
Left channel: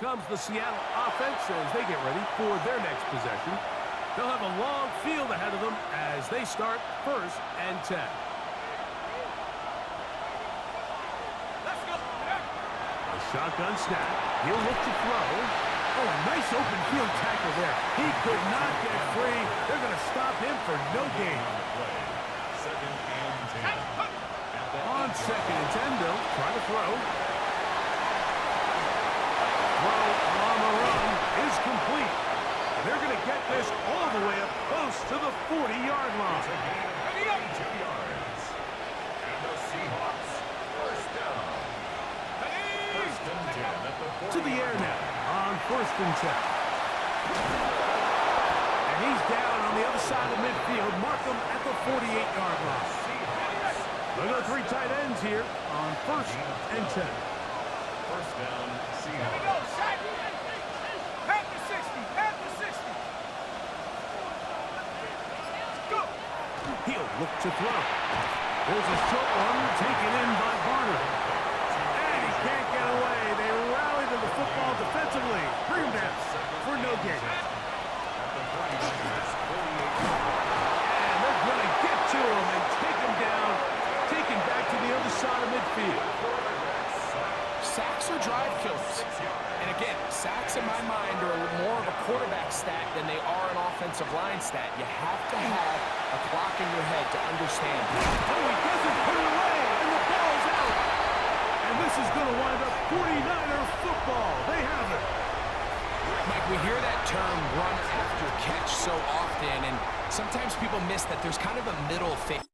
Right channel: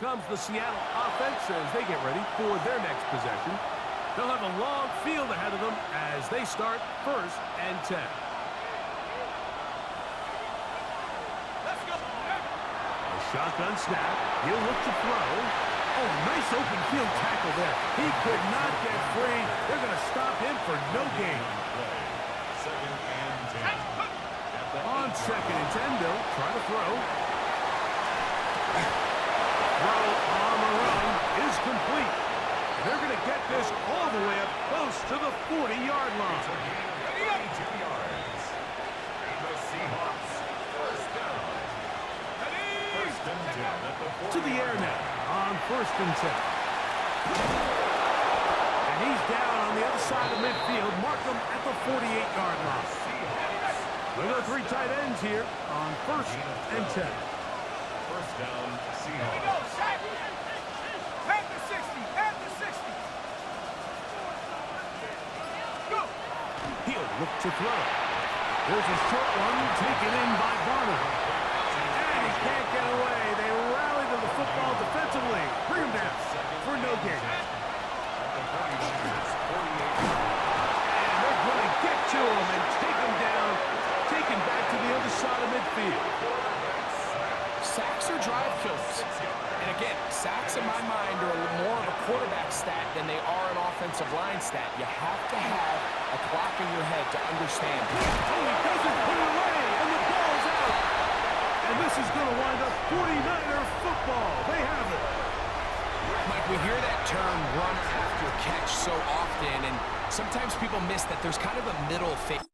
Comes the Seattle offense as they get ready for their next possession. They'll have a long field ahead of them as they start 1st and 10. Let's go. A shotgun snap. He'll look to throw. Oh, nice open field tackle there. He could not get free. They're going to stop him for no gain. On 2nd and 10, they'll try to throw. Throw on the run is complete. And they're going to get this all the way up close to the 40-yard line. 82 yards. And the Seahawks, 1st down. 1st and 10 at the 40. To the air now on 1st and 10. And he's down on the other side of midfield. Mark him at the 48-yard line. Look at the 3 tight ends here on 1st and 10. 1st down, Here we go, Seahawks. Shaq. Panther 60, Panther 60. Go. He'll look to throw. There's a short one taken in by Barner. And he can't get away. They rally to the football defensively. Bring him down for no gain. And they're going to get to him and take him down. Taken back to the other side of midfield. Sacks are drive killers. And again, sacks in my mind are more of a quarterback stat than they are an offensive line stat. You have to have a clock in your head to understand. Oh, he doesn't put it away, and the ball's out. And this is going to wind up 49er football. They have it. Mike, we hear that term run after catch so often, and sometimes people miss that there's kind of a middle phase.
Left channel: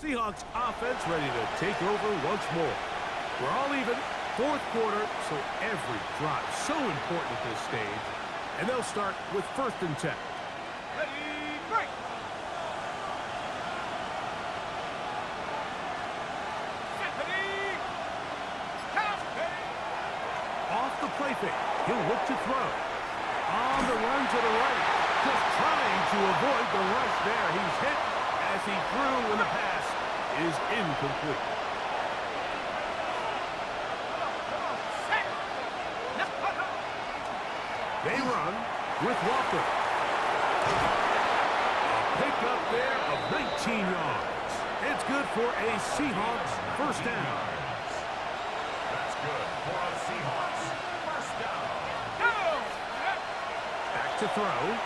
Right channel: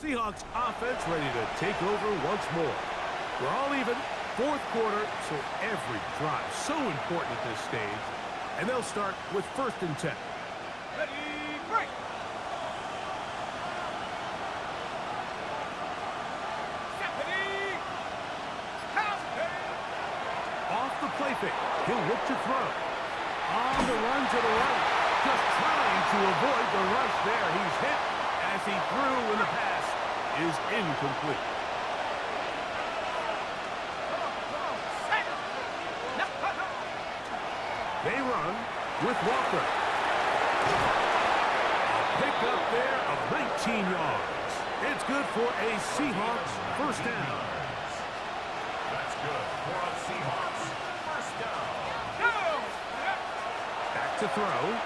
Seahawks offense ready to take over once more. We're all even, 4th quarter, so every drive so important at this stage. And they'll start with 1st and 10. Ready, break. Ready, count. Off the play fake, he'll look to throw. On the run to the right, just trying to avoid the rush there. He's hit as he threw, and the pass is incomplete. They run. with Walker. A pickup there of 19 yards. It's good for a Seahawks first down. That's good for a Seahawks first down. Back to throw.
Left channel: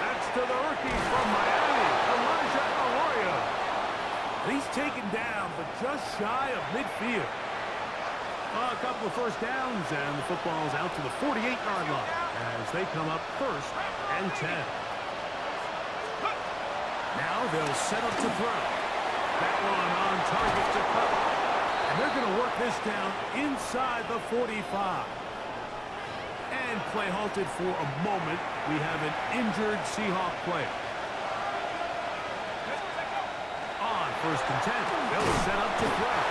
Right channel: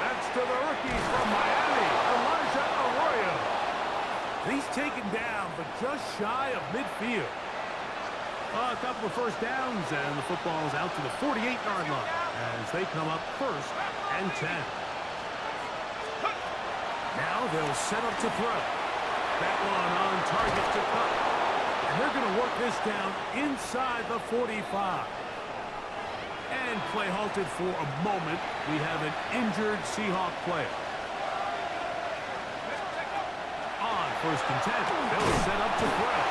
That's to the rookie from Miami, Elijah Arroyo. He's taken down, but just shy of midfield. A couple of first downs, and the football is out to the 48-yard line as they come up first and 10. Now they'll set up to throw. That one on target to Cup. And they're going to work this down inside the 45. And play halted for a moment. We have an injured Seahawk player. On first and 10, they'll set up to throw.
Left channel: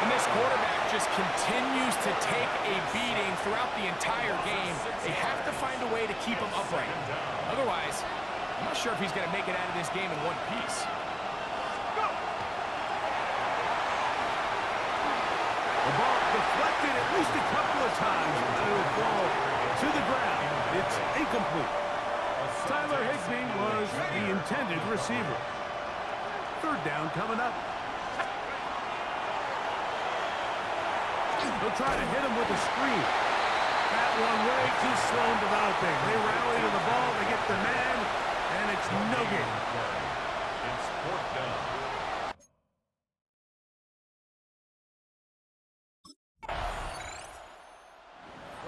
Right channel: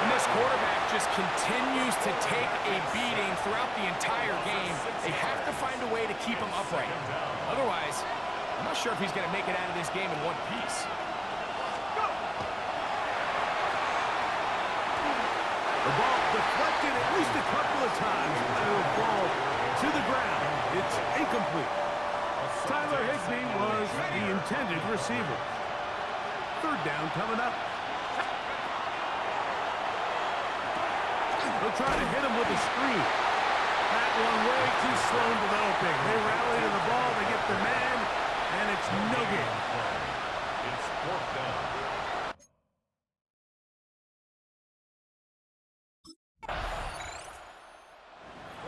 And this quarterback just continues to take a beating throughout the entire game. They have to find a way to keep him upright. Otherwise, I'm not sure if he's going to make it out of this game in one piece. The ball deflected at least a couple of times, and it'll fall to the ground. It's incomplete. Tyler Higbee was the intended receiver. Third down coming up. They'll try to hit him with a screen. That one way too slow in developing. They rally to the ball, they get the man, and it's no gain. It's fourth down.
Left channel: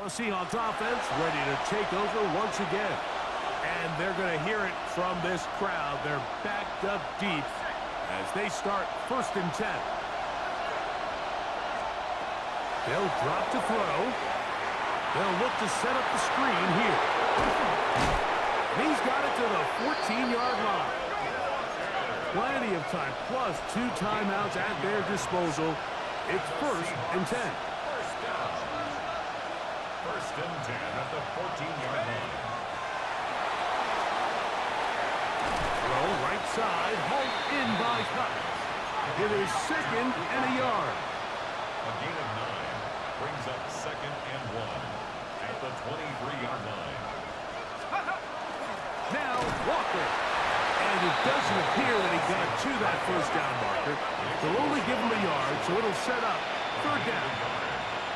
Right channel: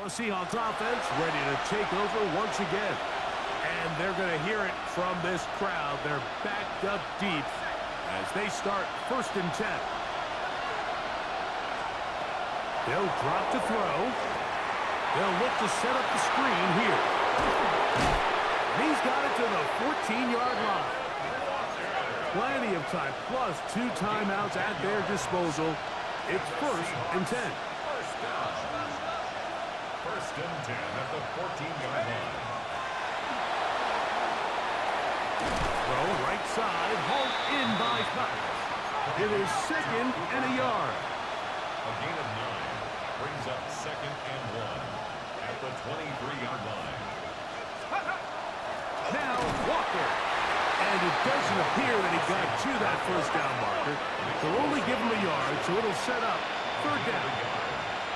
Well, Seahawks offense ready to take over once again. And they're going to hear it from this crowd. They're backed up deep as they start first and 10. They'll drop to throw. They'll look to set up the screen here. And he's got it to the 14-yard line. Plenty of time, plus 2 timeouts at their disposal. It's first and 10. First down. First and 10 at the 14-yard line. Throw right side, hauled in by Cup. It is second and a yard. A gain of 9 brings up second and 1 at the 23-yard line. Now Walker. And it doesn't appear that he got to that first down marker. They'll only give him a yard, so it'll set up third down.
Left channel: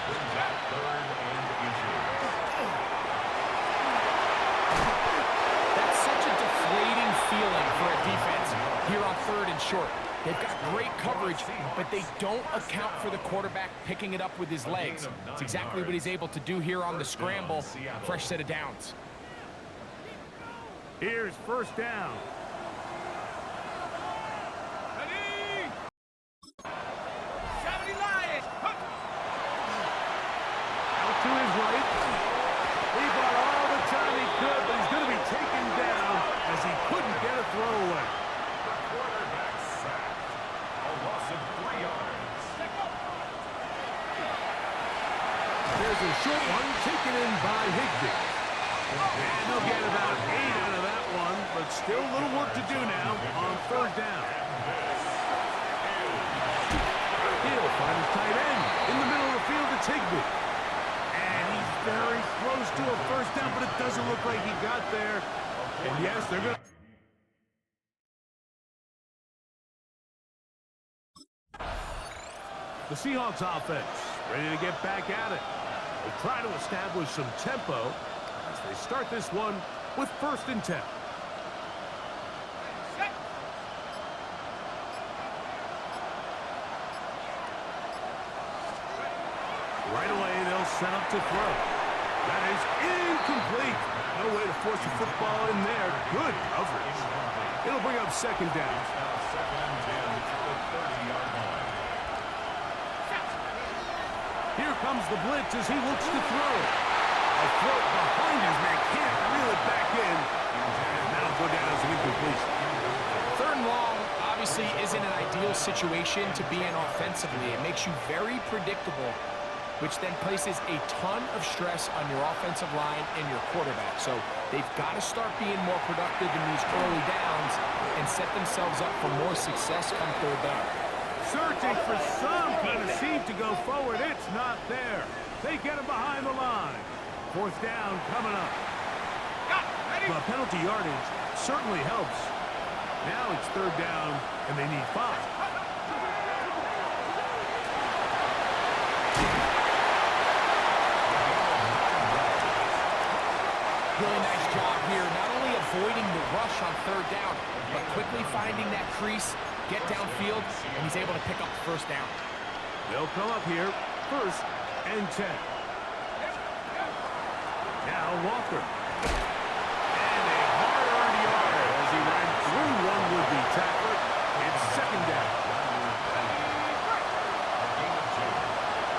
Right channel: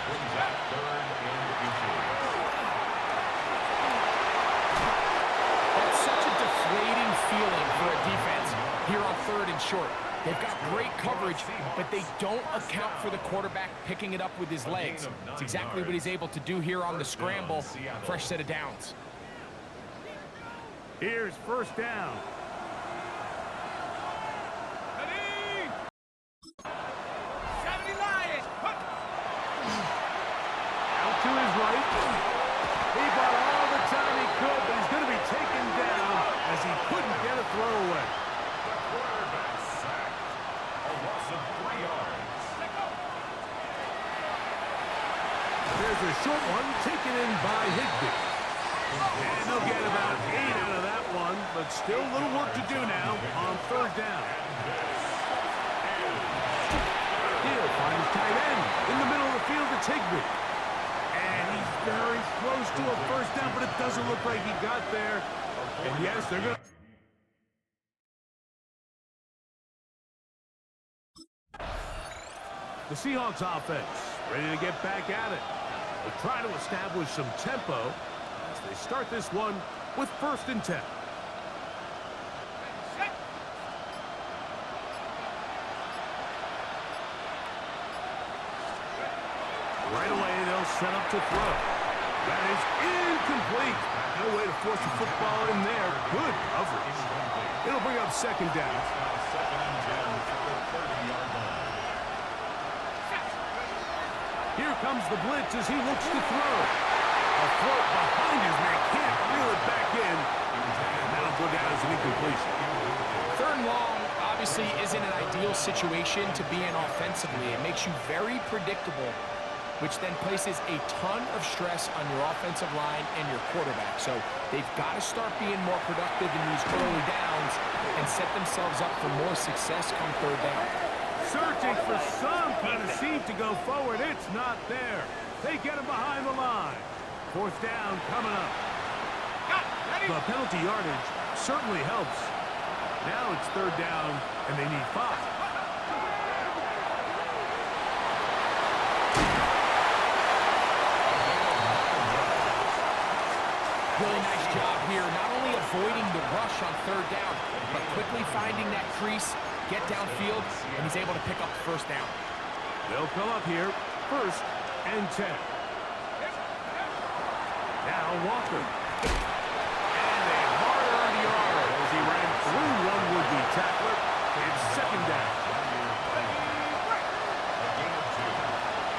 Brings up third and inches. That's such a deflating feeling for a defense here on third and short. They've got great coverage, but they don't account for the quarterback picking it up with his legs. It's exactly what he's able to do here on the scramble. Fresh set of downs. Here's first down. Ready? 70 Lions. Out to his right. He bought all the time he could, but he's going to be taken down as he couldn't get a throw away. The quarterback sacked. A loss of 3 yards. There's a short one taken in by Higbee. And they'll get about 8 out of that one, but still a little work to do now on third down. He'll find his tight end in the middle of the field. It's Higbee. And he's very close to a first down, but it doesn't look like he got there. And yes, they're going to... The Seahawks offense ready to get back at it. They'll try to establish some tempo as they start this one with first and 10. Right away, they'll set up to throw. That is incomplete. No way to force the football in there. Good coverage. It'll bring up second down. It's now second and 10 at the 30-yard line. Here comes the blitz as he looks to throw. A throw behind his man, can't reel it back in. And that'll go down as an incompletion. Third and long obviously isn't an ideal situation to be in offensively. It makes you very predictable, which then places a ton of stress on your offensive line and your quarterback. So they've got to start being more productive in these early downs and set themselves up for more success come third down. Searching for some kind of seam to go forward. It's not there. They get him behind the line. Fourth down coming up. The penalty yardage certainly helps. Now it's third down, and they need 5. Really nice job here, not only avoiding the rush on third down, but quickly finding that crease, get downfield, and he's able to pick up the first down. They'll come up here, 1st and 10. Now Walker. And a hard-earned yard as he ran through one would-be tackler. It's 2nd down. A gain of 2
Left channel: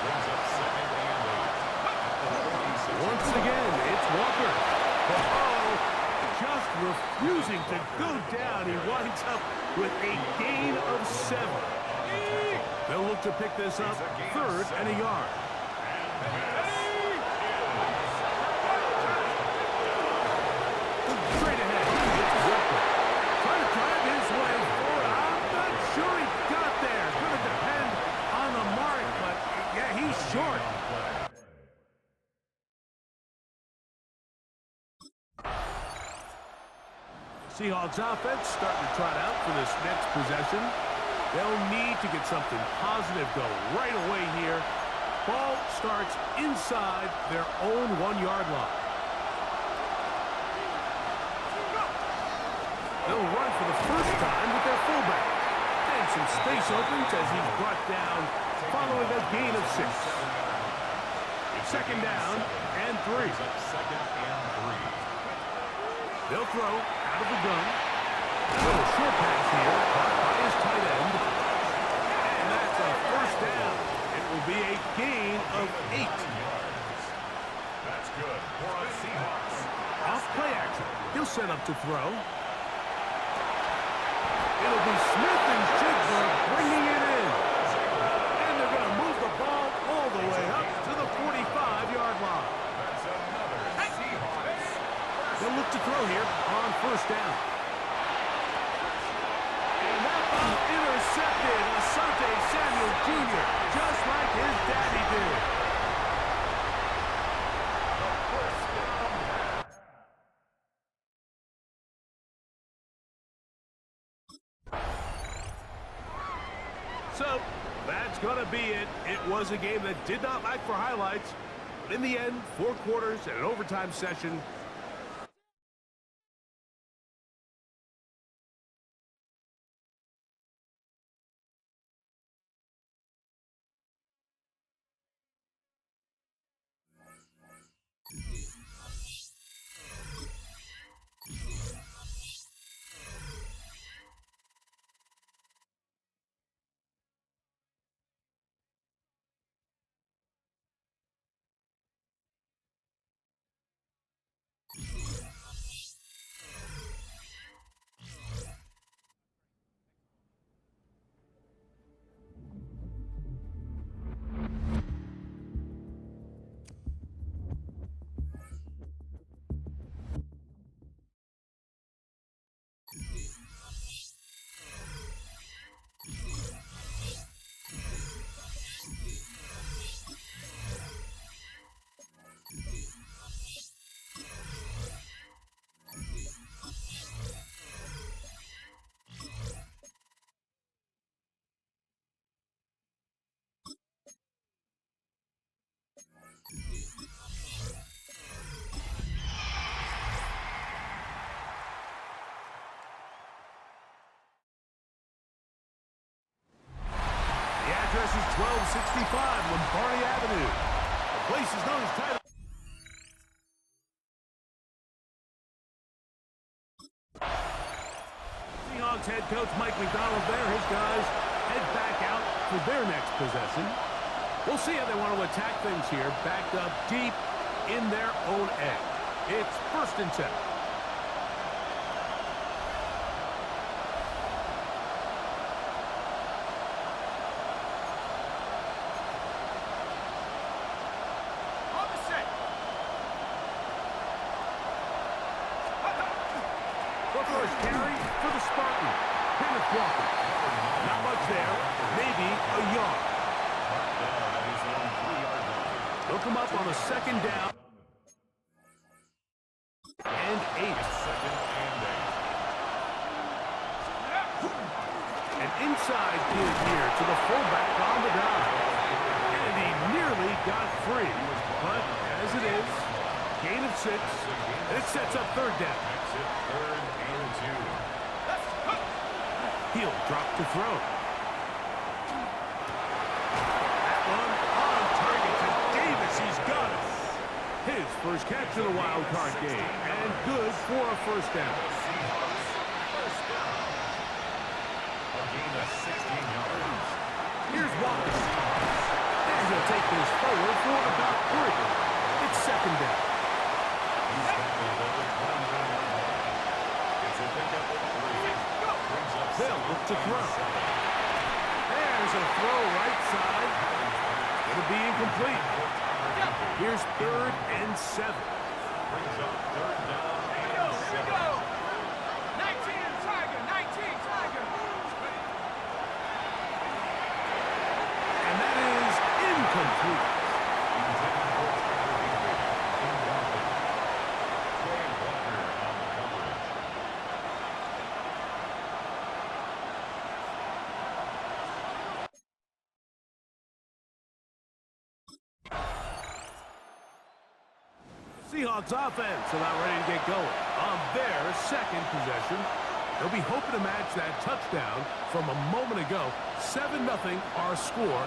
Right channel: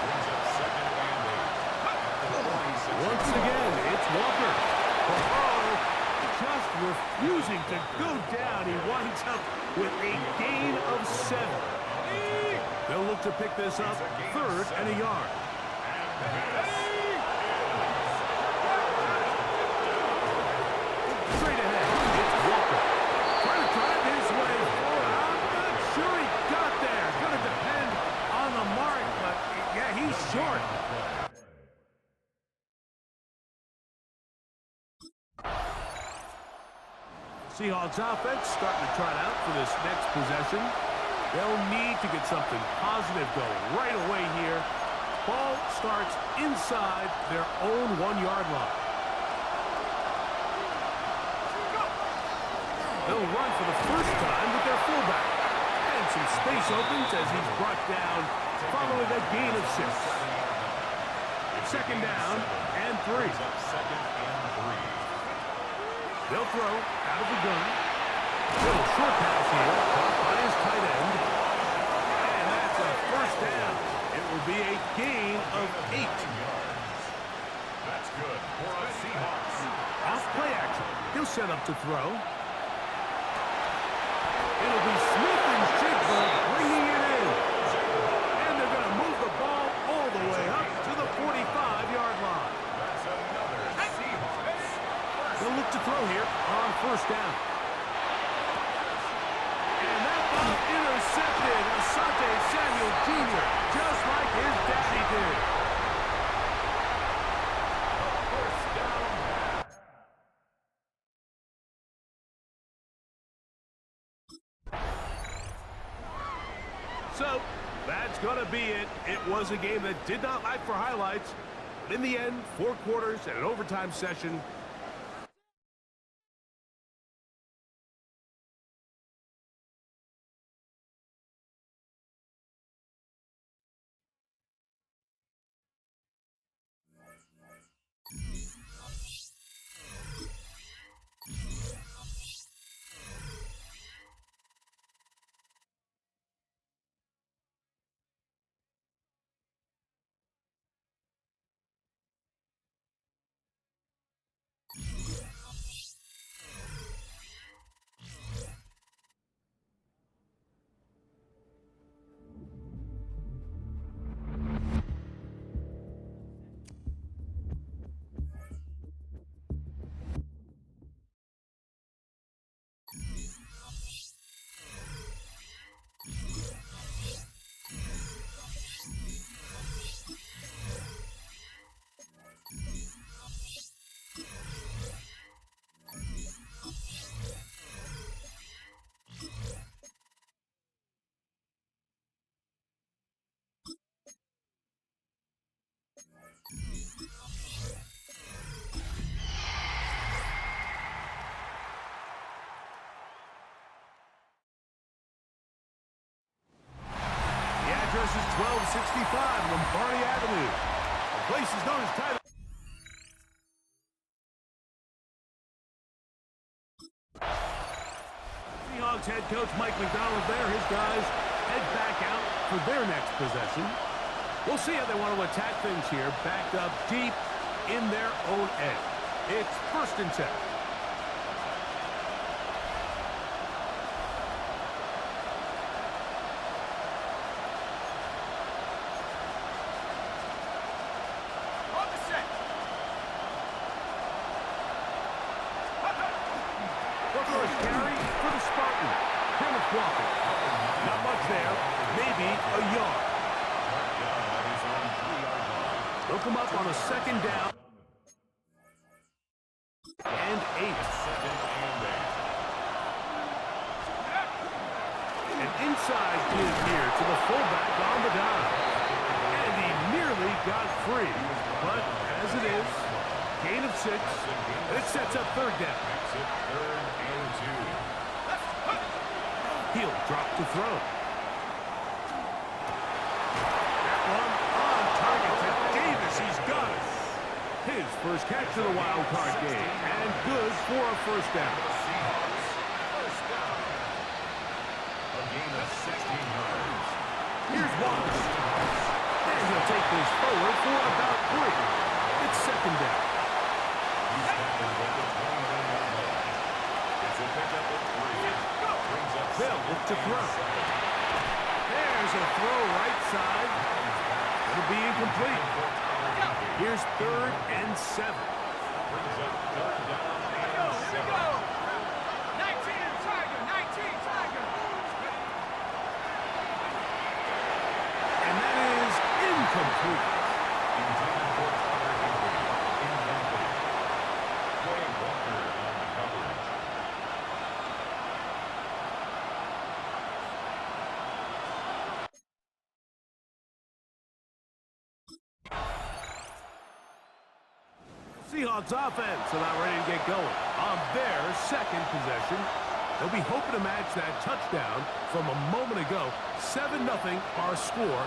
brings up 2nd and 8. Once again, it's Walker. Oh, just refusing to go down. He winds up with a gain of 7. They'll look to pick this up 3rd and a yard. Straight ahead, it's Walker. Trying to drive his way forward. I'm not sure he got there. Going to depend on the mark, but yeah, he's short. Seahawks offense starting to trot out for this next possession. They'll need to get something positive going right away here. Ball starts inside their own 1-yard line. They'll run for the first time with their fullback. And some space opens as he's brought down following a gain of 6. 2nd down and 3. They'll throw out of the gun. Little short pass here, caught by his tight end. And that's a first down. It will be a gain of 8. That's good for a Seahawks. Off play action. He'll set up to throw. It'll be Smith and Jigba bringing it in. And they're going to move the ball all the way up to the 45-yard line. That's another Seahawks. They'll look to throw here on 1st down. And that ball intercepted. Asante Samuel Jr., just like his daddy did. The first down pass. So, that's going to be it. It was a game that did not lack for highlights. But in the end, 4 quarters and an overtime session. Address is 1265 Lombardi Avenue. The place is known as Title. Seahawks head coach Mike McDonald there. His guys head back out for their next possession. We'll see how they want to attack things here, backed up deep in their own end. It's 1st and 10. The first carry for the Spartans. Kenneth Walker. Not much there. Maybe a yard. They'll come up on a second down. And 8. An inside give here to the fullback on the dive. And he nearly got free. But as it is, gain of 6. And it sets up third down. He'll drop to throw. That one on target to Davis. He's got it. His first catch of the wild card game. And good for a first down. A gain of 16 yards. Here's Walker. And he'll take this forward for about 3. It's second down. He's tackled at the 29-yard line. It's a pickup of 3. Brings up They'll look to throw. There's a throw right side. Going to be incomplete. Here's 3rd and 7. Brings up 3rd down and 7. 19 Tiger, 19 Tiger. And that is incomplete. Intended for Tyler Higbee. Incomplete. Quay Walker on the coverage. Seahawks offense about ready to get going on their second possession. They'll be hoping to match that touchdown from a moment ago. 7-0 our score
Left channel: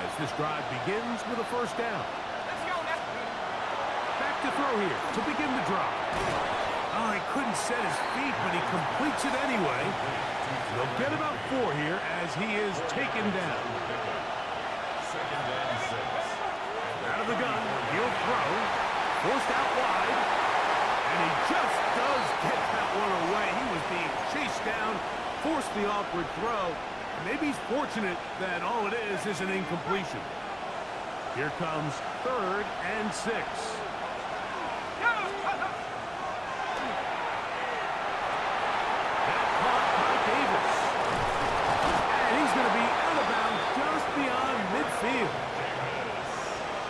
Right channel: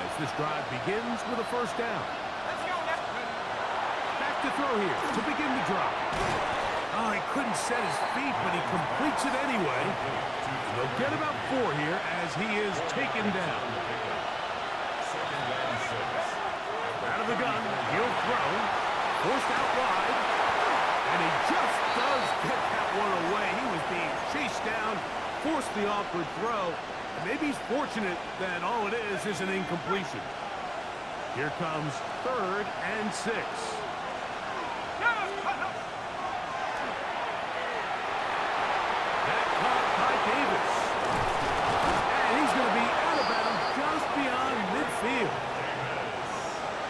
as this drive begins with a first down. Let's go now. Back to throw here to begin the drive. Oh, he couldn't set his feet, but he completes it anyway. They'll get about 4 here as he is taken down. Second down 6. Out of the gun, he'll throw. Forced out wide. And he just does get that one away. He was being chased down, forced the awkward throw. And maybe he's fortunate that all it is an incompletion. Here comes 3rd and 6. That caught by Davis. And he's going to be out of bounds just beyond midfield.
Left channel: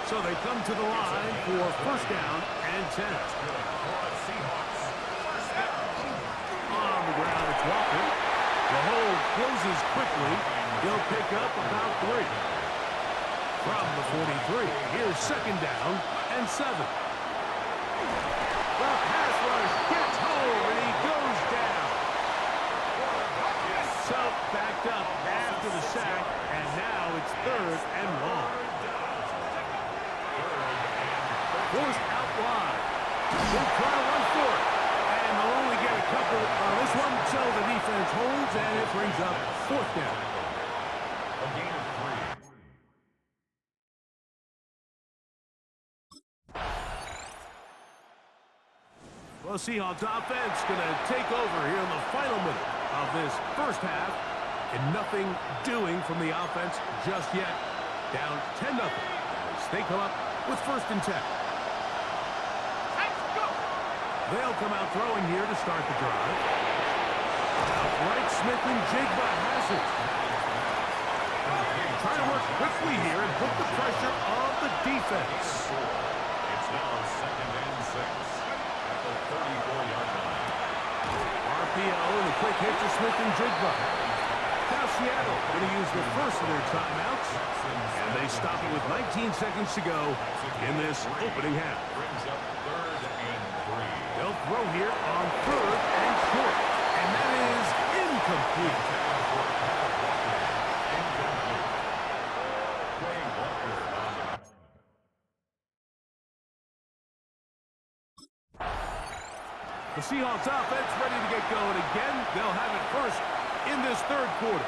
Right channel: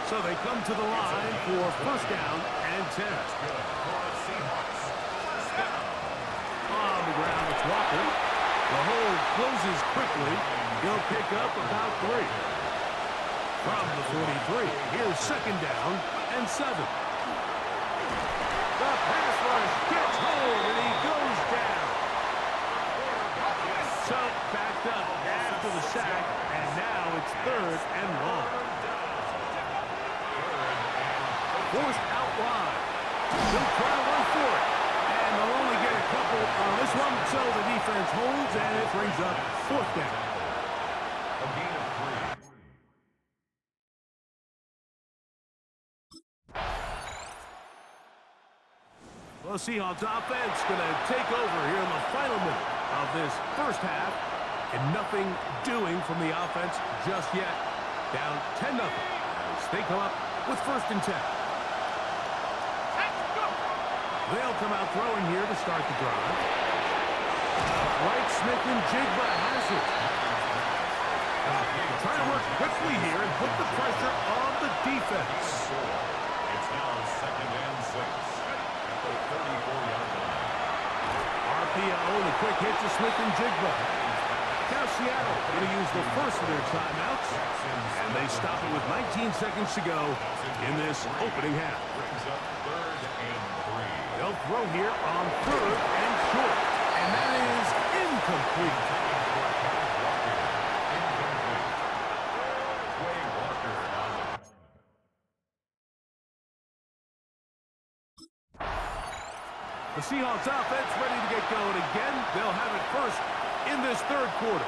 So they come to the line for first down and 10. On the ground, it's Walker. The hold closes quickly. He'll pick up about 3. From the 43, here's second down and 7. The pass rush gets home, and he goes down. So backed up after the sack, and now it's 3rd and long. Forced out wide. He'll try to run for it. And they'll only get a couple on this one, so the defense holds, and it brings up 4th down. A gain of 3. Well, Seahawks offense going to take over here in the final minute of this first half. And nothing doing from the offense just yet. Down 10-0 as they come up with 1st and 10. They'll come out throwing here to start the drive. Outright Smith and Jigba has it. Trying to work quickly here and put the pressure on the defense. It's now 2nd and 6 at the 34-yard line. RPO and the quick hit to Smith and Jigba. Now Seattle going to use the first of their timeouts, and they stop it with 19 seconds to go in this opening half. Brings up 3rd and 3. They'll throw here on 3rd and short, and that is incomplete. Taken for Kenneth Walker. Incomplete. Quay Walker on the The Seahawks offense ready to get going again. They'll have it first in this 3rd quarter.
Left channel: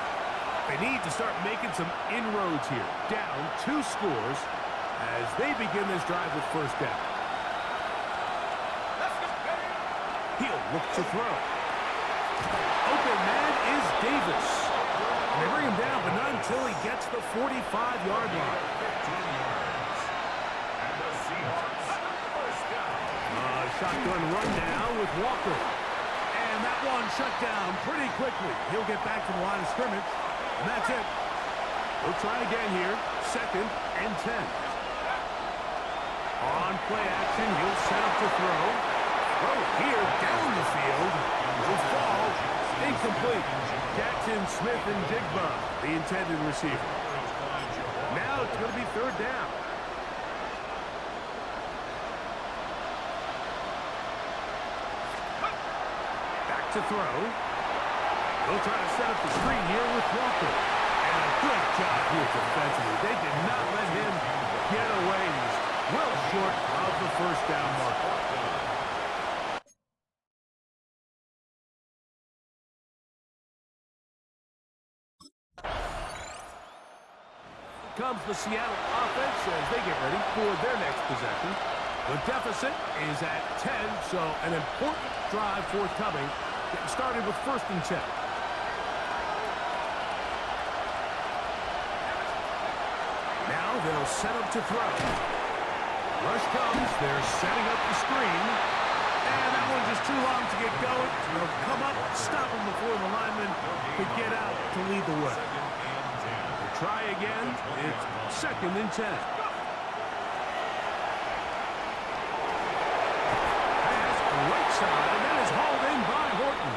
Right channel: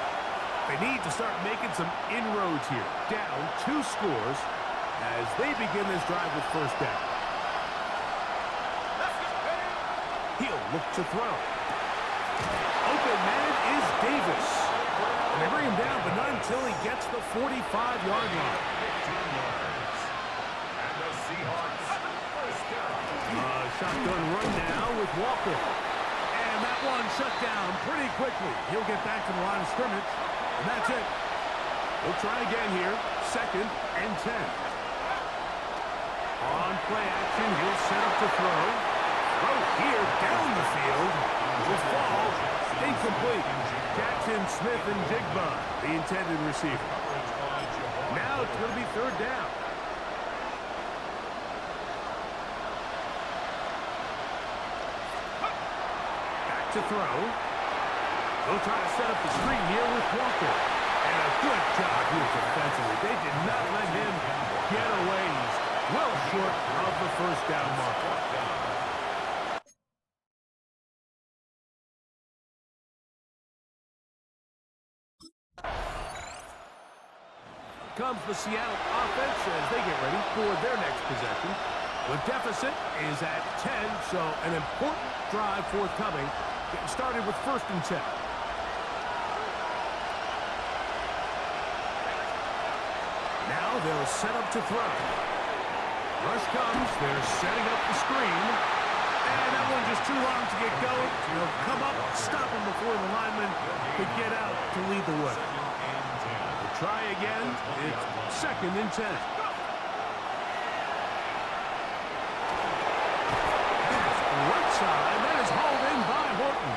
They need to start making some inroads here. Down 2 scores as they begin this drive with first down. He'll look to throw. Open man is Davis. And they bring him down, but not until he gets the 45-yard line. 15 yards. And the Seahawks first down. Shotgun run now with Walker. And And that one shut down pretty quickly. He'll get back to the line of scrimmage, and that's it. He'll try again here, 2nd and 10. On play action, he'll set up to throw. Throw here down the field. Will fall. Incomplete. Jackson, Smith, and Jigba, the intended receiver. Now it's going to be 3rd down. Back to throw. They'll try to set up the screen here with Walker. And a good job here defensively. They did not let him get away. He's well short of the 1st down marker. Comes the Seattle offense as they get ready for their next possession. The deficit is at 10, so an important drive forthcoming. Getting started with 1st and 10. Now they'll set up to throw. Rush comes. They're setting up the screen. And that one just too long to get going. They'll come up, stop him before the lineman could get out to lead the way. They'll try again. It's 2nd and 10. Pass right side. That is hauled in by Horton.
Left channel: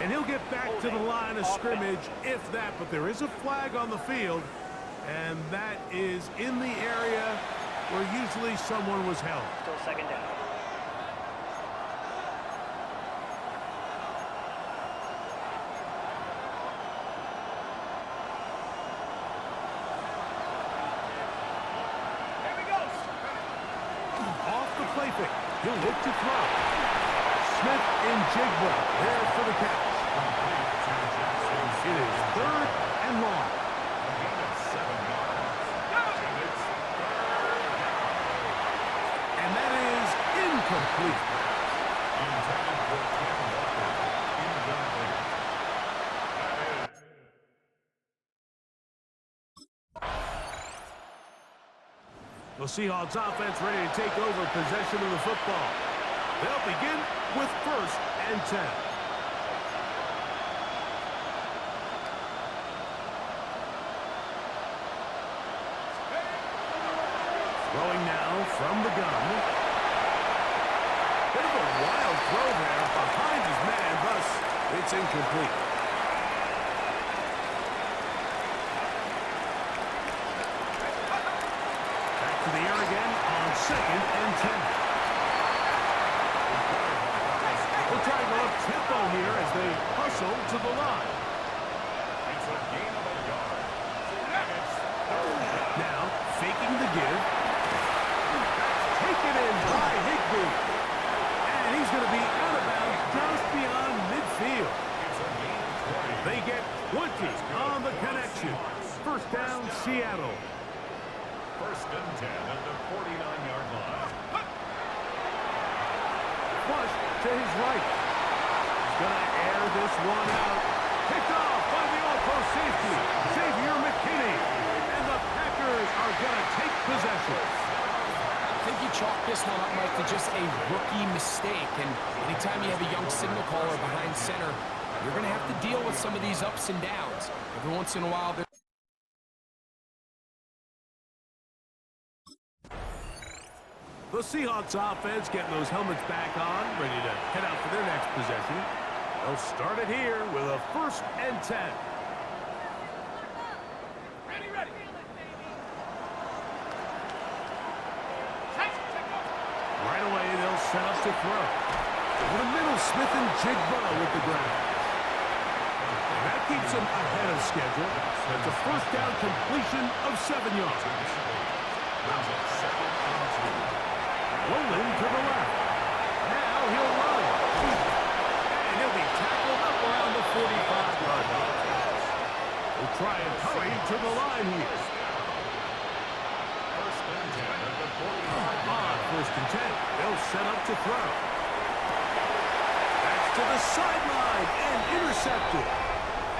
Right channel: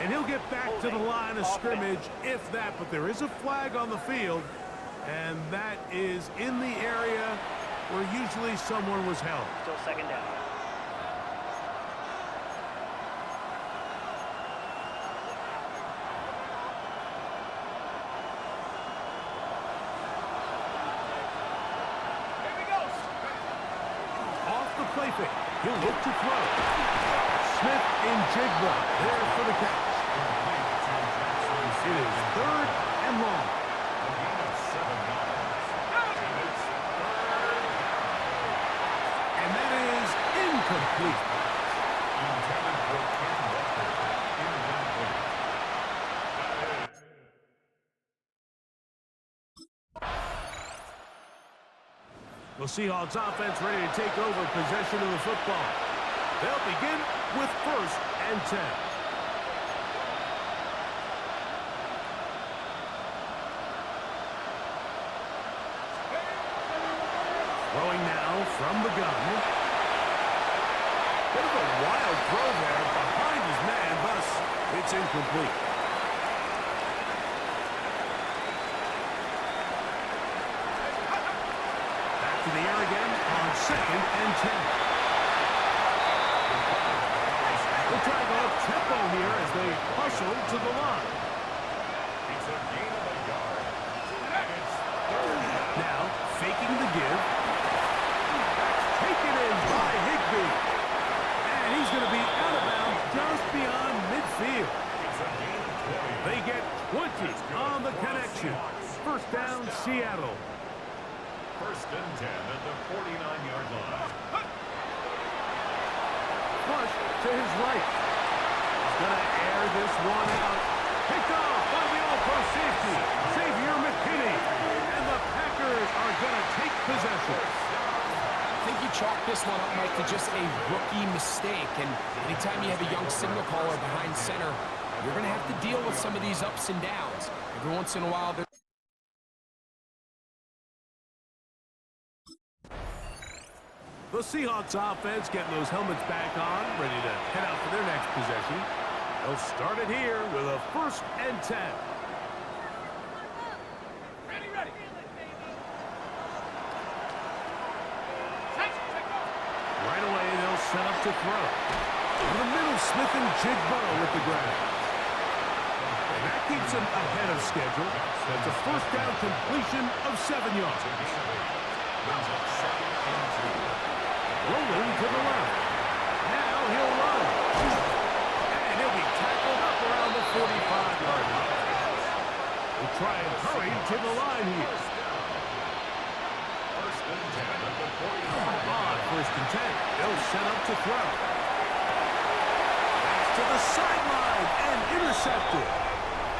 And he'll get back to the line of scrimmage, if that. But there is a flag on the field. And that is in the area where usually someone was held. Still 2nd down. Here we go. Off the play fake. He'll look to throw. Smith and Jigba there for the catch. It is 3rd and long. And that is incomplete. Intended for Ken Walker. Incomplete. That is. The Seahawks offense ready to take over possession of the football. They'll begin with 1st and 10. Throwing now from the gun. Bit of a wild throw there behind his man, thus it's incomplete. Back to the air again on 2nd and 10. We'll try to go up tempo here as they hustle to the line. It's a gain of a yard. And it's 3rd down. Now, faking the give. That's taken in by Higbee. And he's going to be out of bounds just beyond midfield. It's a gain of 20. They get 20 on the connection. 1st down, Seattle. 1st and 10 at the 49-yard line. Flush to his right. He's going to air this one out. Picked off by the all-pro safety, Xavier McKinney. And the Packers are going to take possession. I think you chalk this one up, Mike, to just a rookie mistake. And anytime you have a young signal caller behind center, you're going to have to deal with some of these ups and downs. Every once in a while, The Seahawks offense getting those helmets back on, ready to head out for their next possession. They'll start it here with a 1st and 10. Ready, ready. Right away, they'll set up to throw. Over the middle, Smith and Jigba with the grab. And that keeps them ahead of schedule. That's a 1st down completion of 7 yards. Rolling to the left. Now he'll run. And he'll be tackled up around the 45-yard line. We'll try and hurry to the line here. 1st and 10 at the 49. On 1st and 10, they'll set up to throw. That's to the sideline and intercepted.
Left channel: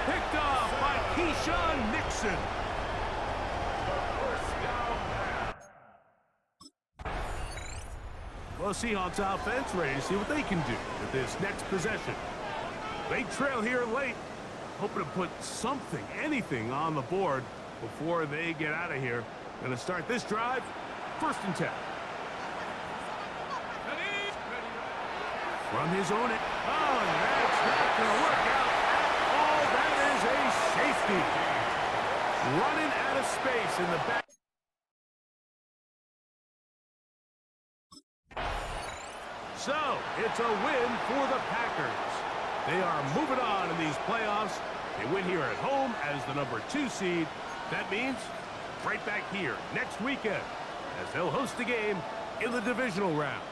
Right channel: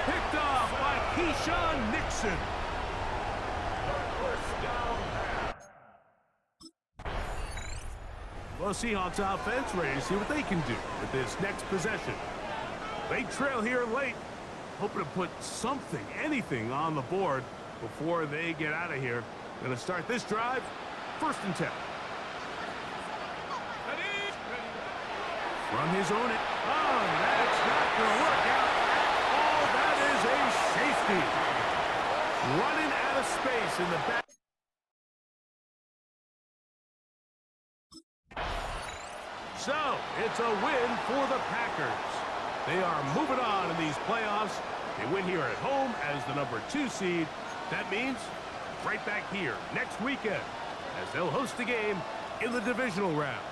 Picked off by Keyshawn Nixon. The 1st down pass. The Well, Seahawks offense ready to see what they can do with this next possession. They trail here late, hoping to put something, anything on the board before they get out of here. Going to start this drive, 1st and 10. From his own end. Oh, that's not going to work out at all. That is a safety. Running out of space in the back. So, it's a win for the Packers. They are moving on in these playoffs. They win here at home as the number 2 seed. That means right back here next weekend as they'll host a game in the divisional round.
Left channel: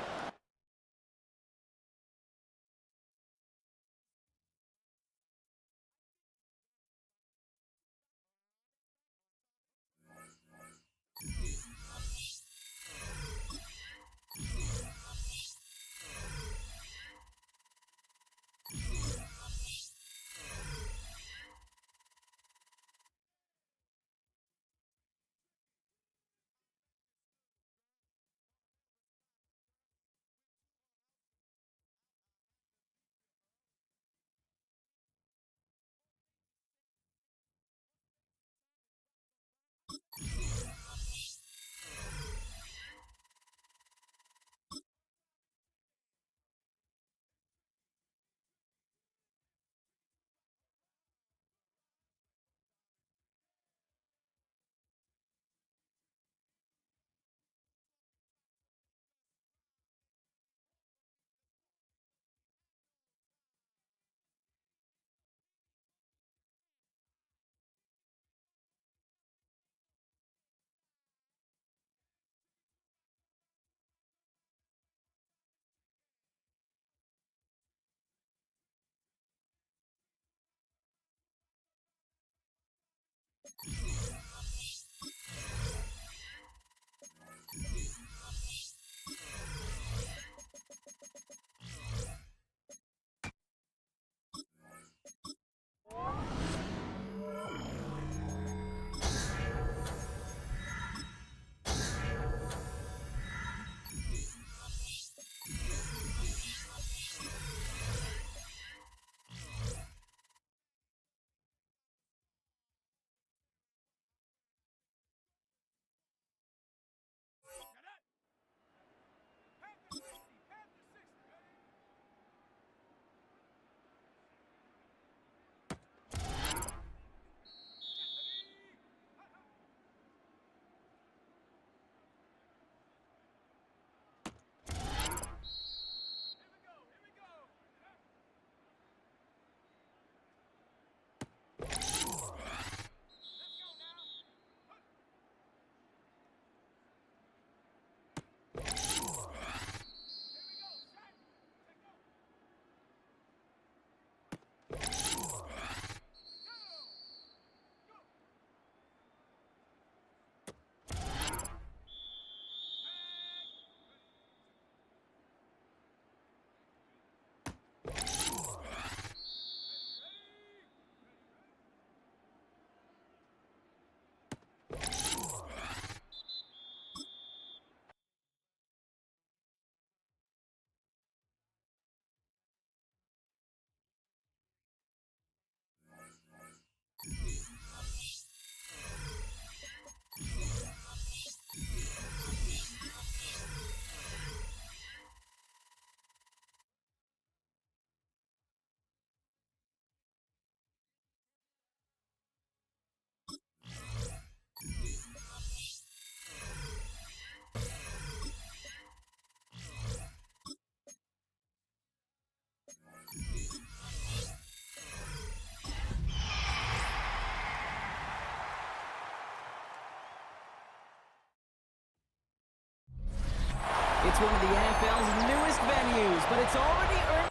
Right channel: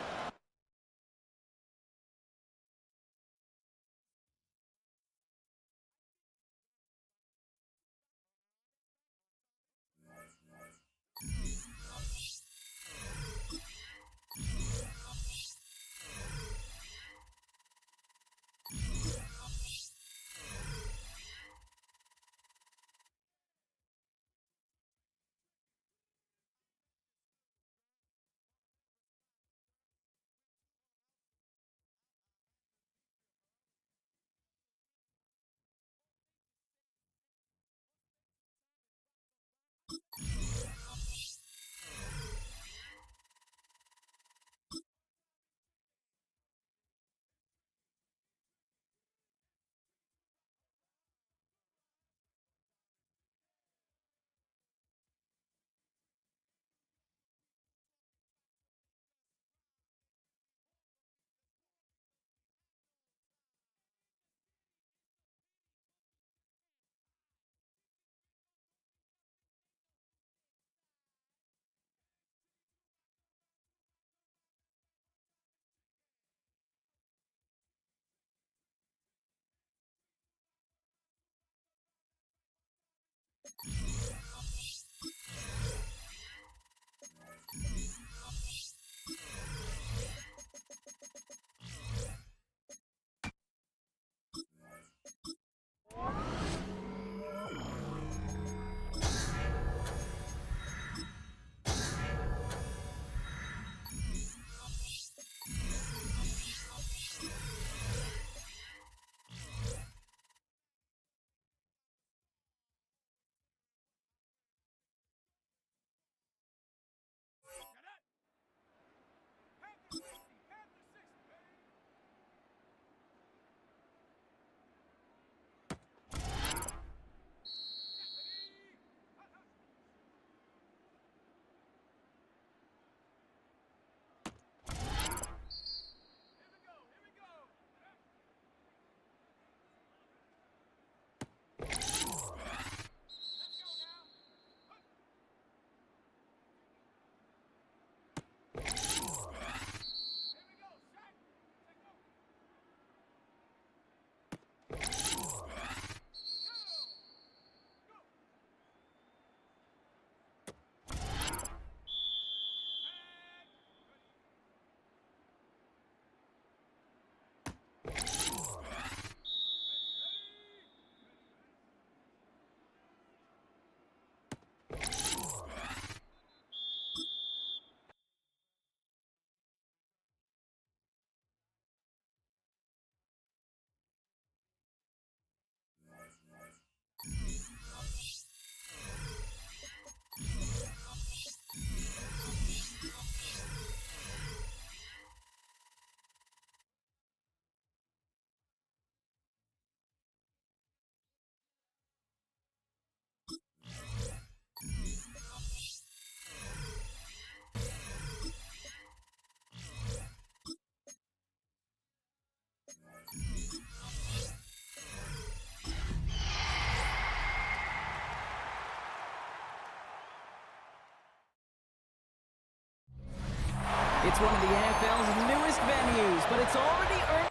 It's one of the NFL's newest venues, but it's already earned...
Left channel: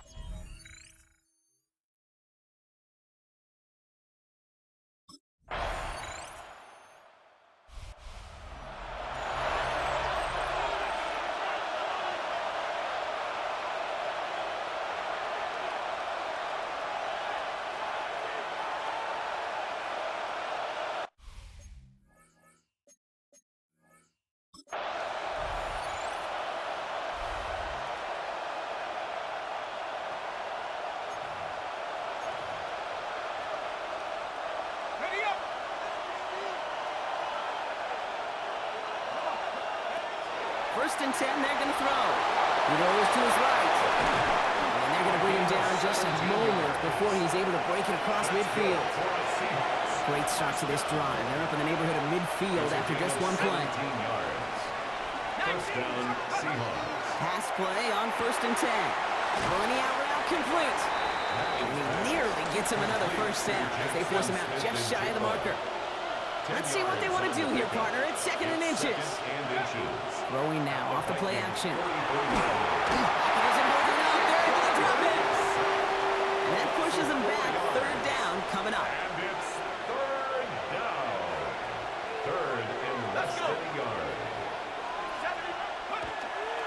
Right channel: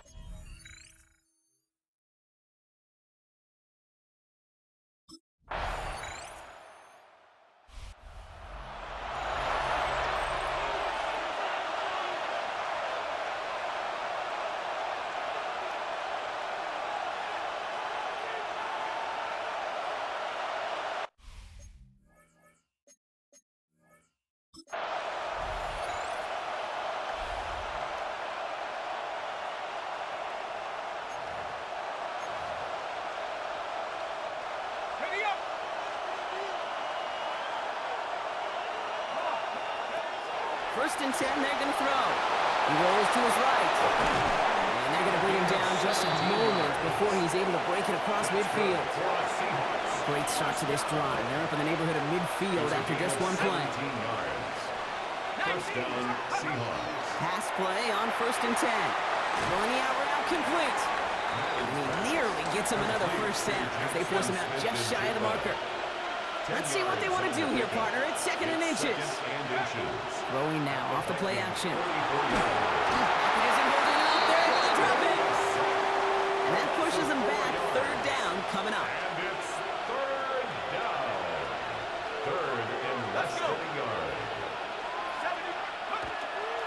First and 10, they're going to throw. He rolls to his right. And they're going to bring him down just a moment before he's able to break it across midfield. Great start to this drive. They're up in the neighborhood of midfield after just one play. First down, Seahawks. Pass play on first and 10. Throwing the out route complete. And he nearly gets him another first down as they force him out just shy of the marker. Let's see what they want to do here, partner. It's second and inches. Throwing now off the play action. Pocket isn't holding up. They're able to drop it. And that pushes them back. Third down coming up. And it's third down. Third and less than a yard.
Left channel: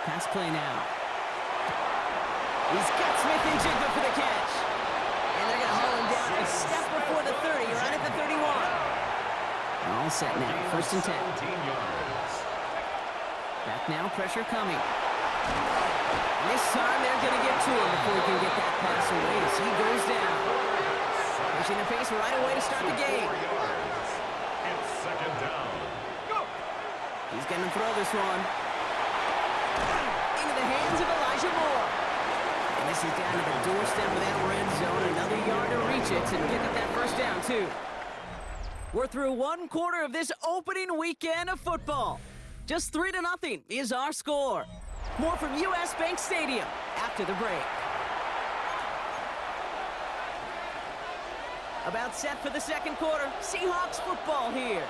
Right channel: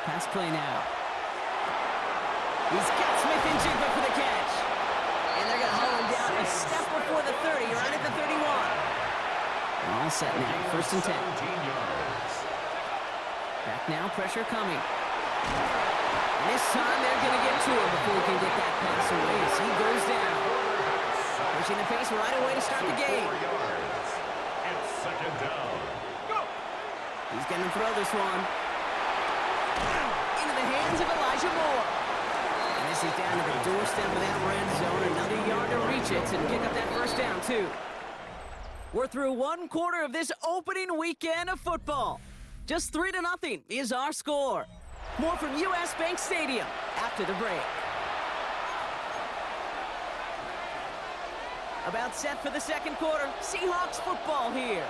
Pass play now. He's got Smith and Jigba for the catch. And they're going to haul him down a step before the 30, right at the 31. All set now, first and 10. Back now, pressure coming. And this time they're going to get to him before he can get that pass away as he goes down. Pushing the pace right away to start the game. It's second down. He's going to throw this one into the hands of Elijah Moore. And this is down to the doorstep of that red zone. Another yard to reach it and pick up that first down, too. We're through one quarter of this opening weekend of football. Just 3-0 is our score. More from U.S. Bank Stadium after the break. About set for the second quarter. Seahawks football here.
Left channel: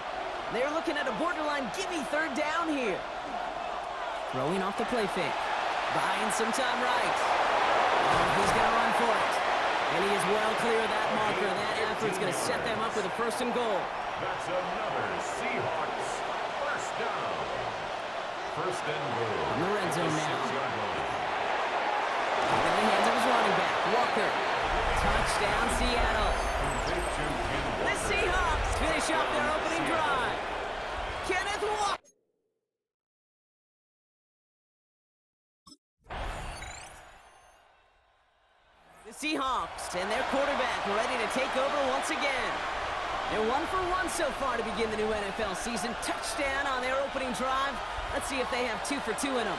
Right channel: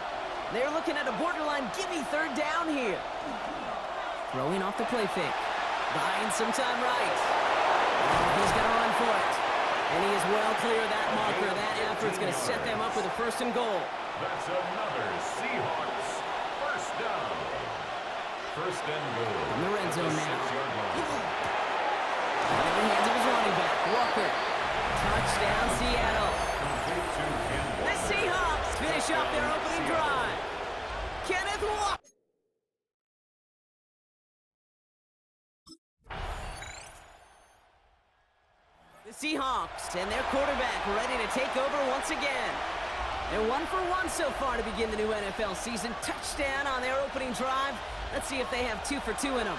They're looking at a borderline gimme third down here. Throwing off the play fake. Buying some time right. Oh, he's going to run for it. And he is well clear of that marker. That effort's going to set them up with a first and goal. That's another Seahawks first down. First and goal. From the red zone now. In the hands of his running back, Walker. Touchdown, Seattle. The Seahawks finish off their opening drive. Kenneth Walker. The Seahawks and their quarterback ready to take over once again. They're 1 for 1 so far to begin the new NFL season. Touchdown on their opening drive. Let's see if they have 2 for 2 in them.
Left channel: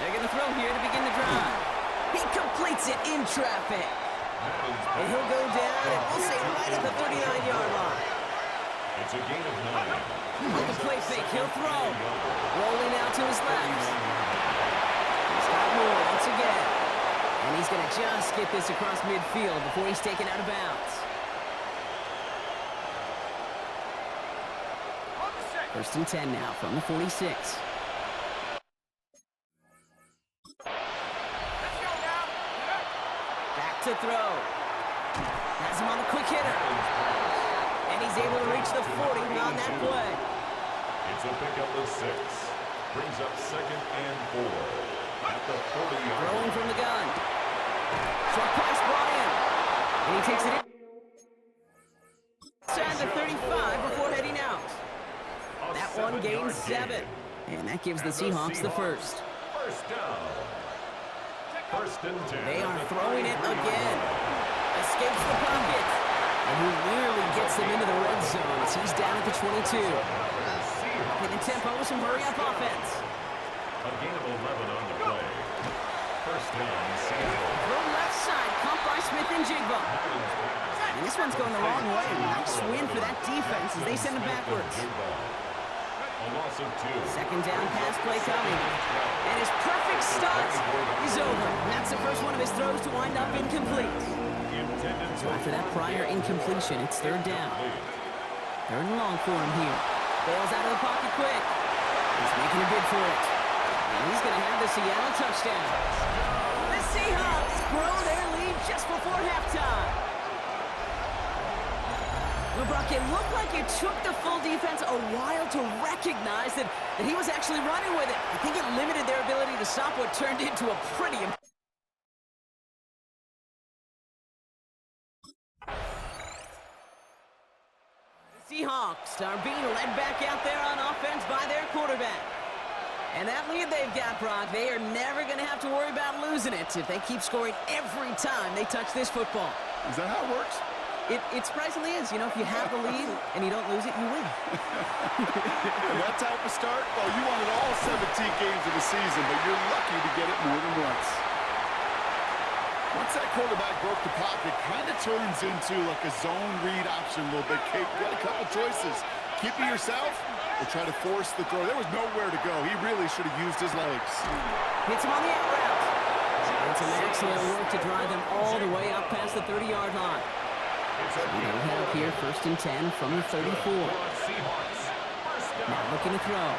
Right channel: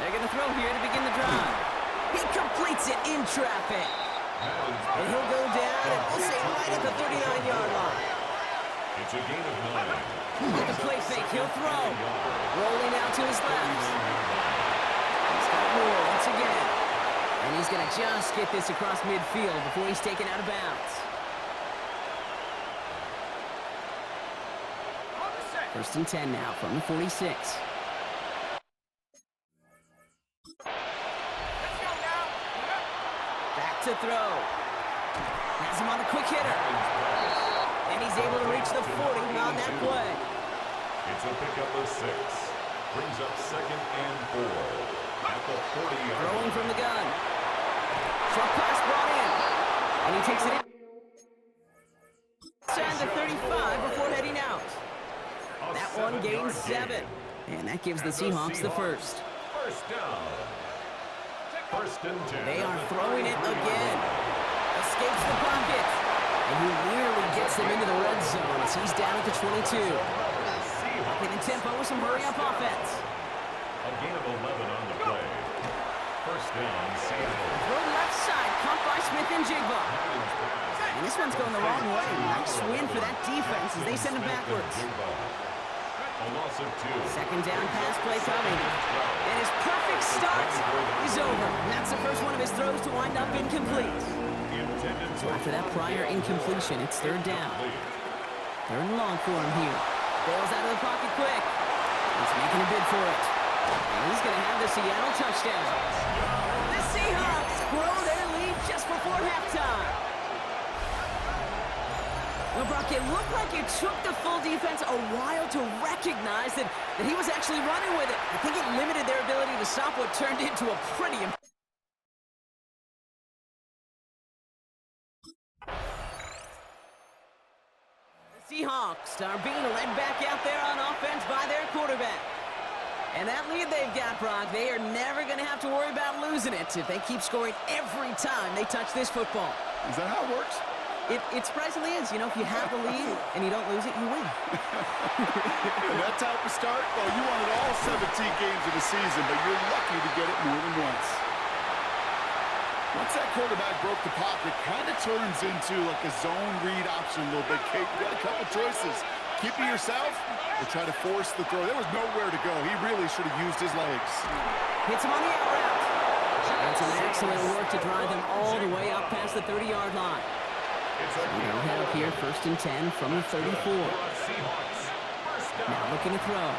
They're going to throw here to begin the drive. He completes it in traffic. And he'll go down, and we'll say right at the 39-yard line. It's a gain of 9. With the play fake, he'll throw. Rolling out to his left. He's got Moore once again. And he's going to just get this across midfield before he's taken out of bounds. First and 10 now from the 46. Back to throw. Has him on the quick hitter. And he's able to reach the 40 on that play. It's a pickup of 6. Brings up second and 4. At the 40-yard line. Throwing from the gun. Short pass brought in. And he takes it in. Inside the 35 before heading out. That one gains 7. And that gives the Seahawks the first. First down. First and 10. They are throwing it again. Escapes the pocket. And he nearly gets them into the red zone as he's down at the 22. Upping the tempo with some hurry-up offense. A gain of 11 on the play. First down, Seattle. Throw left side, caught by Smith and Jigba. And this one's going the wrong way. Nice win for that defense as they send him backwards. A loss of 2. Second down pass play coming. And his perfect start is over. And that's the first one of his throws to wind up incomplete. So after that prior incompletion, it's third down. Third and long for him here. Bails out of the pocket quick. He's making a bid for it. And he's going to have the Seattle touchdown. The Seahawks grow their lead just before halftime. Well, Brock, it looked like it took the full defense a while to recognize that he was actually running with it. I think it limited their ability to stop what turned into a pretty... The Seahawks are being led back out there on offense by their quarterback. And that lead they've got, Brock, they are never going to have to worry about losing it if they keep scoring every time they touch this football. Is that how it works? It surprisingly is. You know, if you have the lead and you don't lose it, you win. And that type of start, well, you wanted all 17 games of the season, but you're lucky to get it more than once. Once that quarterback broke the pocket, kind of turns into like a zone read option a little bit. Kate, you got a couple choices. Keep it yourself or try to force the throw. There was nowhere to go. He really should have used his legs. Hits him on the out route. And some excellent work to drive them all the way up past the 30-yard line. So they'll head up here, 1st and 10 from the 34. Now looking to throw.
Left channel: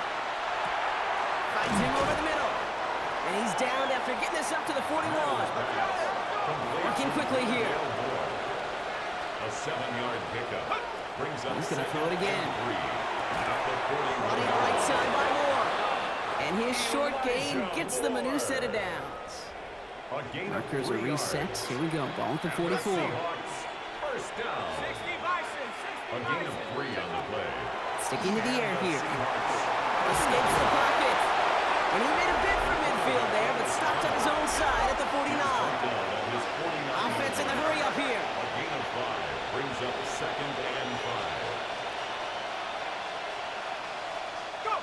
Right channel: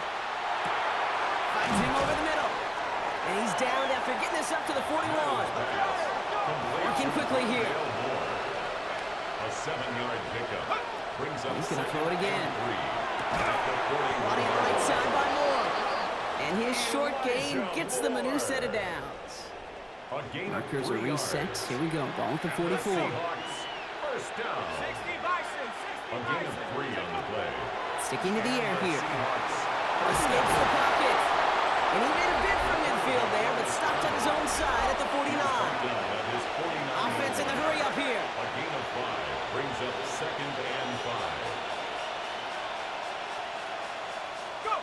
Finds him over the middle. And he's down after getting this up to the 41. Working quickly here. A 7-yard pickup. Brings up He's going to throw it again. Running right side by Moore. And his short gain gets them a new set of downs. Markers are reset. Here we go. Ball at the 44. First down. 60 Bison, 60 A gain of 3 on the play. Sticking to the air here. Escapes the pocket. And he made a bid for midfield there, but stopped on his own side at the 49. Offense in the hurry up here. A gain of 5 brings up 2nd and 5. Go!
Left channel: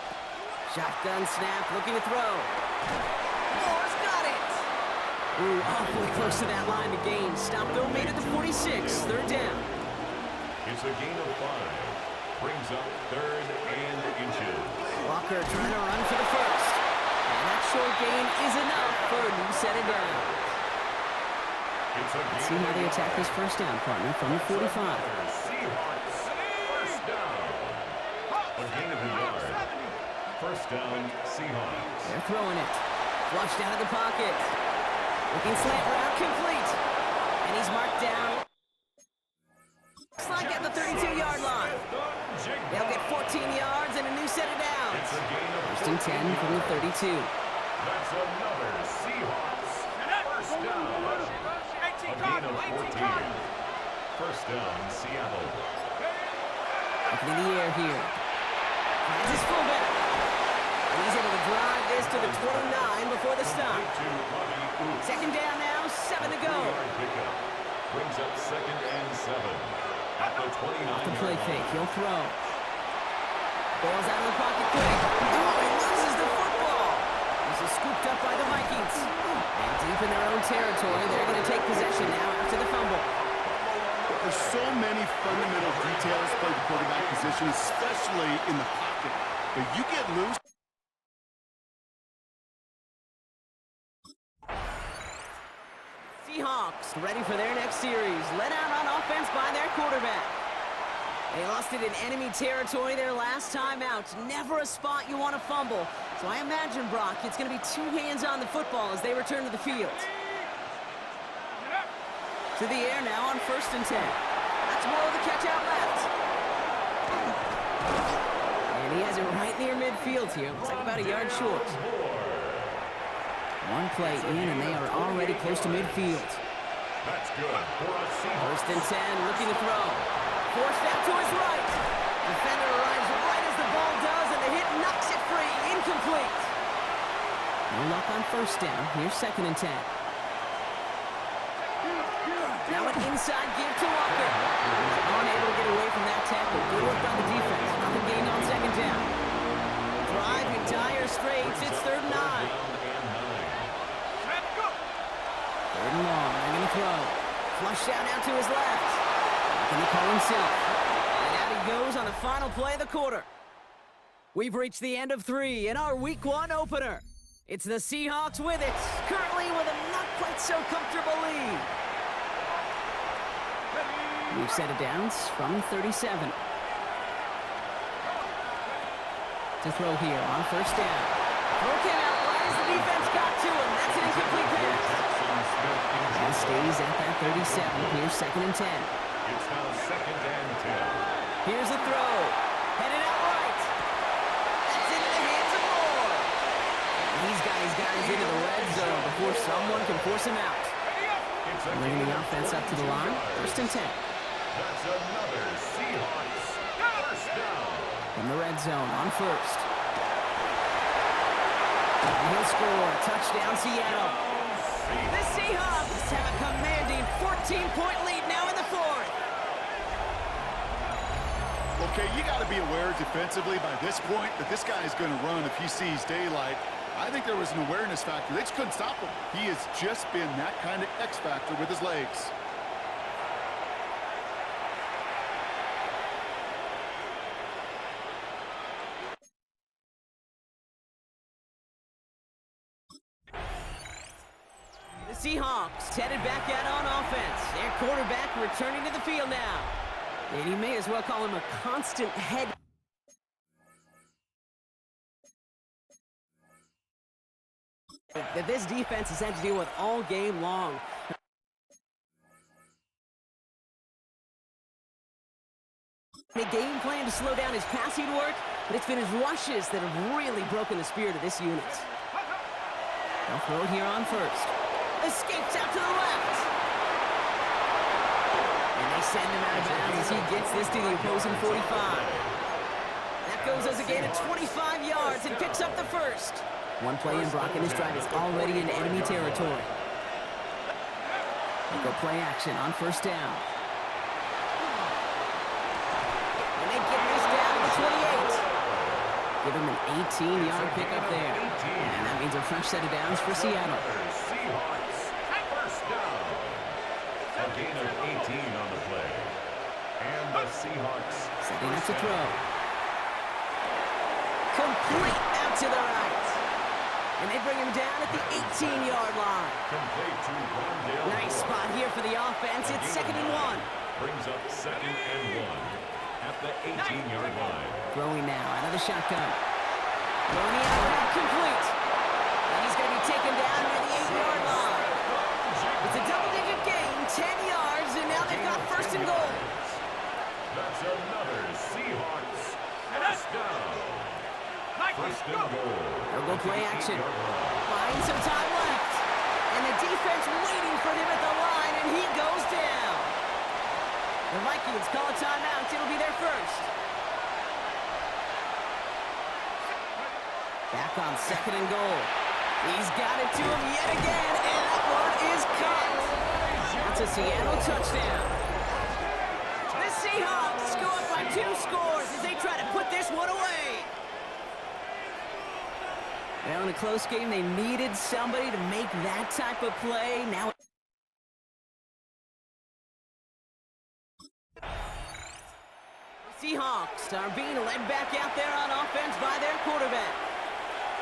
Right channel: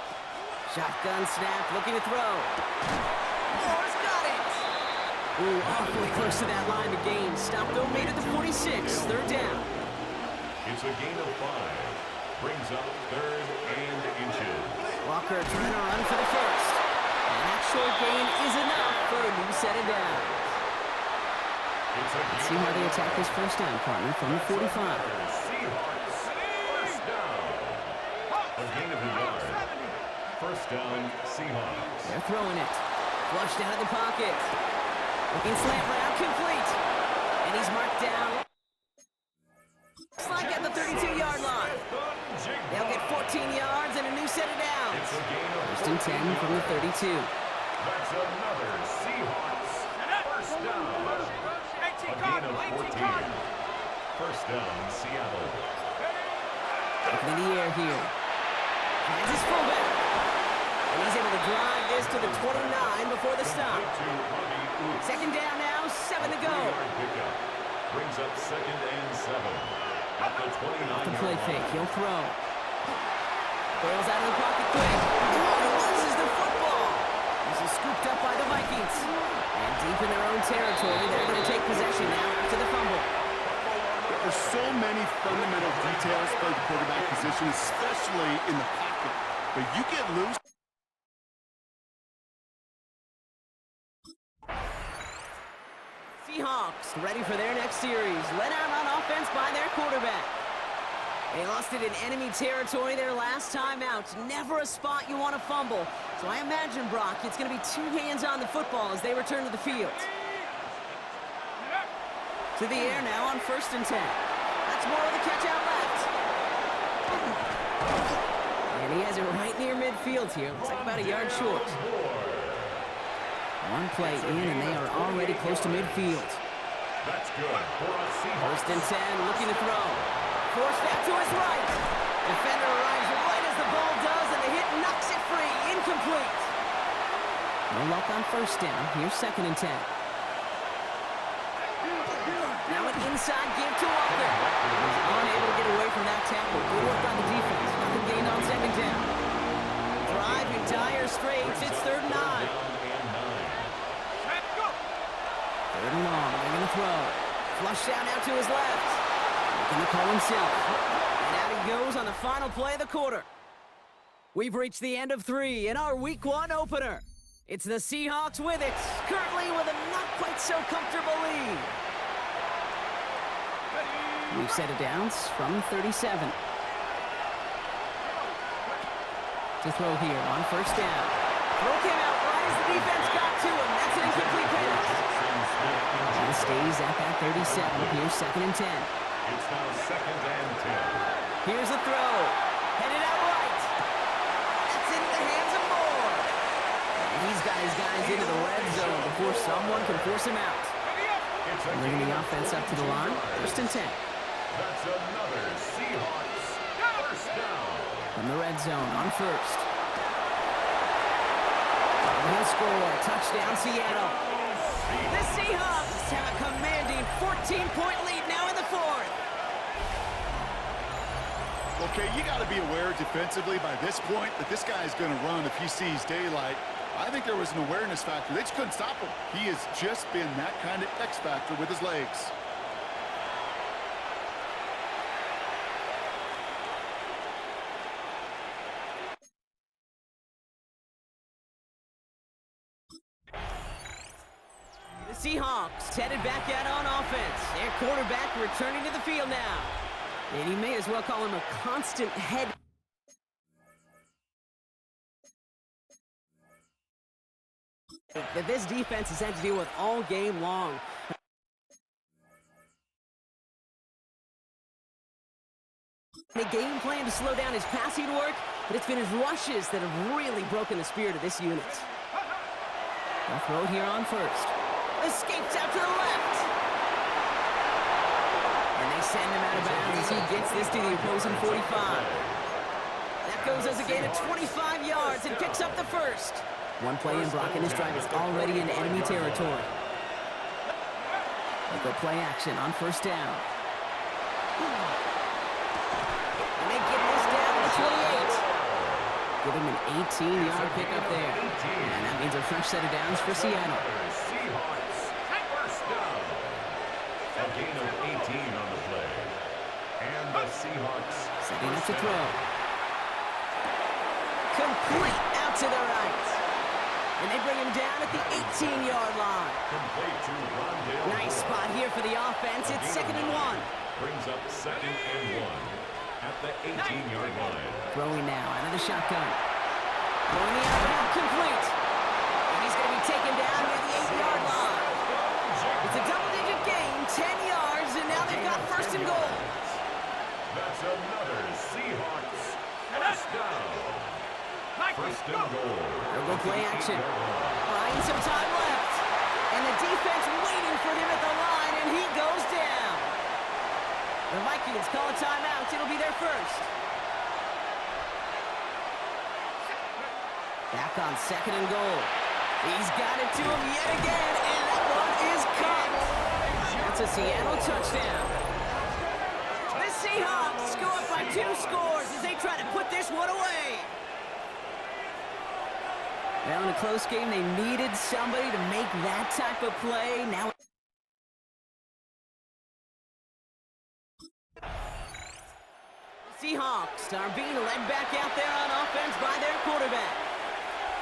Shotgun snap, looking to throw. Moore's got it. Ooh, awfully close to that line to gain. Stopped though, made it to 46. 3rd down. It's a gain of 5. Brings up 3rd and inches. Walker trying to run for the first. And that short gain is enough for a new set of downs. Let's see how they attack this first down, partner, from the 45. Seahawks. First down. A gain of a yard. First down, Seahawks. They're throwing it. Flushed out of the pocket. Looking slant route, complete. And he's marked down. Looks like at the 32-yard line. They'll get 14 yards and a new set of downs. First and 10 from the 32. That's another Seahawks. First down. A gain of 14. First down, Seattle. Looking in the air here. Finds his fullback. And he's able to drive this to the 29 before the stop. 2nd down now, 7 to go. Brings up 2nd and 7. At the 29. Off the play fake, he'll throw. Bails out of the pocket quick. Oh, he loses the football. This is scooped up by the Vikings. And deep in their own territory, they're going to take possession now after the fumble. There are so many fundamental details by the quarterback position, especially in the pocket. But you get loose. Seahawks ready for their next series. Led out on offense by their quarterback. They lost it in enemy territory their last time out. Never a spot you want to fumble. So I imagine, Brock, it's going to be 2 hands on the football as they return to the field. To the air now on 1st and 10. That's more of the catch out left. And he has it right near midfield here. Looks like about a yard short. One play in, and they are already close to midfield. That's good for a Seahawks. 1st and 10, looking to throw. Forced out to his right. Defender arrives right as the ball does, and the hit knocks it free. Incomplete. No luck on 1st down. Here's 2nd and 10. Now an inside give to Walker. He's unable to get away from that tackle. Good work by the defense. Nothing gained on 2nd down. Drive in dire straits. It's 3rd and 9. 3rd and long. They're going to throw. Flushed out now to his left. Making the call himself. And out he goes on the final play of the quarter. We've reached the end of 3 in our Week 1 opener. It's the Seahawks with it, currently with a not quite so comfortable lead. We've set it downs from 37. To throw here on 1st down. Throw came out right as the defense got to him. That's an incomplete pass. And stays at that 37. Here's 2nd and 10. It's now 2nd and 10. Here's a throw. Headed out right. That's into the hands of Moore. And he's got his guys into the red zone before someone can force him out. Bringing the offense up to the line. 1st and 10. That's another Seahawks. First down. From the red zone on 1st. And he'll score. Touchdown, Seattle. The Seahawks have a commanding 14-point lead now in the 4th. Okay, you got to be aware defensively by this point that this guy is going to run if he sees daylight. I think there was an awareness factor. They just couldn't stop him. He has just been that kind of X factor with his legs. The Seahawks headed back out on offense. Their quarterback returning to the field now. And you may as well call him a constant head. That this defense has had to deal with all game long. A game plan to slow down his passing work, but it's been his rushes that have really broken the spirit of this unit. They'll throw it here on first. Escapes out to the left. And they send him out of bounds as he gets this to the opposing 45. That goes as a gain of 25 yards and picks up the first. One play in, Brock, and his drive is already in enemy territory. They go play action on first down. And they get this down to the 28. Give him an 18-yard pickup there. And that means a fresh set of downs for Seattle. Seahawks, first down. A gain of 18 on the play. And the Seahawks setting up to throw. Complete out to the right. And they bring him down at the 18-yard line. Complete to Rondale. Nice spot here for the offense. It's 2nd and 1. Brings up 2nd and 1 at the 18-yard line. Throwing now out of the shotgun. Throwing the out route complete. And he's going to be taken down near the 8-yard line. It's a double-digit gain, 10 yards, and now they've got 1st and goal. That's another Seahawks first down. 1st and goal. They'll go play action. Buying some time left. And the defense waiting for him at the line, and he goes down. The Vikings call a timeout. It'll be their first. Back on 2nd and goal. He's got it to him yet again, and that one is caught. That's a Seattle touchdown. The Seahawks go up by 2 scores as they try to put this one away. Well, in a close game, they needed somebody to make that type of play. Now, the Seahawks are being led back out there on offense by their quarterback.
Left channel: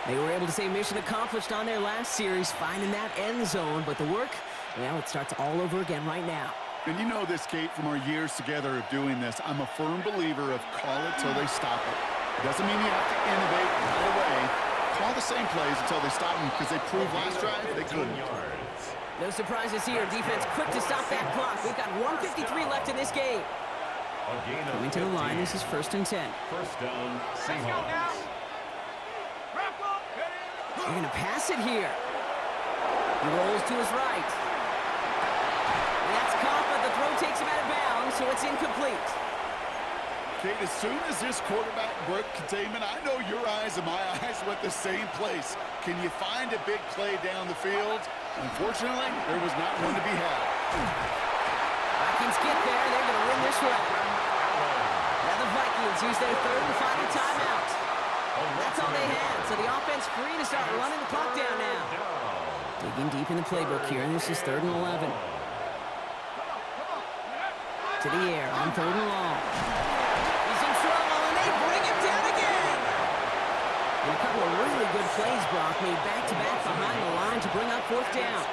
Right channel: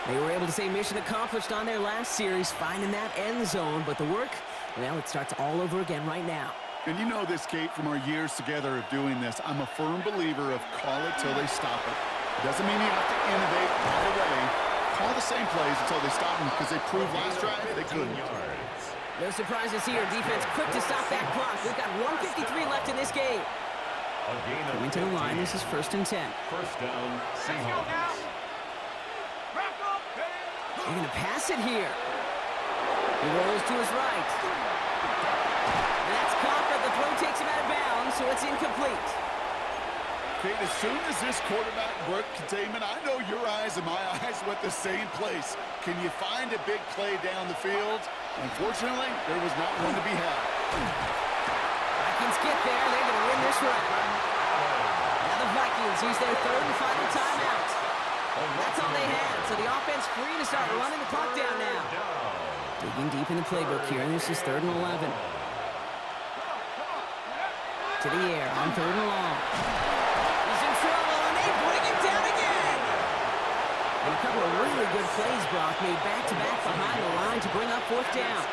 They were able to say mission accomplished on their last series, finding that end zone, but the work, well, it starts all over again right now. And you know this, Kate, from our years together of doing this, I'm a firm believer of call it till they stop it. It doesn't mean you have to innovate right away. Call the same plays until they stop them, because they proved last drive they couldn't. No surprises here. Defense quick to stop that clock. We've got 1:53 left in this game. Coming to the line, this is 1st and 10. First down, Seahawks. They're going to pass it here. He rolls to his right. And that's caught, but the throw takes him out of bounds, so it's incomplete. Kate, as soon as this quarterback broke containment, I know your eyes and my eyes went the same place. Can you find a big play down the field? Unfortunately, there was not one to be had. Vikings get there. They're going to win this round. Now the Vikings use their 3rd and final timeout. That's all they had, so the offense free to start running the clock down now. Digging deep in the playbook here, and this is 3rd and 11. To the air on 3rd and long. He's in trouble, and they bring him down again. And a couple of really good plays, Brock, made back-to-back behind the line to bring up 4th down.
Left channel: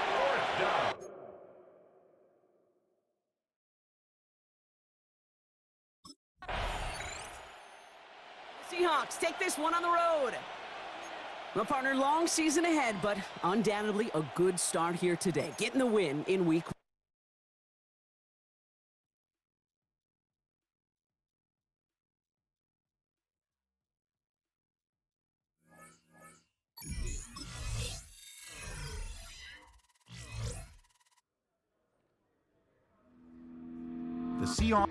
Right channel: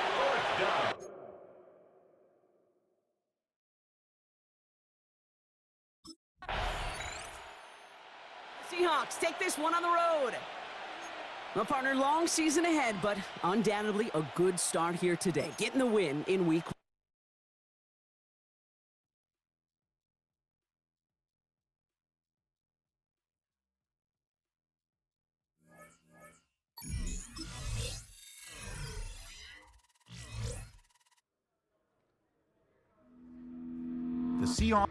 Seahawks take this one on the road. Well, partner, long season ahead, but undoubtedly a good start here today. Getting the win in week 1. The Seahawks.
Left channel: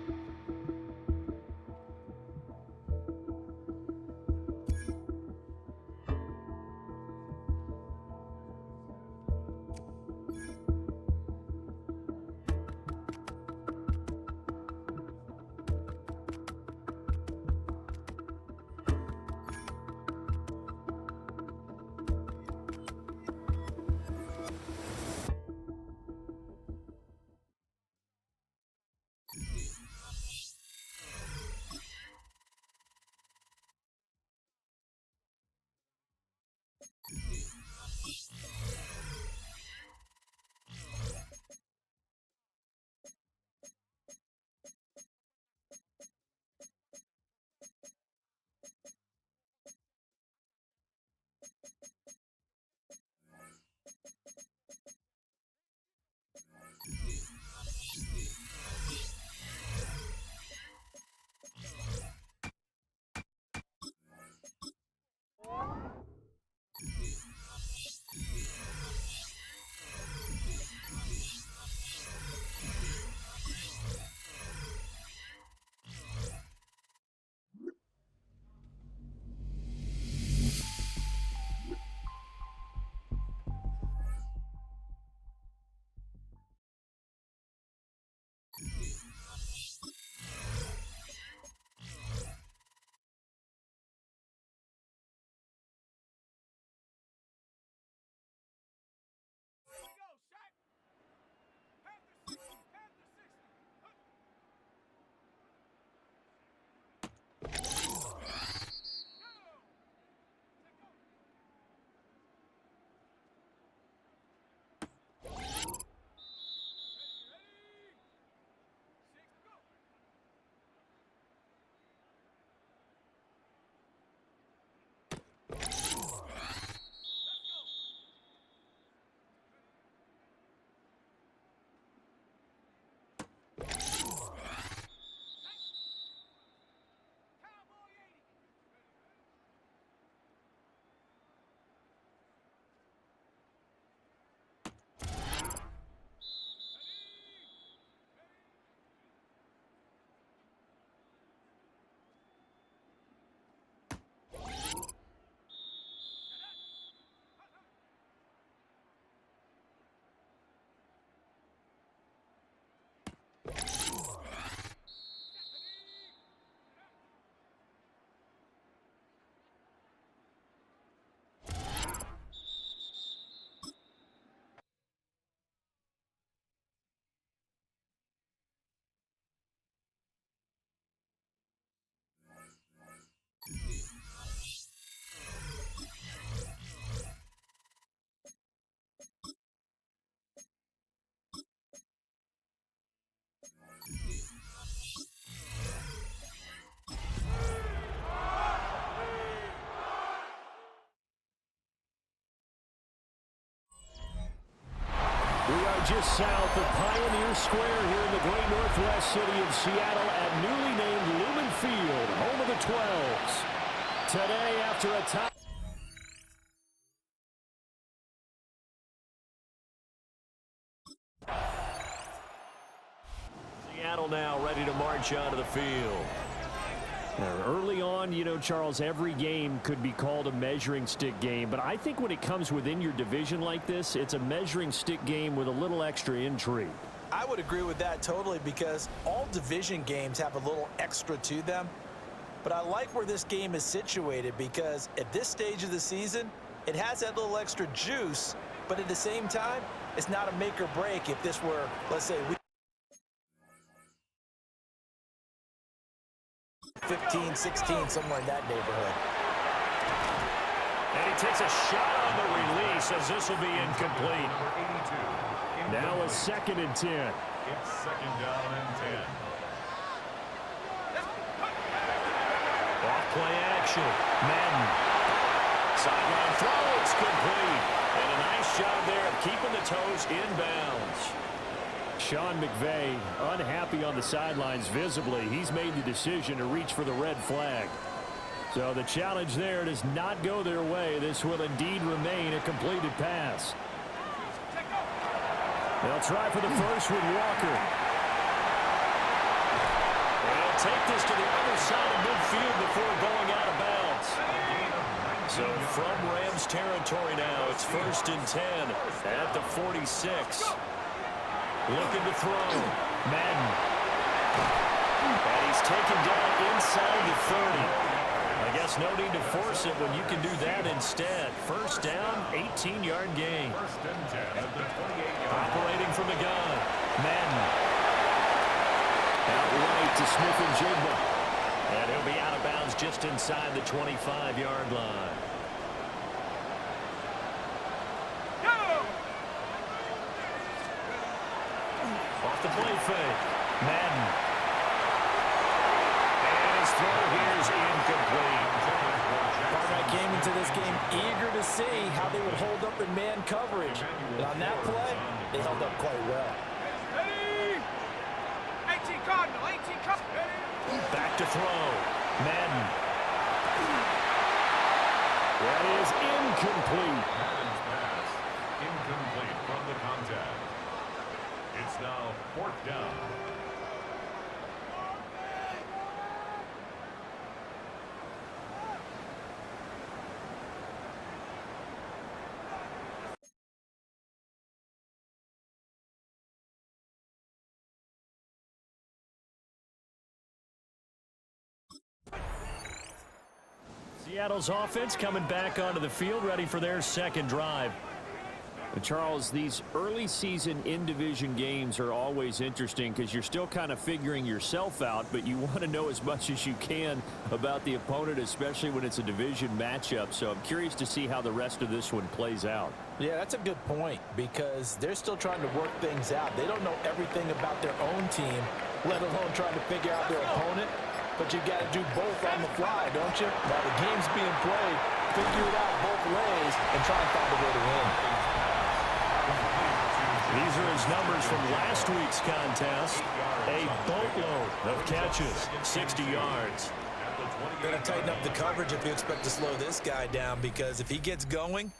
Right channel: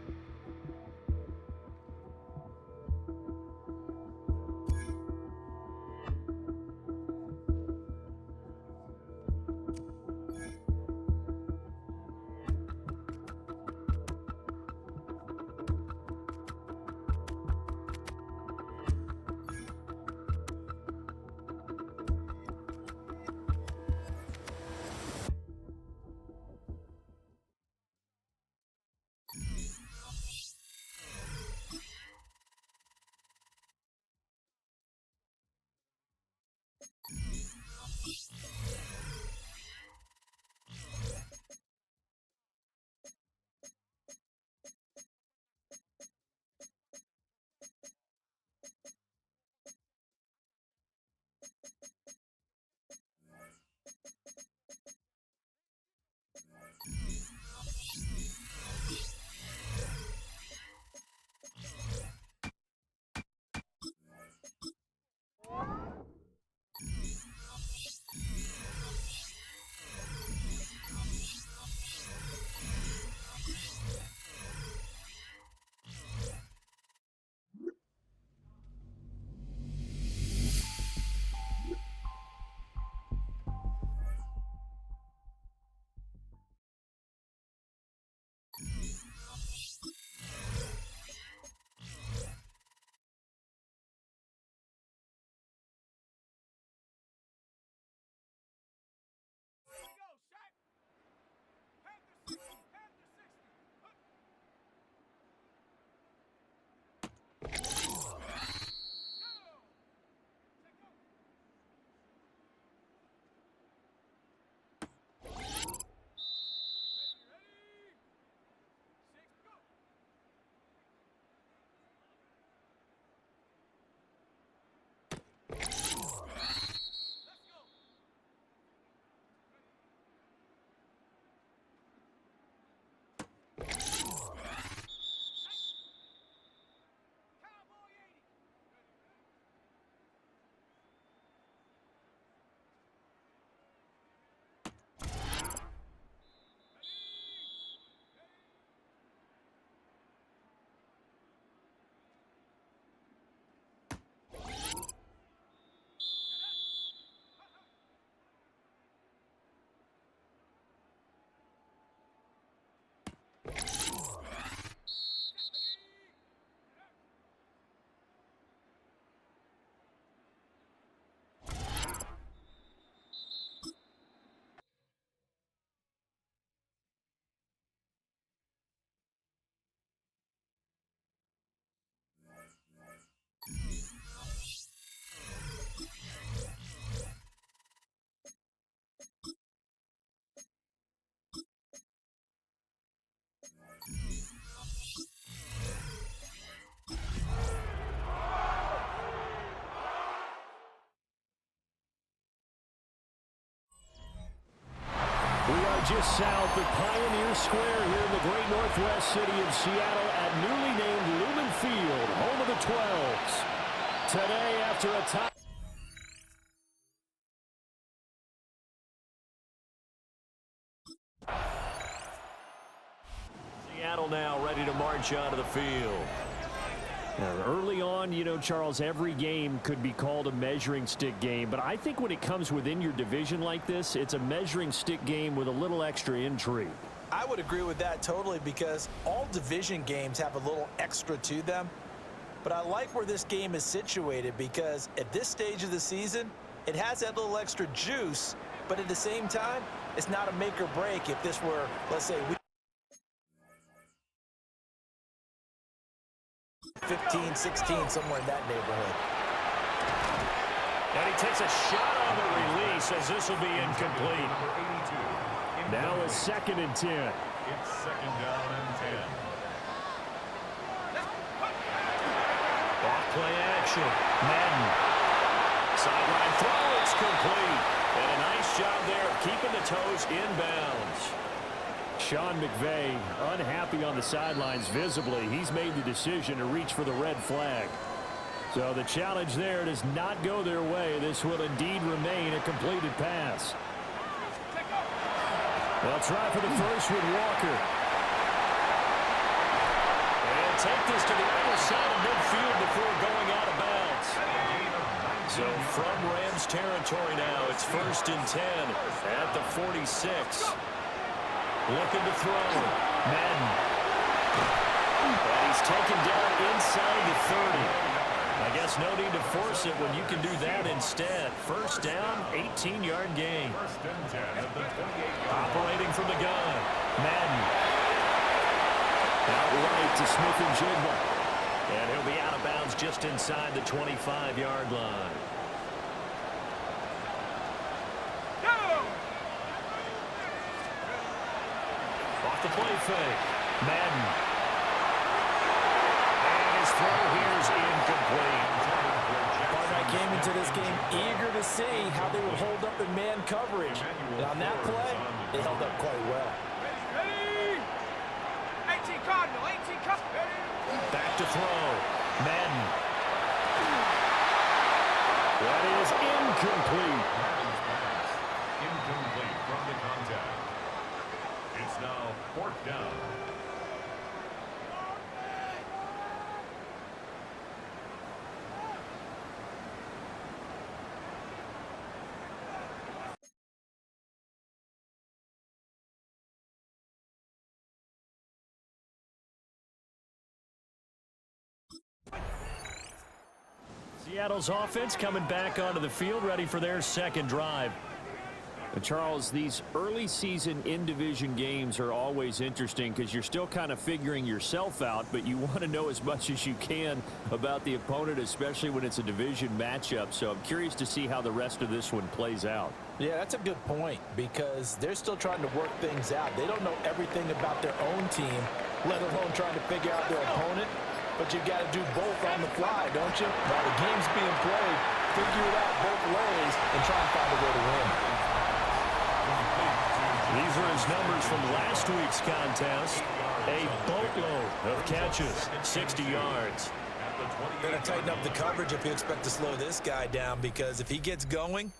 We are just south of Pioneer Square here in the great northwest city of Seattle at newly named Lumen Field, home of the 12s. Today, after a tie. Seattle now ready to march onto the field. Now, early on, you know, Charles, every game could be called a measuring stick game, but I think when it comes within your division like this, it's a measuring stick game with a little extra intrigue. I would agree with that totally because all division games have a little extra to them. But I like where this game is situated because at this stage of the season, it has that little extra juice, but at the same time, it's not a make or break if this were, let's say, 15, 16, somewhere in that neighborhood. And he takes a shot on the release as this will be incomplete. Now a 2nd and 10. It's 2nd down and 10. Off play action. Madden. Sideline throw. It's complete. And a nice job there of keeping the toes inbounds. Sean McVay unhappy on the sidelines visibly. He's made the decision to reach for the red flag. So the challenge there does not go their way. This will indeed remain a completed pass. They'll try for the first with Walker. And he'll take this to the other side of midfield before going out of bounds. So from Rams territory now, it's 1st and 10 at the 46. Looking to throw. Madden. And he's taken down inside the 30. I guess no need to force it when you can do that instead. 1st down, 18-yard gain. 1st and 10 at the 28-yard line. Operating from the gun. Madden. Out right to Smith-Njigba. And he'll be out of bounds just inside the 25-yard line. Off the play fake. Madden. And his throw here is incomplete. Partner came into this game eager to see how they would hold up in man coverage. And on that play, they held up quite well. Ready? 18 Cardinal, 18 Cardinal. Back to throw. Madden. That is incomplete. Madden's pass. Incomplete from the contact. It's now 4th down. Seattle's offense coming back onto the field, ready for their 2nd drive. Charles, these early season in-division games are always interesting because you're still kind of figuring yourself out, but you want to know as much as you can about the opponent, especially when it's a division matchup. So I'm curious to see how the rest of this one plays out. Yeah, that's a good point because they're still trying to work things out. They don't know everything about their own team, let alone trying to figure out their opponent. But you got to do both on the fly, don't you? While the game's being played, figure it out both ways and try and find a way to win. These are his numbers from last week's contest. A boatload of catches, 60 yards. Better tighten up the coverage if you expect to slow this guy down because if he gets going,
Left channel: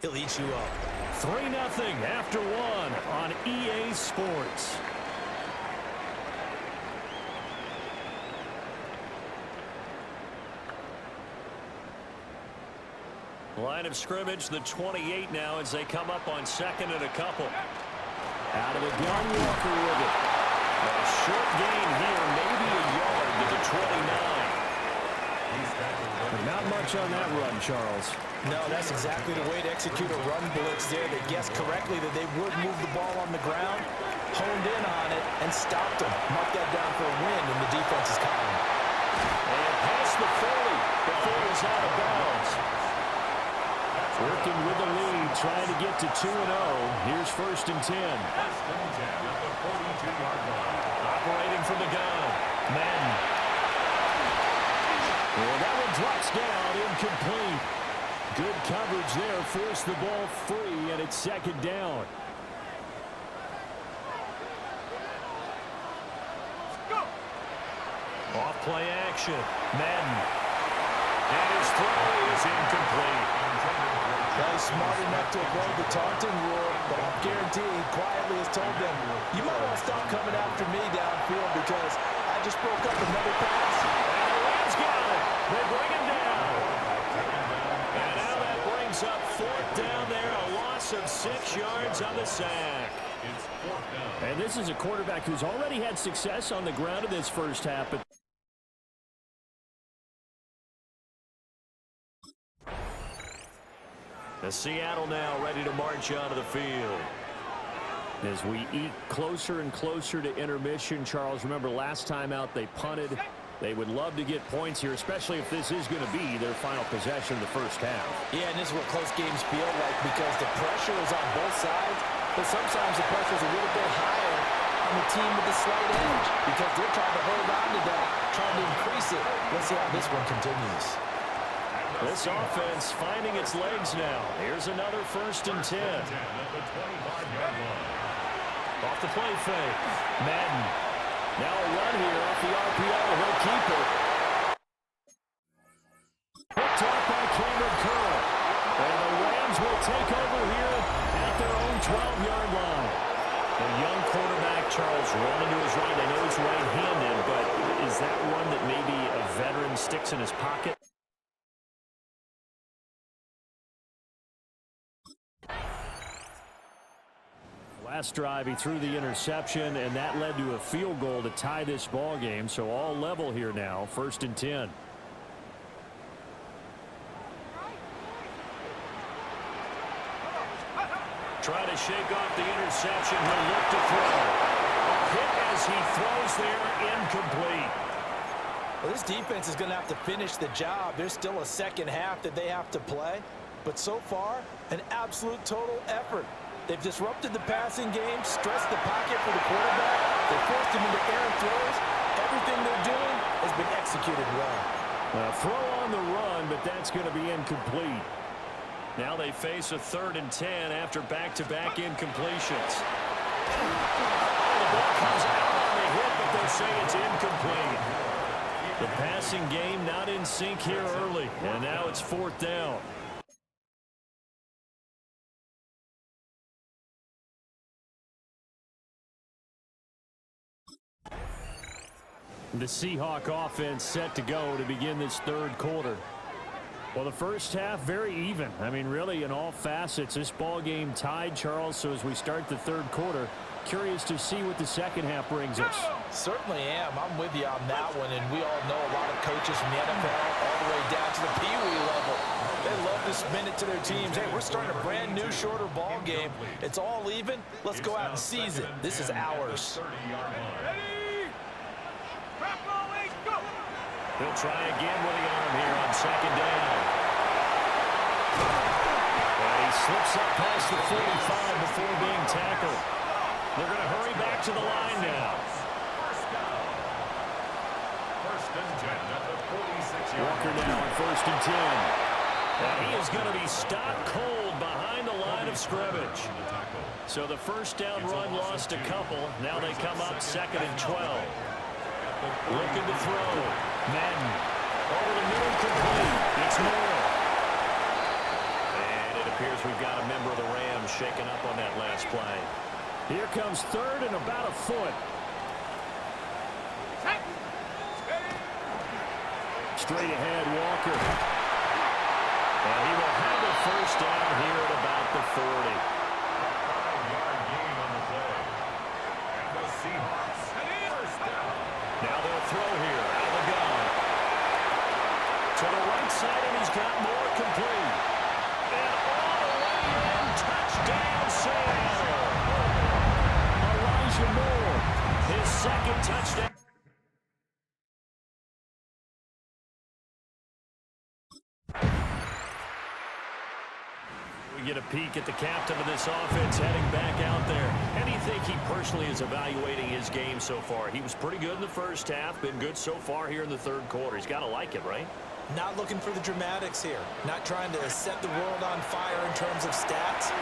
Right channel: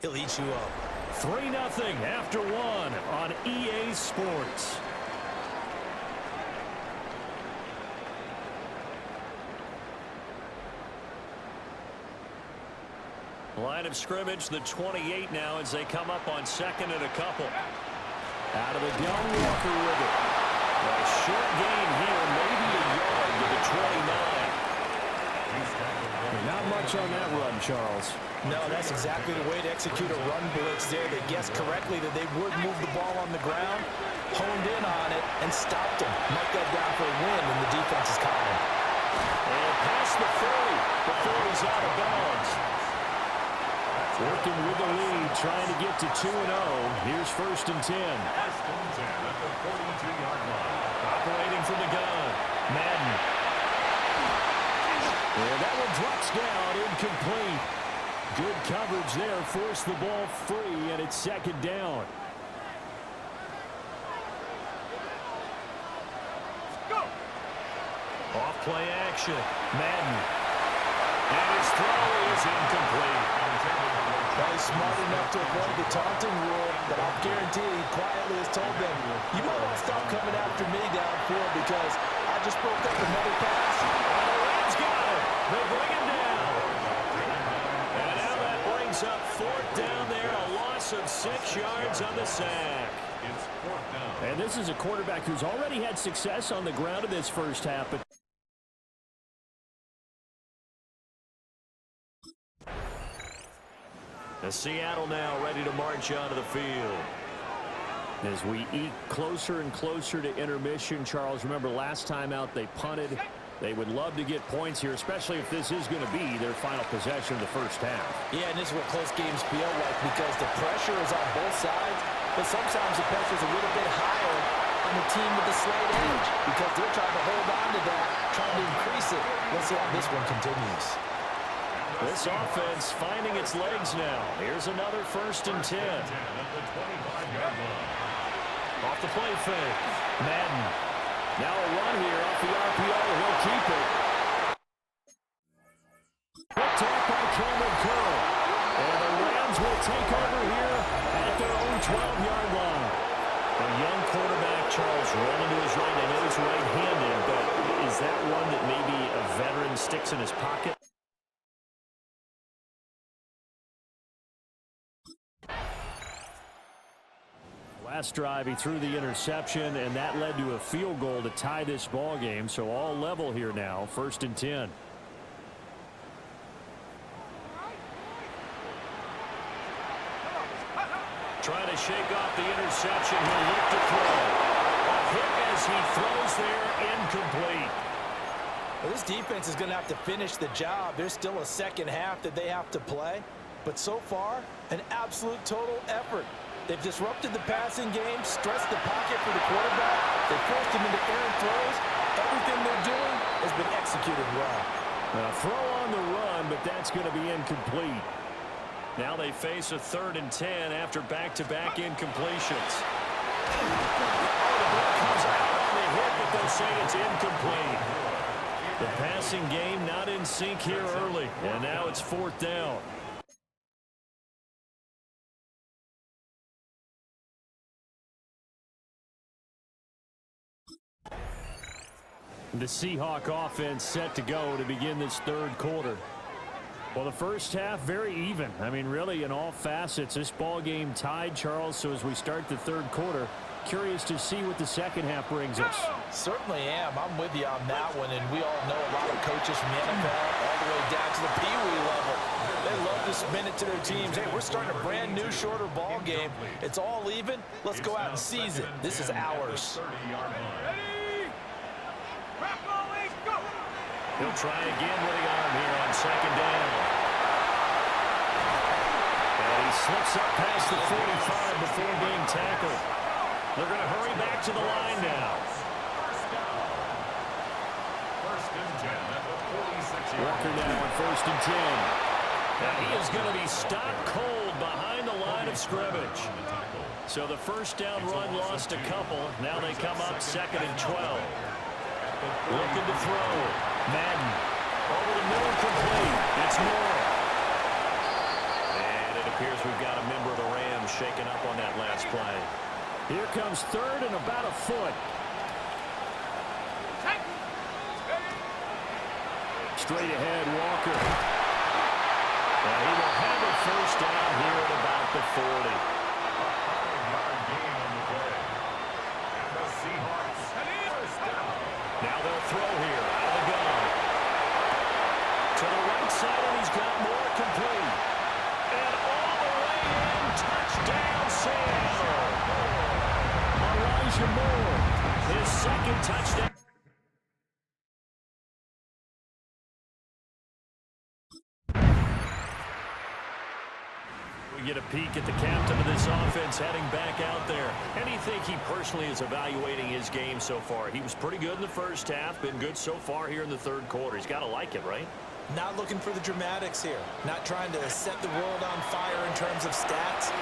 he'll eat you up. 3-0 after 1 on EA Sports. Line of scrimmage, the 28 now as they come up on 2nd and a couple. Out of the gun, Walker with it. A short gain here, maybe a yard to the 29. Not much on that run, Charles. No, that's exactly the way to execute a run blitz there. They guessed correctly that they would move the ball on the ground, honed in on it, and stopped them. Mark that down for a win in the defense's column. And past the 40 before he's out of bounds. Working with the lead, trying to get to 2-0. Here's 1st and 10. 1st and 10 at the 42-yard line. Operating from the gun. Madden. And that one drops down, incomplete. Good coverage there, forced the ball free, and it's 2nd down. Off play action. Madden. And his throw is incomplete. Well, he's smart enough to avoid the taunting rule, but I'll guarantee he quietly has told them, you might want to stop coming after me downfield because I just broke up another pass. And the Rams got it. They bring him down. And now that brings up 4th down there, a loss of 6 yards on the sack. It's 4th down. And this is a quarterback who's already had success on the ground in this first half, but Seattle now ready to march onto the field. as we eke closer and closer to intermission, Charles, remember last time out they punted. They would love to get points here, especially if this is going to be their final possession of the first half. Yeah, and this is what close games feel like because the pressure is on both sides, but sometimes the pressure is a little bit higher on the team with the slight edge because they're trying to hold on to that, trying to increase it. Let's see how this one continues. This offense finding its legs now. Here's another 1st and 10. Off the play fake. Madden. Now a run here off the RPO. He'll keep it. Picked off by Cameron Curl. And the Rams will take over here at their own 12-yard line. A young quarterback, Charles, rolling to his right. I know he's right-handed, but is that one that maybe a veteran sticks in his pocket? Last drive, he threw the interception, and that led to a field goal to tie this ball game. So all level here now, 1st and 10. Trying to shake off the interception. He'll look to throw. A hit as he throws there, incomplete. Well, this defense is going to have to finish the job. There's still a second half that they have to play. But so far, an absolute total effort. They've disrupted the passing game, stressed the pocket for the quarterback. They forced him into errant throws. Everything they're doing has been executed well. A throw on the run, but that's going to be incomplete. Now they face a 3rd and 10 after back-to-back incompletions. Oh, the ball comes out on the hit, but they'll say it's incomplete. The passing game not in sync here early, and now it's 4th down. The Seahawk offense set to go to begin this 3rd quarter. Well, the first half, very even. I mean, really, in all facets, this ball game tied, Charles. So as we start the 3rd quarter, curious to see what the second half brings us. Certainly am. I'm with you on that one. And we all know a lot of coaches from the NFL all the way down to the Pee-wee level. They love to spin it to their teams. Hey, we're starting a brand new, shorter ball game. It's all even. Let's go out and seize it. This is ours. He'll try again with the arm here on 2nd down. And he slips up past the 45 before being tackled. They're going to hurry back to the line now. 1st and 10 at the 46-yard line. Walker now on 1st and 10. And he is going to be stopped cold behind the line of scrimmage. So the 1st down run lost a couple. Now they come up 2nd and 12. Looking to throw. Madden. Over the middle, complete. It's Moore. And it appears we've got a member of the Rams shaking up on that last play. Here comes 3rd and about a foot. Straight ahead, Walker. And he will have a 1st down here at about the 40. A 5-yard gain on the play. And the Seahawks, 1st down. Now they'll throw here out of the gun. To the right side, and he's got more complete. And all the way in, touchdown, Seattle. Elijah Moore, his 2nd touchdown. We get a peek at the captain of this offense heading back out there. How do you think he personally is evaluating his game so far? He was pretty good in the first half, been good so far here in the 3rd quarter. He's got to like it, right? Not looking for the dramatics here. Not trying to set the world on fire in terms of stats.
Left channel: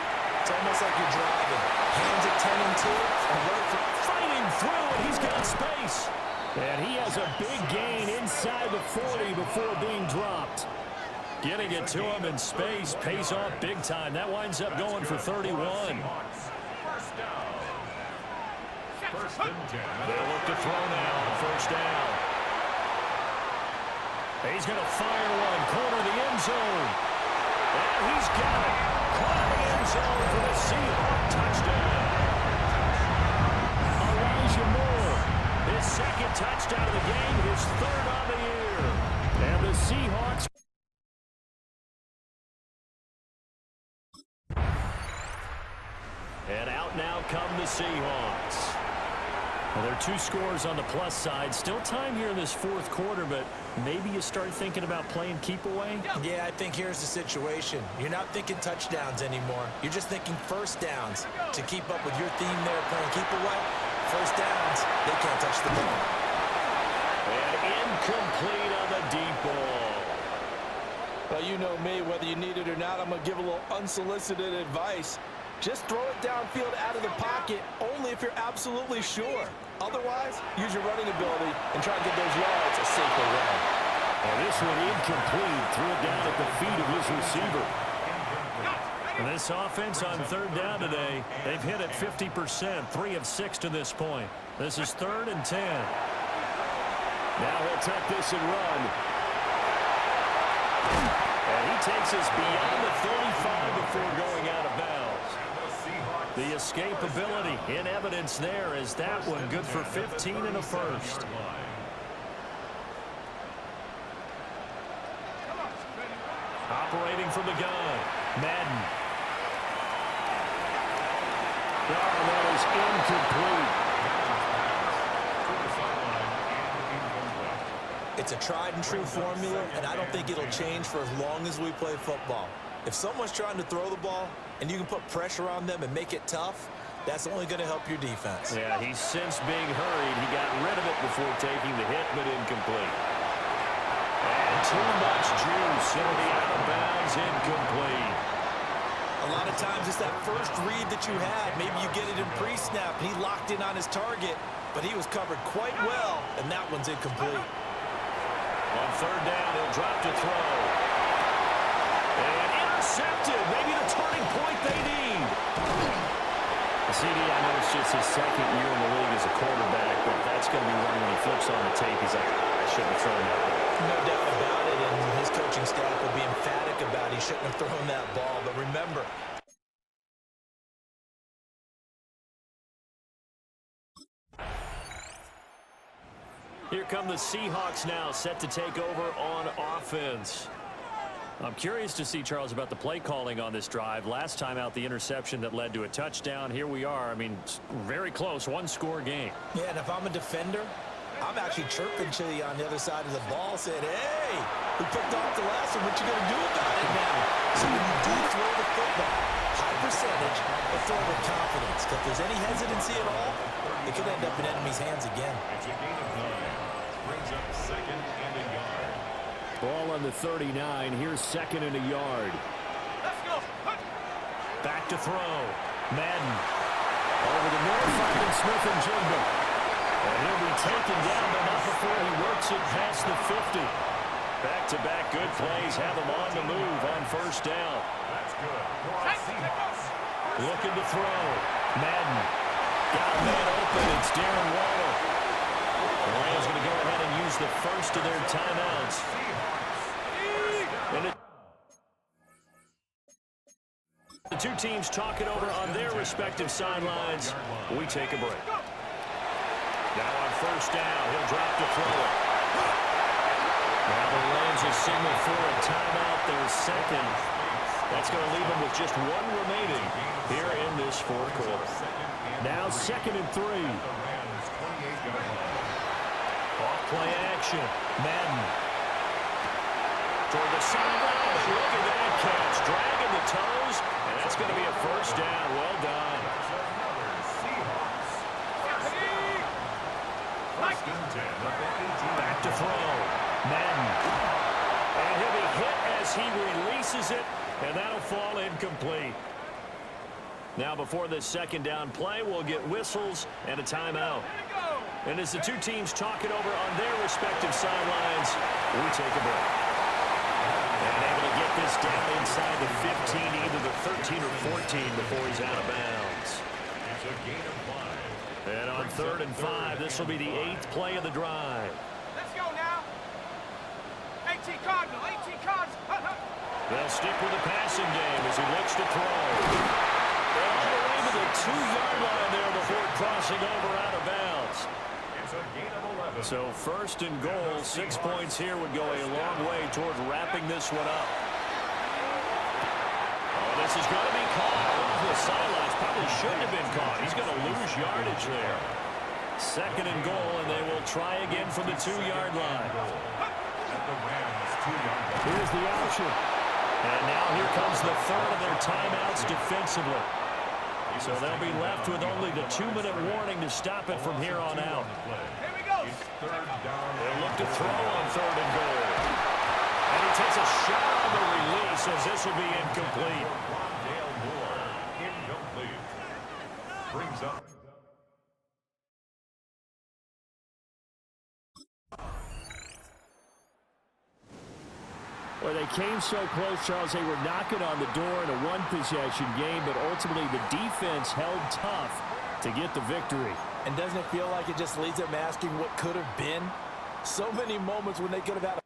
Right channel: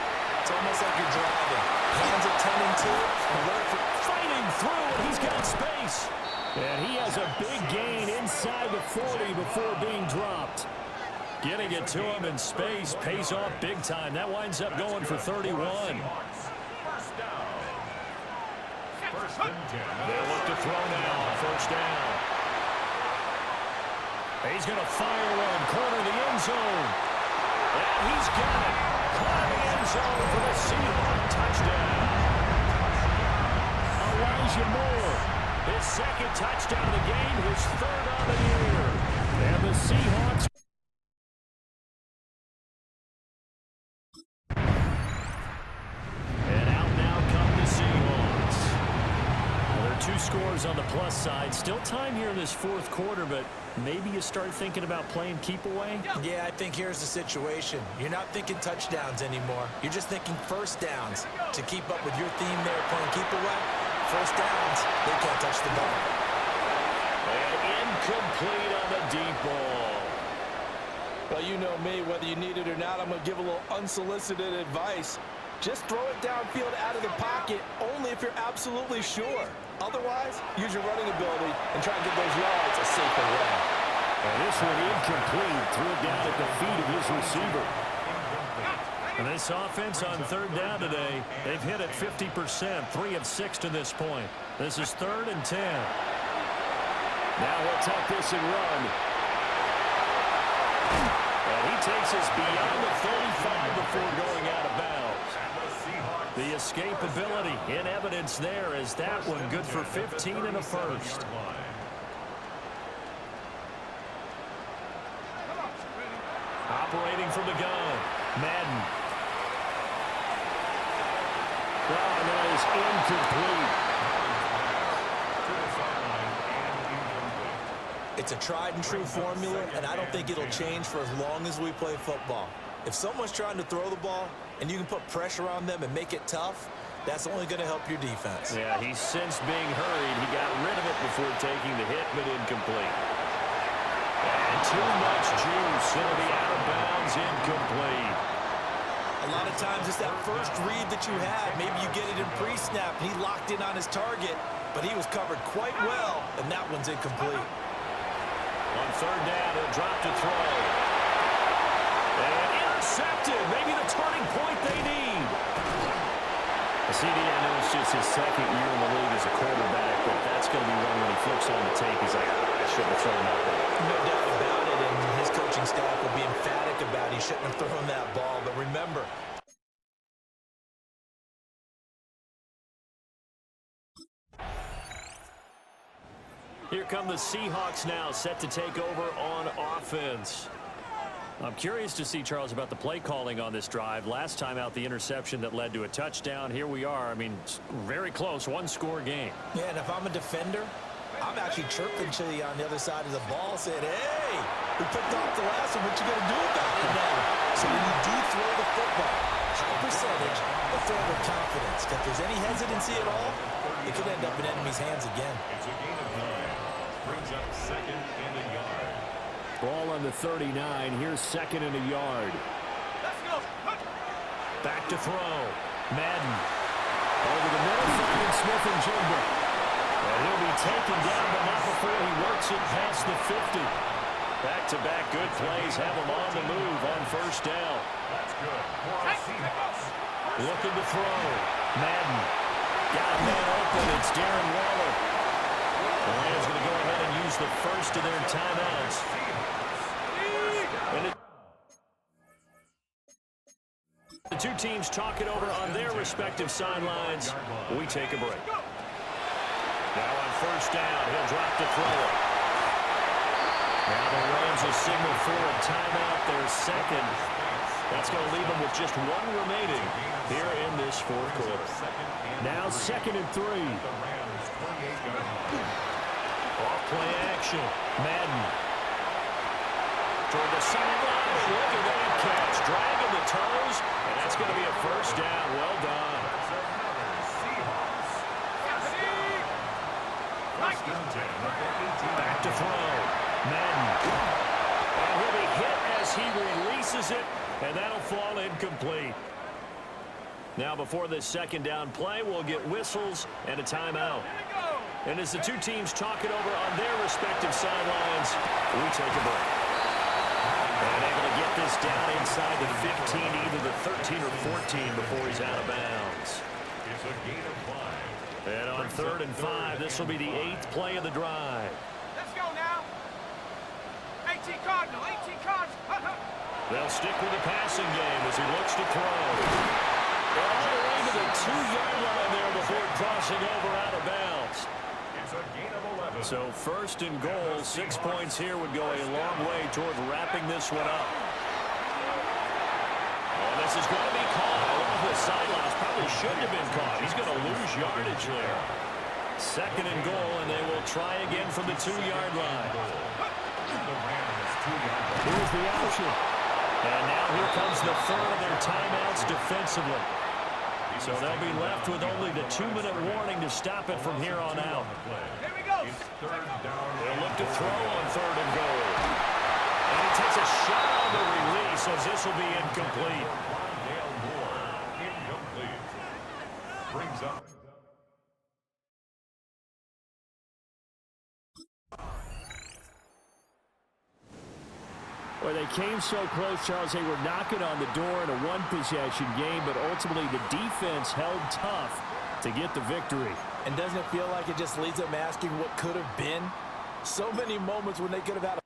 It's almost like you're driving. Hands at 10 and 2. Alert for fighting through, and he's got space. And he has a big gain inside the 40 before being dropped. Getting it to him in space pays off big time. That winds up going for 31. First down. First and 10. They'll look to throw now on first down. He's going to fire one, corner the end zone. And he's got it. Caught in the end zone for the Seahawk touchdown. Elijah Moore, his second touchdown of the game, his third on the year. And the Seahawks. And out now come the Seahawks. Well, there are 2 scores on the plus side. Still time here in this fourth quarter, but maybe you start thinking about playing keep away? Yeah, I think here's the situation. You're not thinking touchdowns anymore. You're just thinking first downs. To keep up with your theme there, playing keep away, first downs, they can't touch the ball. And incomplete on the deep ball. Well, you know me, whether you need it or not, I'm going to give a little unsolicited advice. Just throw it downfield out of the pocket only if you're absolutely sure. Otherwise, use your running ability and try and get those yards a safer way. And this one incomplete. Threw it down at the feet of his receiver. And this offense on third down today, they've hit it 50%, 3 of 6 to this point. This is 3rd and 10. Now he'll tuck this and run. And he takes us beyond the 35 before going out of bounds. The escapability in evidence there as that one good for 15 and a first. Operating from the gun, Madden. Oh, and that is incomplete. It's a tried and true formula, and I don't think it'll change for as long as we play football. If someone's trying to throw the ball and you can put pressure on them and make it tough, that's only going to help your defense. Yeah, he's since being hurried. He got rid of it before taking the hit, but incomplete. And too much juice. It'll be out of bounds, incomplete. A lot of times it's that first read that you had. Maybe you get it in pre-snap, and he locked in on his target, but he was covered quite well, and that one's incomplete. On third down, he'll drop to throw. And intercepted. Maybe the turning point they need. CD, I know it's just his second year in the league as a quarterback, but that's going to be one when he flips on the tape. He's like, I shouldn't have thrown that ball. No doubt about it, and his coaching staff will be emphatic about he shouldn't have thrown that ball. But remember, here come the Seahawks now, set to take over on offense. I'm curious to see, Charles, about the play calling on this drive. Last time out, the interception that led to a touchdown. Here we are. I mean, very close, one-score game. Yeah, and if I'm a defender, I'm actually chirping to you on the other side of the ball, saying, hey, we picked off the last one. What you going to do about it now? So when you do throw the football, high percentage, but throw it with confidence. If there's any hesitancy at all, it could end up in enemy's hands again. It's a gain of 9. Brings up 2nd and a yard. Ball on the 39. Here's 2nd and a yard. Let's go. Back to throw. Madden. Over the middle, finding Smith and Jigba. And he'll be taken down, but not before he works it past the 50. Back-to-back good plays have him on the move on first down. That's good for a Seahawks. Looking to throw. Madden. Got a man open. It's Darren Waller. The Rams going to go ahead and use the first of their timeouts. And the two teams talk it over on their respective sidelines. We take a break. Now on first down, he'll drop to throw it. Now the Rams will signal for a timeout, their second. That's going to leave them with just one remaining here in this fourth quarter. Now 2nd and 3. Off play action. Madden. Toward the sideline, and look at that catch. Dragging the toes, and that's going to be a first down. Well done. Back to throw. Madden. And he'll be hit as he releases it, and that'll fall incomplete. Now before this second down play, we'll get whistles and a timeout. And as the two teams talk it over on their respective sidelines, we take a break. And able to get this down inside the 15, either the 13 or 14 before he's out of bounds. It's a gain of 5. And on 3rd and 5, this will be the 8th play of the drive. Let's go now. 18 Cardinal, 18 Cardinal. They'll stick with the passing game as he looks to throw. And all the way to the 2-yard line there before crossing over out of bounds. It's a gain of 11. So 1st and goal, 6 points here would go a long way toward wrapping this one up. Oh, this is going to be caught off the sidelines. Probably shouldn't have been caught. He's going to lose yardage there. 2nd and goal, and they will try again from the 2-yard line. Here's the option. And now here comes the 3rd of their timeouts defensively. So they'll be left with only the 2-minute warning to stop it from here on out. Here we go. They'll look to throw on 3rd and goal. And he takes a shot on the release as this will be incomplete. Rondale Moore, incomplete. Brings up. Well, they came so close, Charles. They were knocking on the door in a one-possession game, but ultimately the defense held tough to get the victory. And doesn't it feel like it just leads them asking what could have been? So many moments when they could have had a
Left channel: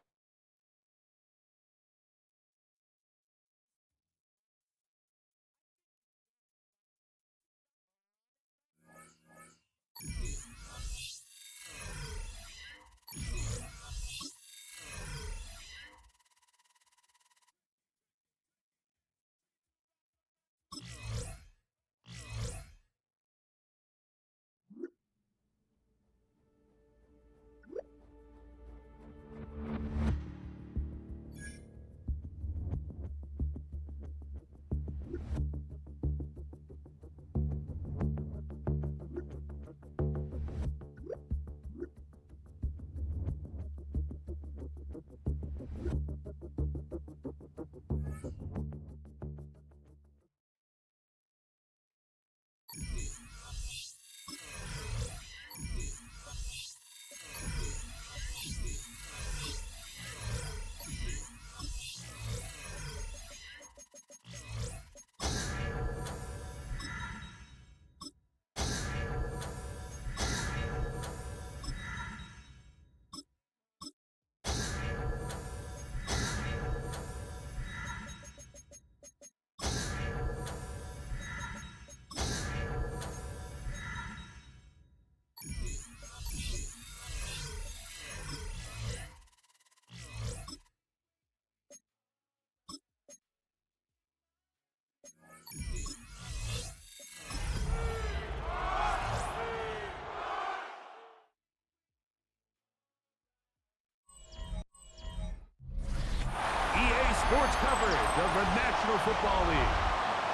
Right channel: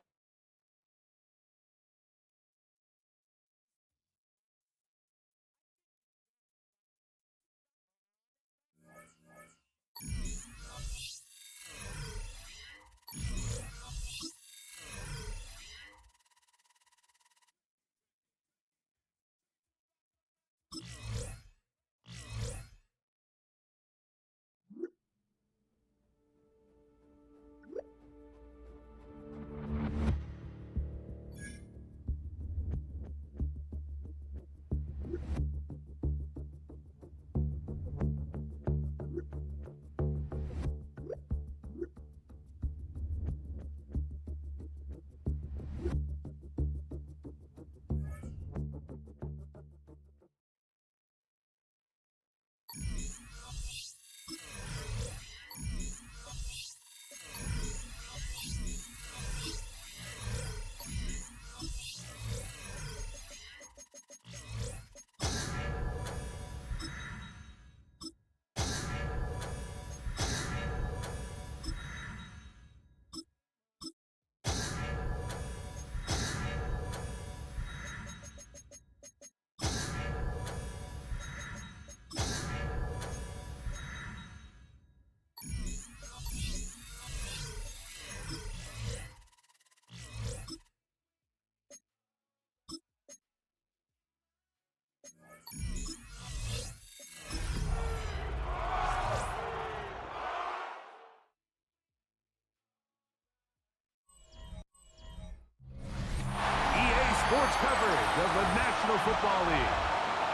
Sports coverage of the National Football League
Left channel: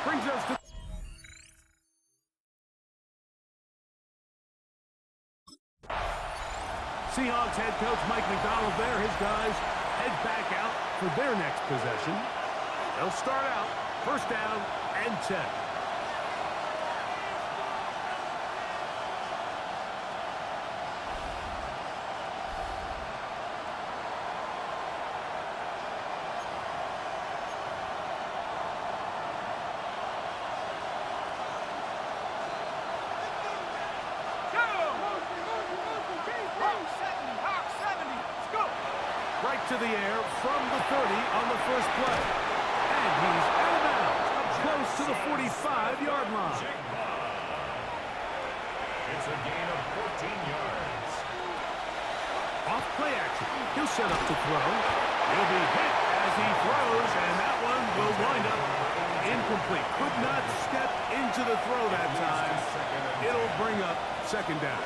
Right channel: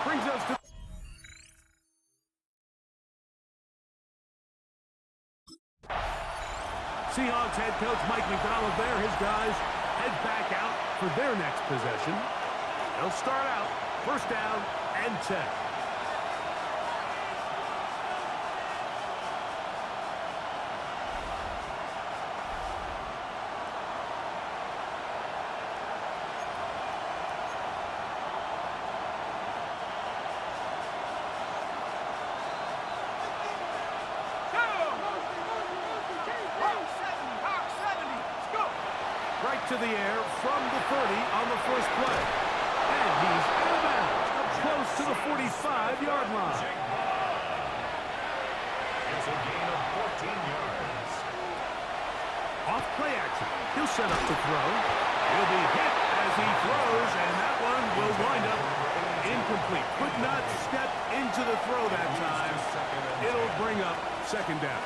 brings us to Seahawks head coach Mike McDonald there. His guys head back out for their next possession. They'll start out 1st down and 10. Right to the air from the 30 on the first play. And he's out of bounds, up close to the 45-yard line. It's a gain of 14 yards. Off play action. He'll set up to throw. He'll be hit as he throws, and that one will wind up incomplete. Could not step into the throw that time. It'll bring up 2nd down.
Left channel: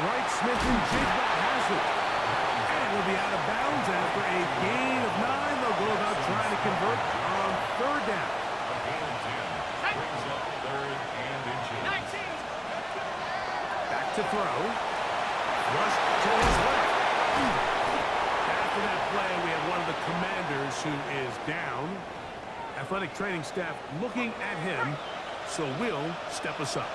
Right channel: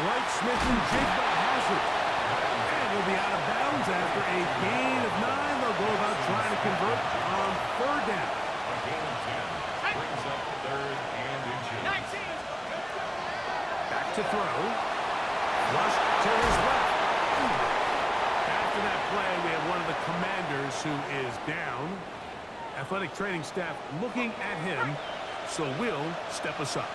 Right, Smith and Jigba has it. And he'll be out of bounds after a gain of 9. They'll go about trying to convert on 3rd down. A gain of 10 brings up 3rd and inches. 19. Back to throw. Flush to his left. After that play, we have one of the commanders who is down. Athletic training staff looking at him, so will step us up.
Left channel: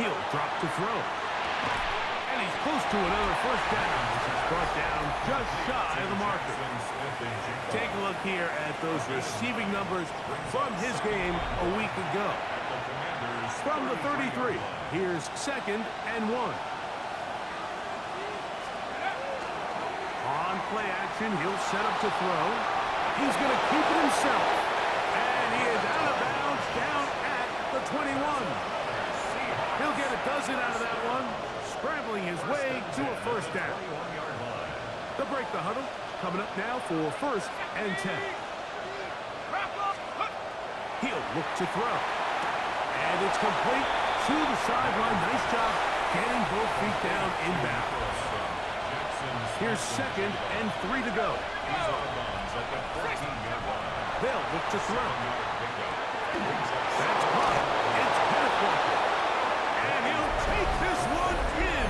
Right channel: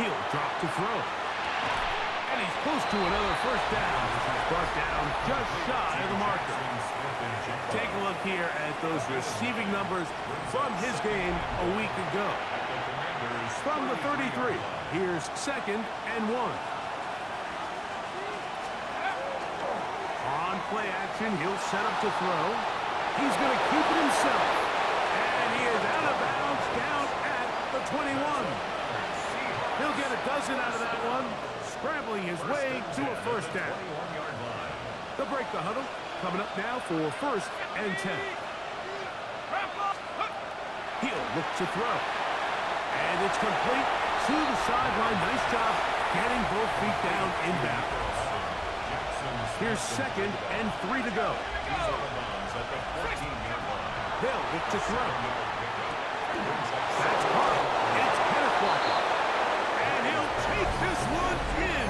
He'll drop to throw. And he's close to another first down. This is brought down just shy of the marker. Take a look here at those receiving numbers from his game a week ago. From the 33, here's 2nd and 1. On play action, he'll set up to throw. He's going to keep it himself. And he is out of bounds down at the 21. He'll get a dozen out of that one, scrambling his way to a first down. They'll break the huddle. Coming up now for 1st and 10. He'll look to throw. And it's complete to the sideline. Nice job getting both feet down inbounds. Here's 2nd and 3 to go. They'll look to throw. That's caught. It's Kenneth Walker. And he'll take this one in.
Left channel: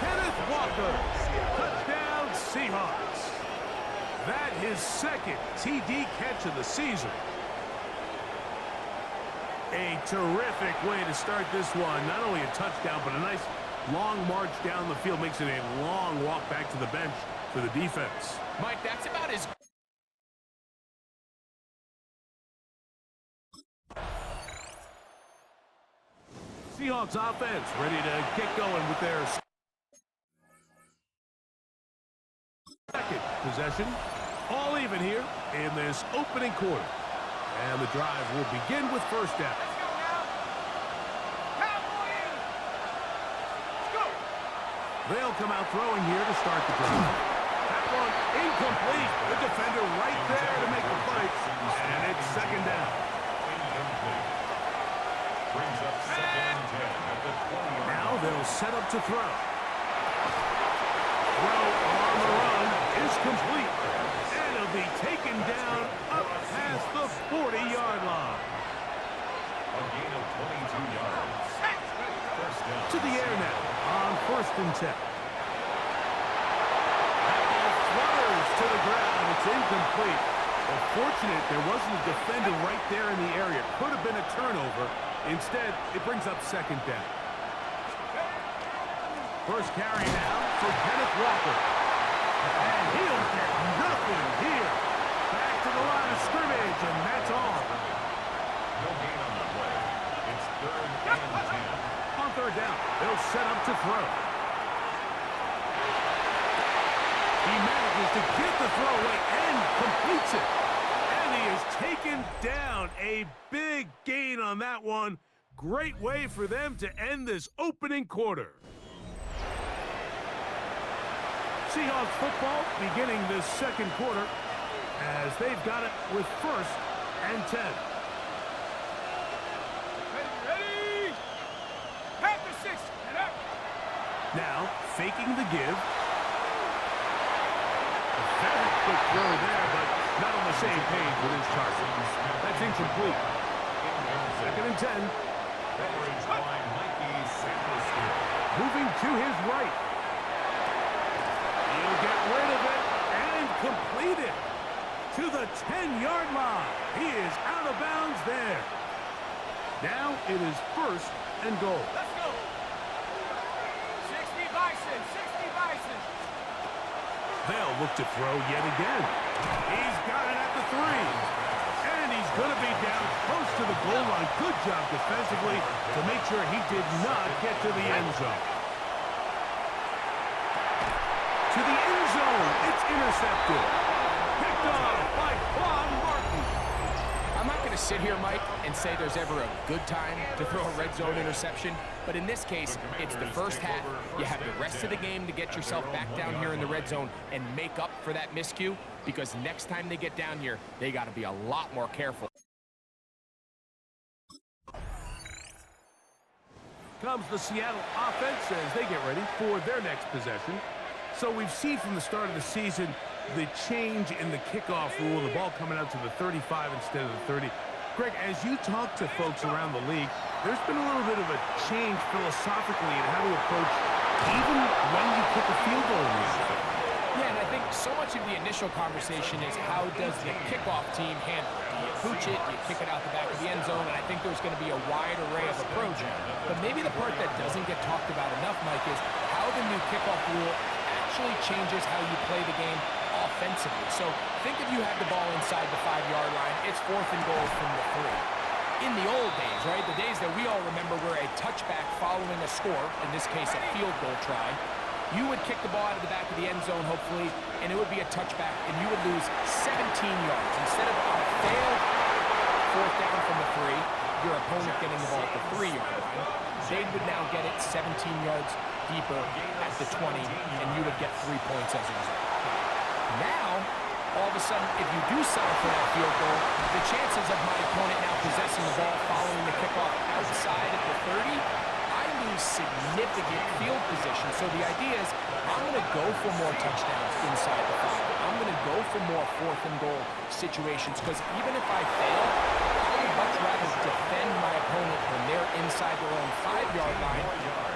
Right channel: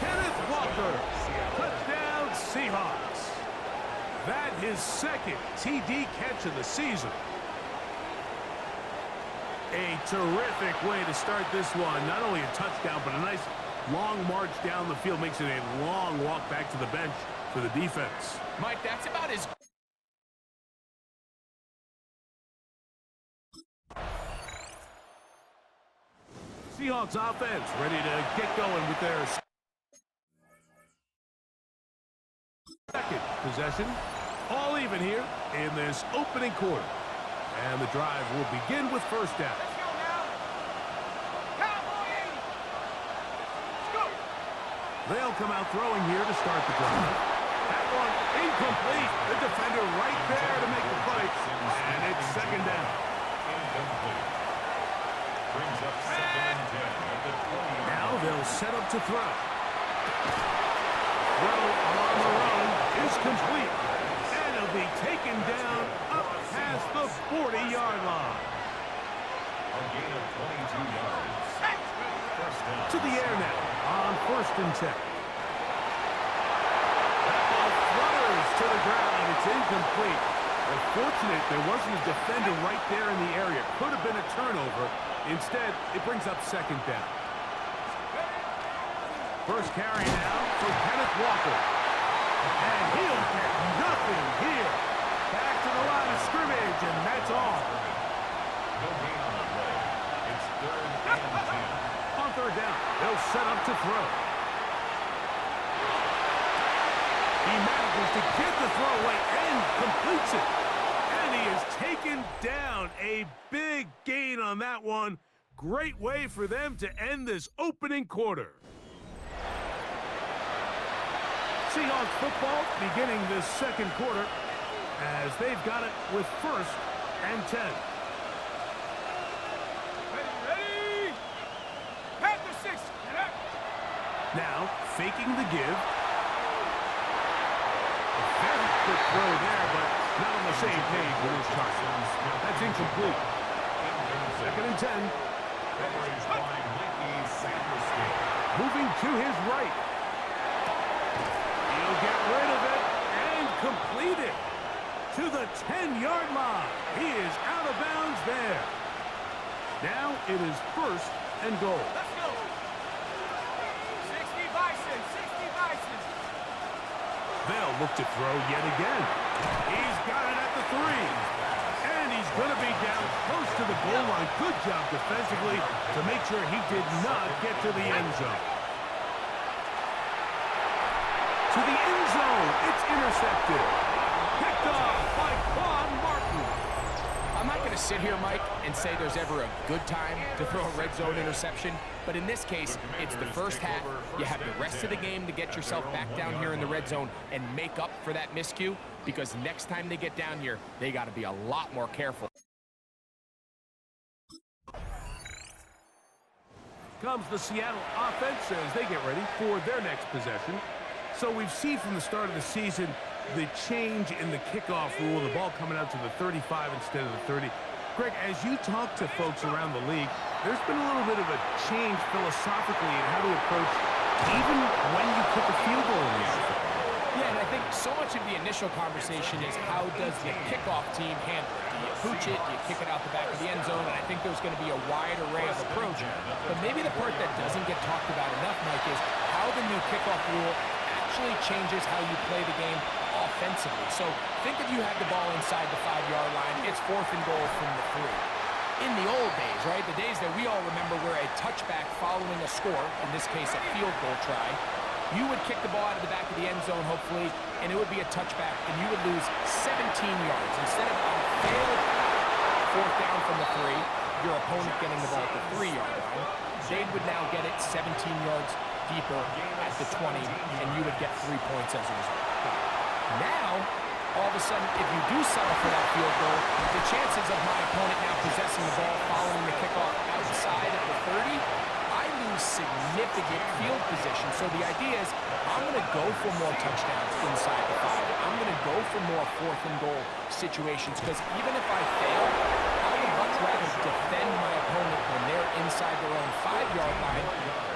Kenneth Walker. Touchdown, Seahawks. That his 2nd TD catch of the season. A terrific way to start this one. Not only a touchdown, but a nice long march down the field. Makes it a long walk back to the bench for the defense. Mike, that's about as... Seahawks offense ready to get going with their 2nd possession. All even here in this opening quarter. And the drive will begin with 1st down. Let's go now. Cowboys! Go! They'll come out throwing here to start the drive. That one incomplete. The defender right there to make the play. And it's 2nd down. Incomplete. Brings up 2nd and 10 at the 20-yard line. Now they'll set up to throw. Throw on the run is complete. And it'll be taken down up past the 40-yard line. A gain of 22 yards. First down. To the air now on 1st and 10. That ball flutters to the ground. It's incomplete. Well, fortunate there wasn't a defender right there in the area. Could have been a turnover. Instead, it brings up 2nd down. First carry now for Kenneth Walker. And he'll get nothing here. Back to the line of scrimmage, and that's all. No gain on the play. It's 3rd and 10. On 3rd down, they'll set up to throw. He manages to get the throw away and completes it. And he is taken down. A big gain on that one. Great way for them to end this opening quarter. Seahawks football beginning this 2nd quarter as they've got it with 1st and 10. Ready? Panther 6. Now, faking the give. A very quick throw there, but not on the same page with his target. That's incomplete. 2nd and 10. Coverage by Mikey Sanderson. Moving to his right. He'll get rid of it and complete it to the 10-yard line. He is out of bounds there. Now it is 1st and goal. Let's go. 60 Bison, 60 Bison. They'll look to throw yet again. He's got it at the 3. And he's going to be down close to the goal line. Good job defensively to make sure he did not get to the end zone. To the end zone. It's intercepted. Picked off by Quan Martin. I'm not going to sit here, Mike, and say there's ever a good time to throw a red zone interception. But in this case, it's the first half. You have the rest of the game to get yourself back down here in the red zone and make up for that miscue. Because next time they get down here, they got to be a lot more careful. Comes the Seattle offense as they get ready for their next possession. So we've seen from the start of the season the change in the kickoff rule, the ball coming out to the 35 instead of the 30. Greg, as you talk to folks around the league, there's been a little bit of a change philosophically in how to approach even when you kick a field goal in the NFL. Yeah, and I think so much of the initial conversation is how does the kickoff team handle it? Do you pooch it? Do you kick it out the back of the end zone? And I think there's going to be a wide array of approach. But maybe the part that doesn't get talked about enough, Mike, is how the new kickoff rule actually changes how you play the game offensively. So think if you had the ball inside the 5-yard line, it's 4th and goal from the 3. In the old days, right, the days that we all remember were a touchback following a score, in this case a field goal try, you would kick the ball out of the back of the end zone, hopefully, and it would be a touchback, and you would lose 17 yards. Instead of a failed 4th down from the 3, your opponent getting the ball at the 3-yard line, they would now get it 17 yards deeper at the 20, and you would get 3 points as a result. Now, all of a sudden, if you do settle for that field goal, the chances of my opponent now possessing the ball following the kickoff outside of the 30, I lose significant field position. So the idea is I'm going to go for more touchdowns inside the 5. I'm going to go for more 4th and goal situations because even if I fail, I would much rather defend my opponent when they're inside their own 5-yard line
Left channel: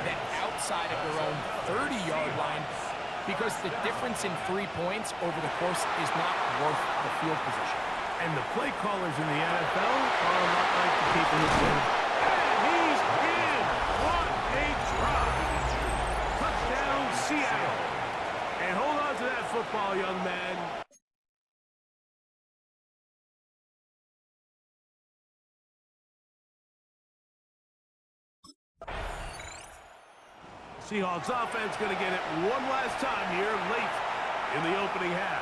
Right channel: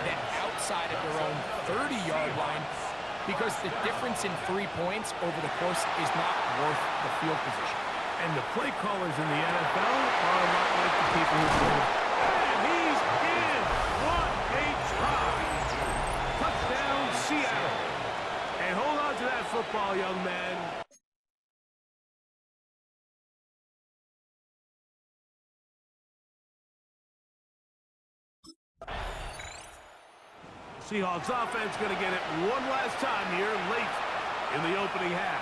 than outside of their own 30-yard line, because the difference in 3 points over the course is not worth the field position. And the play callers in the NFL are a lot like the people who play. And he's in! What a drive! Touchdown, Seattle. And hold on to that football, young man. Seahawks offense going to get it one last time here late in the opening half.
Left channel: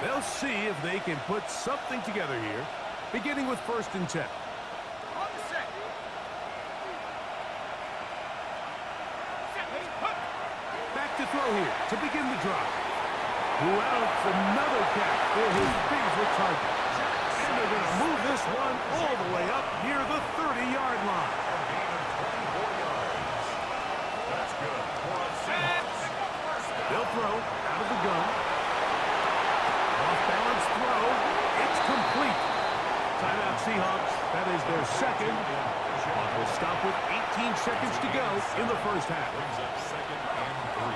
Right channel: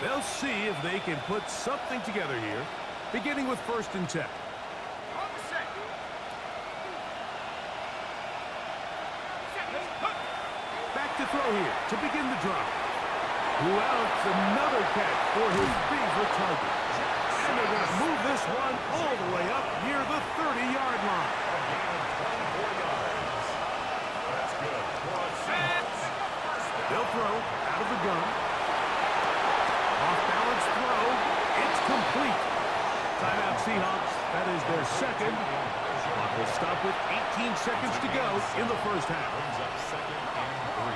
They'll see if they can put something together here, beginning with 1st and 10. On the set. Back to throw here to begin the drive. Who else? Another catch for his favorite target. And they're going to move this one all the way up near the 30-yard line. A gain of 24 yards. That's good for a Seahawks. They'll throw out of the gun. Off-balance throw. It's complete. Timeout, Seahawks. That is their second. Clock will stop with 18 seconds to go in the first half. Brings up 2nd and 3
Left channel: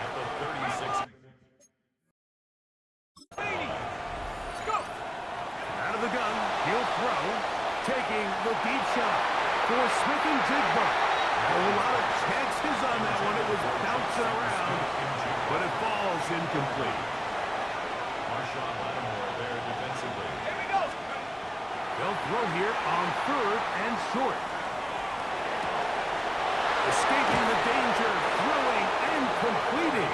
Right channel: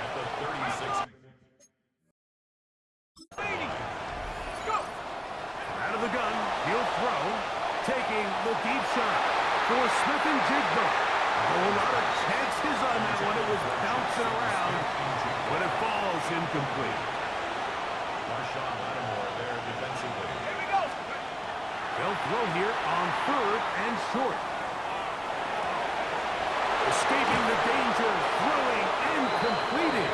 at the 36. Out of the gun, he'll throw. Taking the deep shot for Smith and Jigba. A whole lot of chances on that one. It was bouncing around, but it falls incomplete. Marshawn Lattimore there defensively. Here we go. They'll throw here on 3rd and short. Escaping the danger, throwing and completing.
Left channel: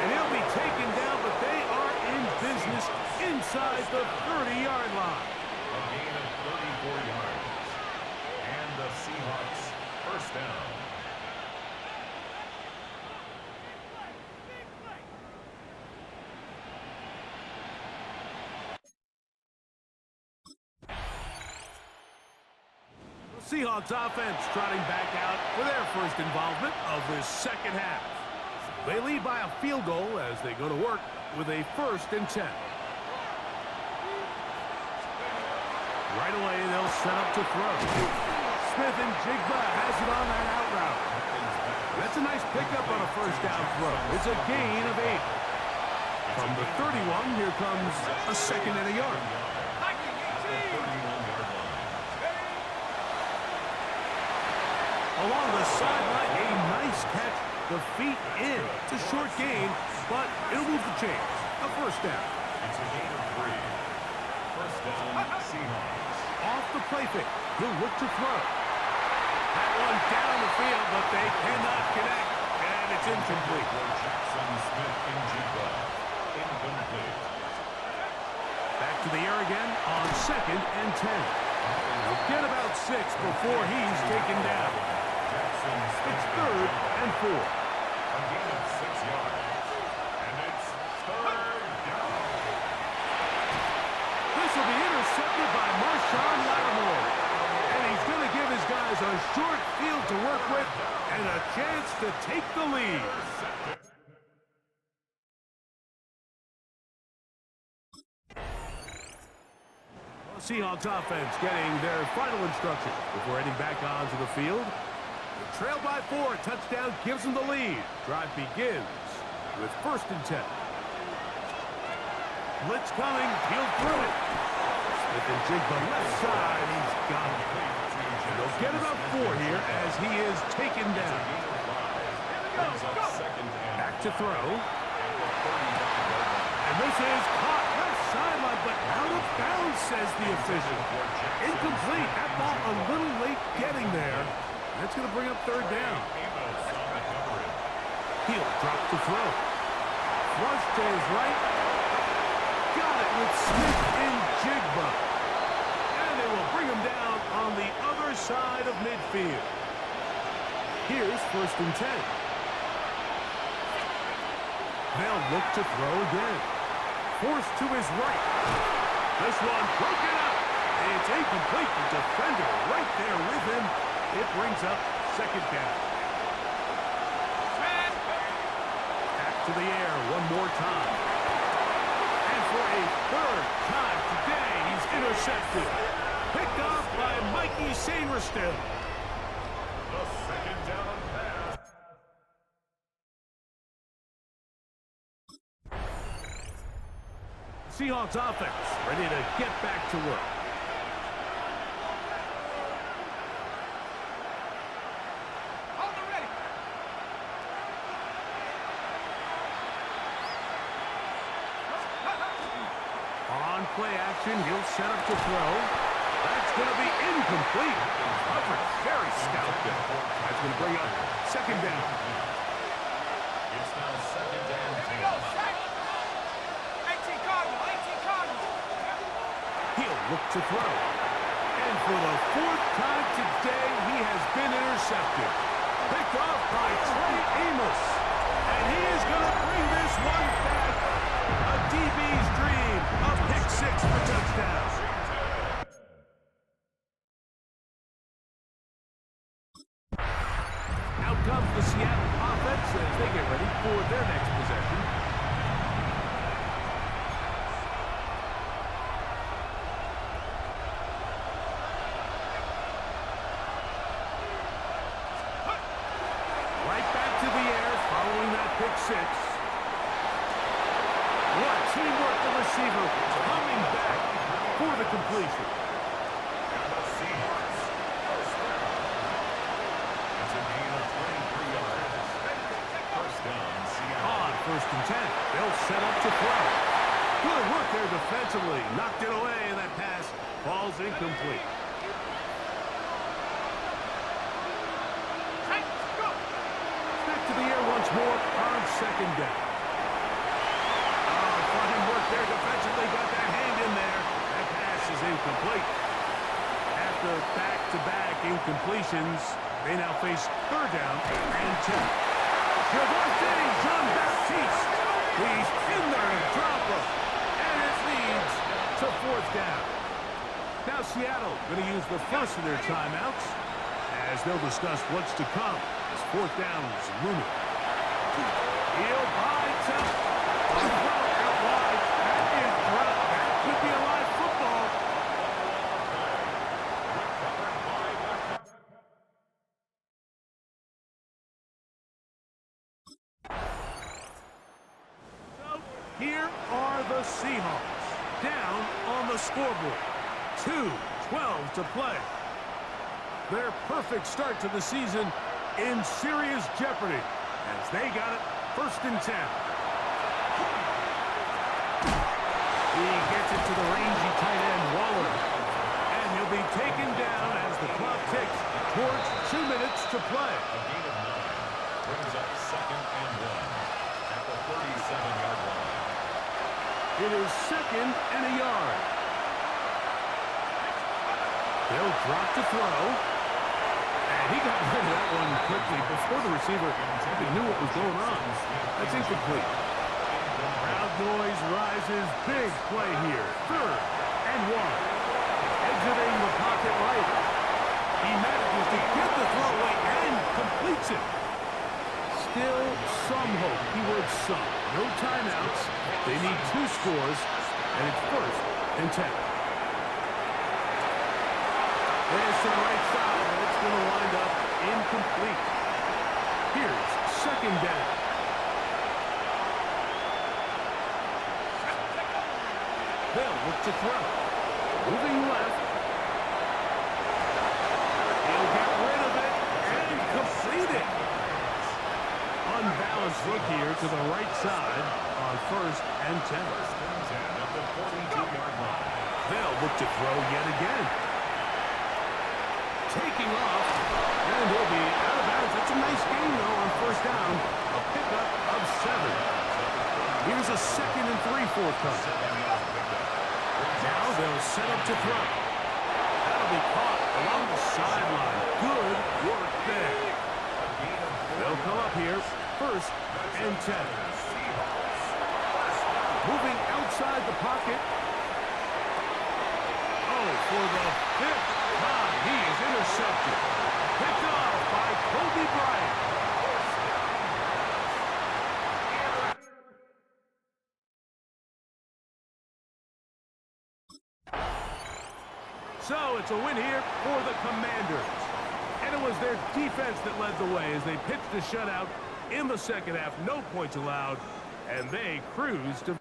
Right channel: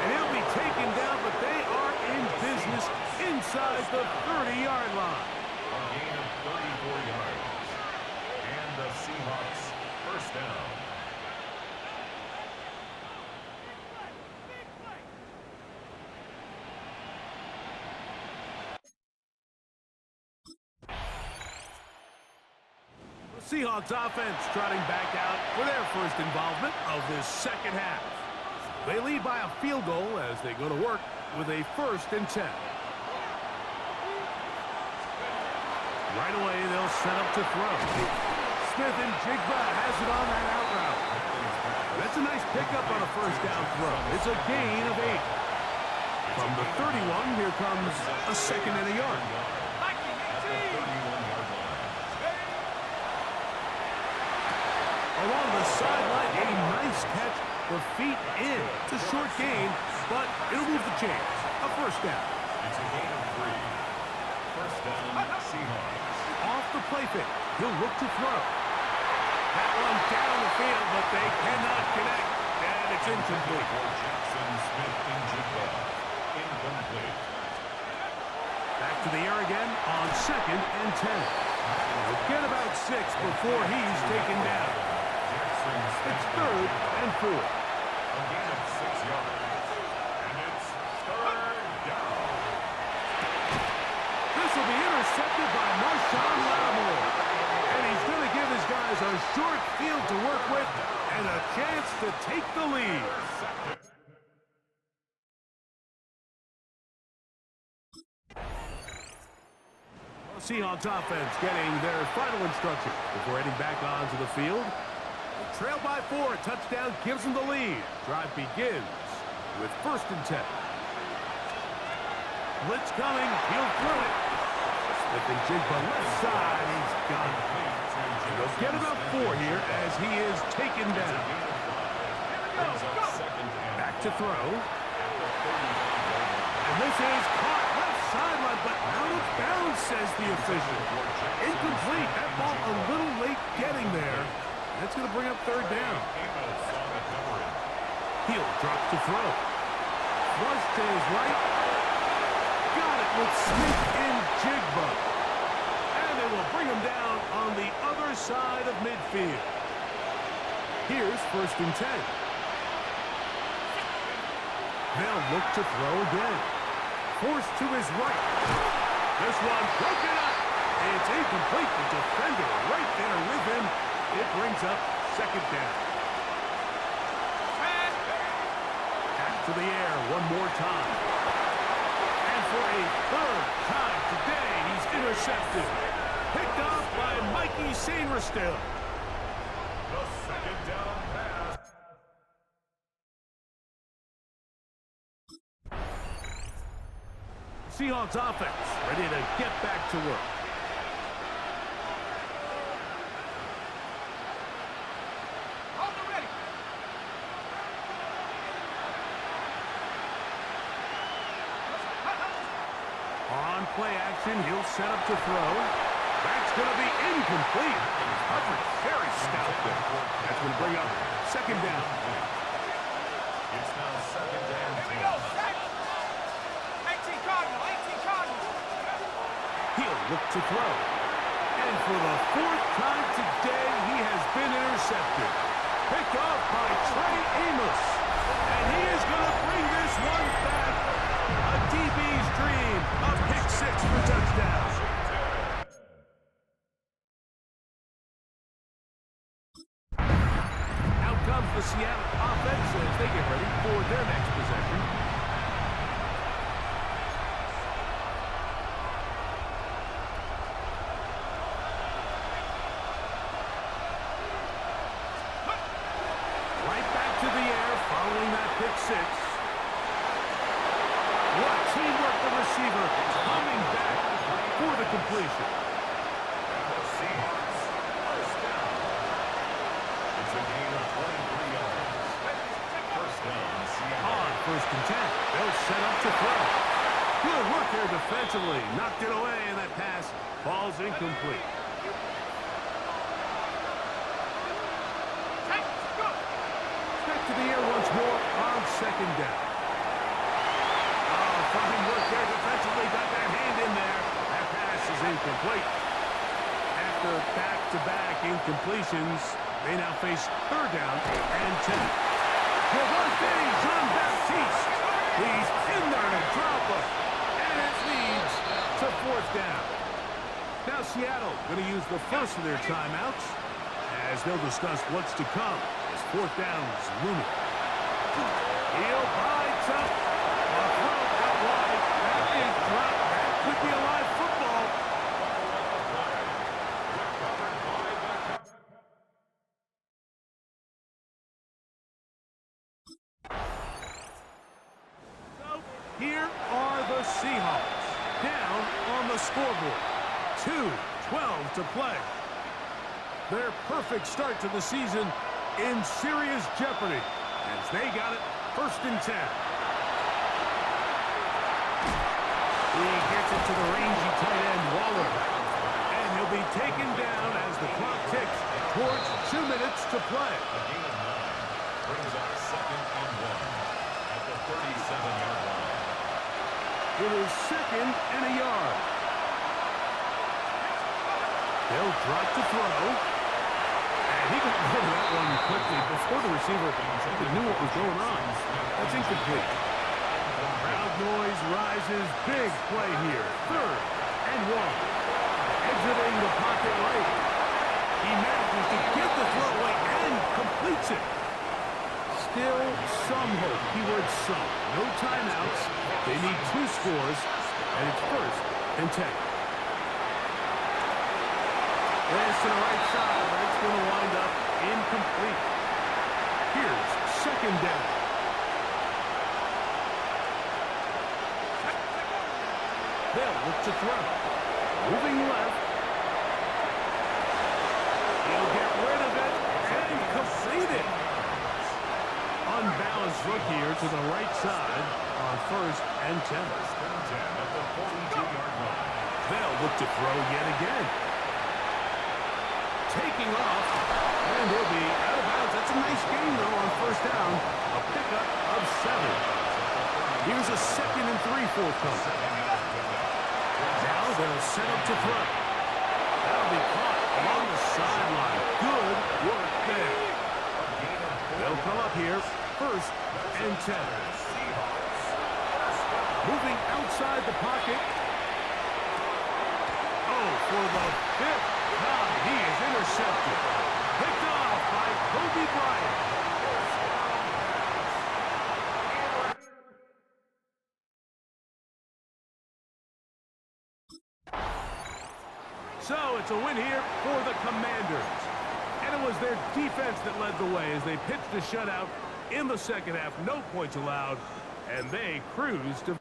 And he'll be taken down, but they are in business inside the 30-yard line. A gain of 34 yards. And the Seahawks first down. Seahawks offense trotting back out for their first involvement of this second half. They lead by a field goal as they go to work with a 1st and 10. Right away, they'll set up to throw. Smith and Jigba has it on that out route. That's a nice pickup on a 1st down throw. It's a gain of 8. From the 31, here comes a 2nd and a yard. Along the sideline, a nice catch. The feet in. It's a short gain, but it'll move the chains. A 1st down. It's a gain of 3. First down, Seahawks. Off the play fake. He'll look to throw. That one down the field, but they cannot connect, and it's incomplete. For Jackson Smith in Jigba. Incomplete. Back to the air again on 2nd and 10. He'll get about 6 before he's taken down. It's 3rd and 4. A gain of 6 yards. And it's 3rd down. This will be intercepted by Marshawn Lattimore. And he's going to give his guys a short field to work with and a chance to take the lead. Seahawks offense getting their final instruction before heading back onto the field. They trail by 4. Touchdown gives them the lead. Drive begins with 1st and 10. Blitz coming. He'll throw it. Smith and Jigba left side. He's got it. And they'll get about 4 here as he is taken down. Back to throw. And this is caught left sideline, but out of bounds, says the official. Incomplete. That ball a little late getting there. That's going to bring up 3rd down. Heel drops to throw. Flush to his right. Got it with Smith and Jigba. And they will bring him down on the other side of midfield. Here's 1st and 10. They'll look to throw again. Forced to his right. This one broken up. It's incomplete. The defender right there with him. It brings up 2nd down. Back to the air one more time. And for a 3rd time today, he's intercepted. Picked off by Mikey Sainristil. The 2nd down pass. Seahawks offense ready to get back to work. Hold it ready. On play action, he'll set up to throw. That's going to be incomplete. Coverage very stout there. That's going to bring up 2nd down. It's now 2nd and 10. Here we go, check. 18 Cardinal, 18 Cardinal. He'll look to throw. And for the 4th time today, he has been intercepted. Picked off by Trey Amos. And he is going to bring this one back. A DB's dream. A pick 6 for touchdown. Out comes the Seattle offense as they get ready for their next possession. Right back to the air following that pick 6. What teamwork, the receiver coming back for the completion. And the Seahawks, 1st down. It's a gain of 23 yards. 1st down, Seattle. On 1st and 10, they'll set up to throw. Good work there defensively. Knocked it away, and that pass falls incomplete. Back to the air once more on 2nd down. Fine work there defensively. Got that hand in there. That pass is incomplete. After back-to-back incompletions, they now face 3rd down and 10. Javonte Jean-Baptiste. He's in there to drop him. And it leads to 4th down. Now Seattle going to use the first of their timeouts as they'll discuss what's to come as 4th down is looming. He'll bite up. A throw out wide. That is dropped. That could be a live football. So here are the Seahawks down on the scoreboard. 2:12 to play. Their perfect start to the season in serious jeopardy as they got it 1st and 10. He gets it to the rangy tight end, Waller. And he'll be taken down as the clock ticks towards 2 minutes to play. A gain of 9 brings up 2nd and 1 at the 37-yard line. It is 2nd and a yard. They'll drop to throw. And he got rid of that one quickly before the receiver even knew what was going on. That's incomplete. Crowd noise rises. Big play here. 3rd and 1. Exiting the pocket right. He manages to get the throw away and completes it. Still some hope. Keyword some. No timeouts. They need 2 scores, and it's 1st and 10. This to the right side, but it's going to wind up incomplete. Here's 2nd down. They'll look to throw. Moving left. He'll get rid of it and complete it. Unbalanced look here to the right side on 1st and 10. First and 10 at the 42-yard line. They'll look to throw yet again. Taking off, and he'll be out of bounds. That's a nice gain, though, on 1st down. A pickup of 7. Here's a 2nd and 3 forthcoming. Now they'll set up to throw. That'll be caught along the sideline. Good work there. They'll come up here, 1st and 10. Moving outside the pocket. Oh, for the 5th time, he is intercepted. Picked off by Kobe Bryant. So it's a win here for the Commanders. And it was their defense that led the way as they pitched a shutout in the second half. No points allowed, and they cruised to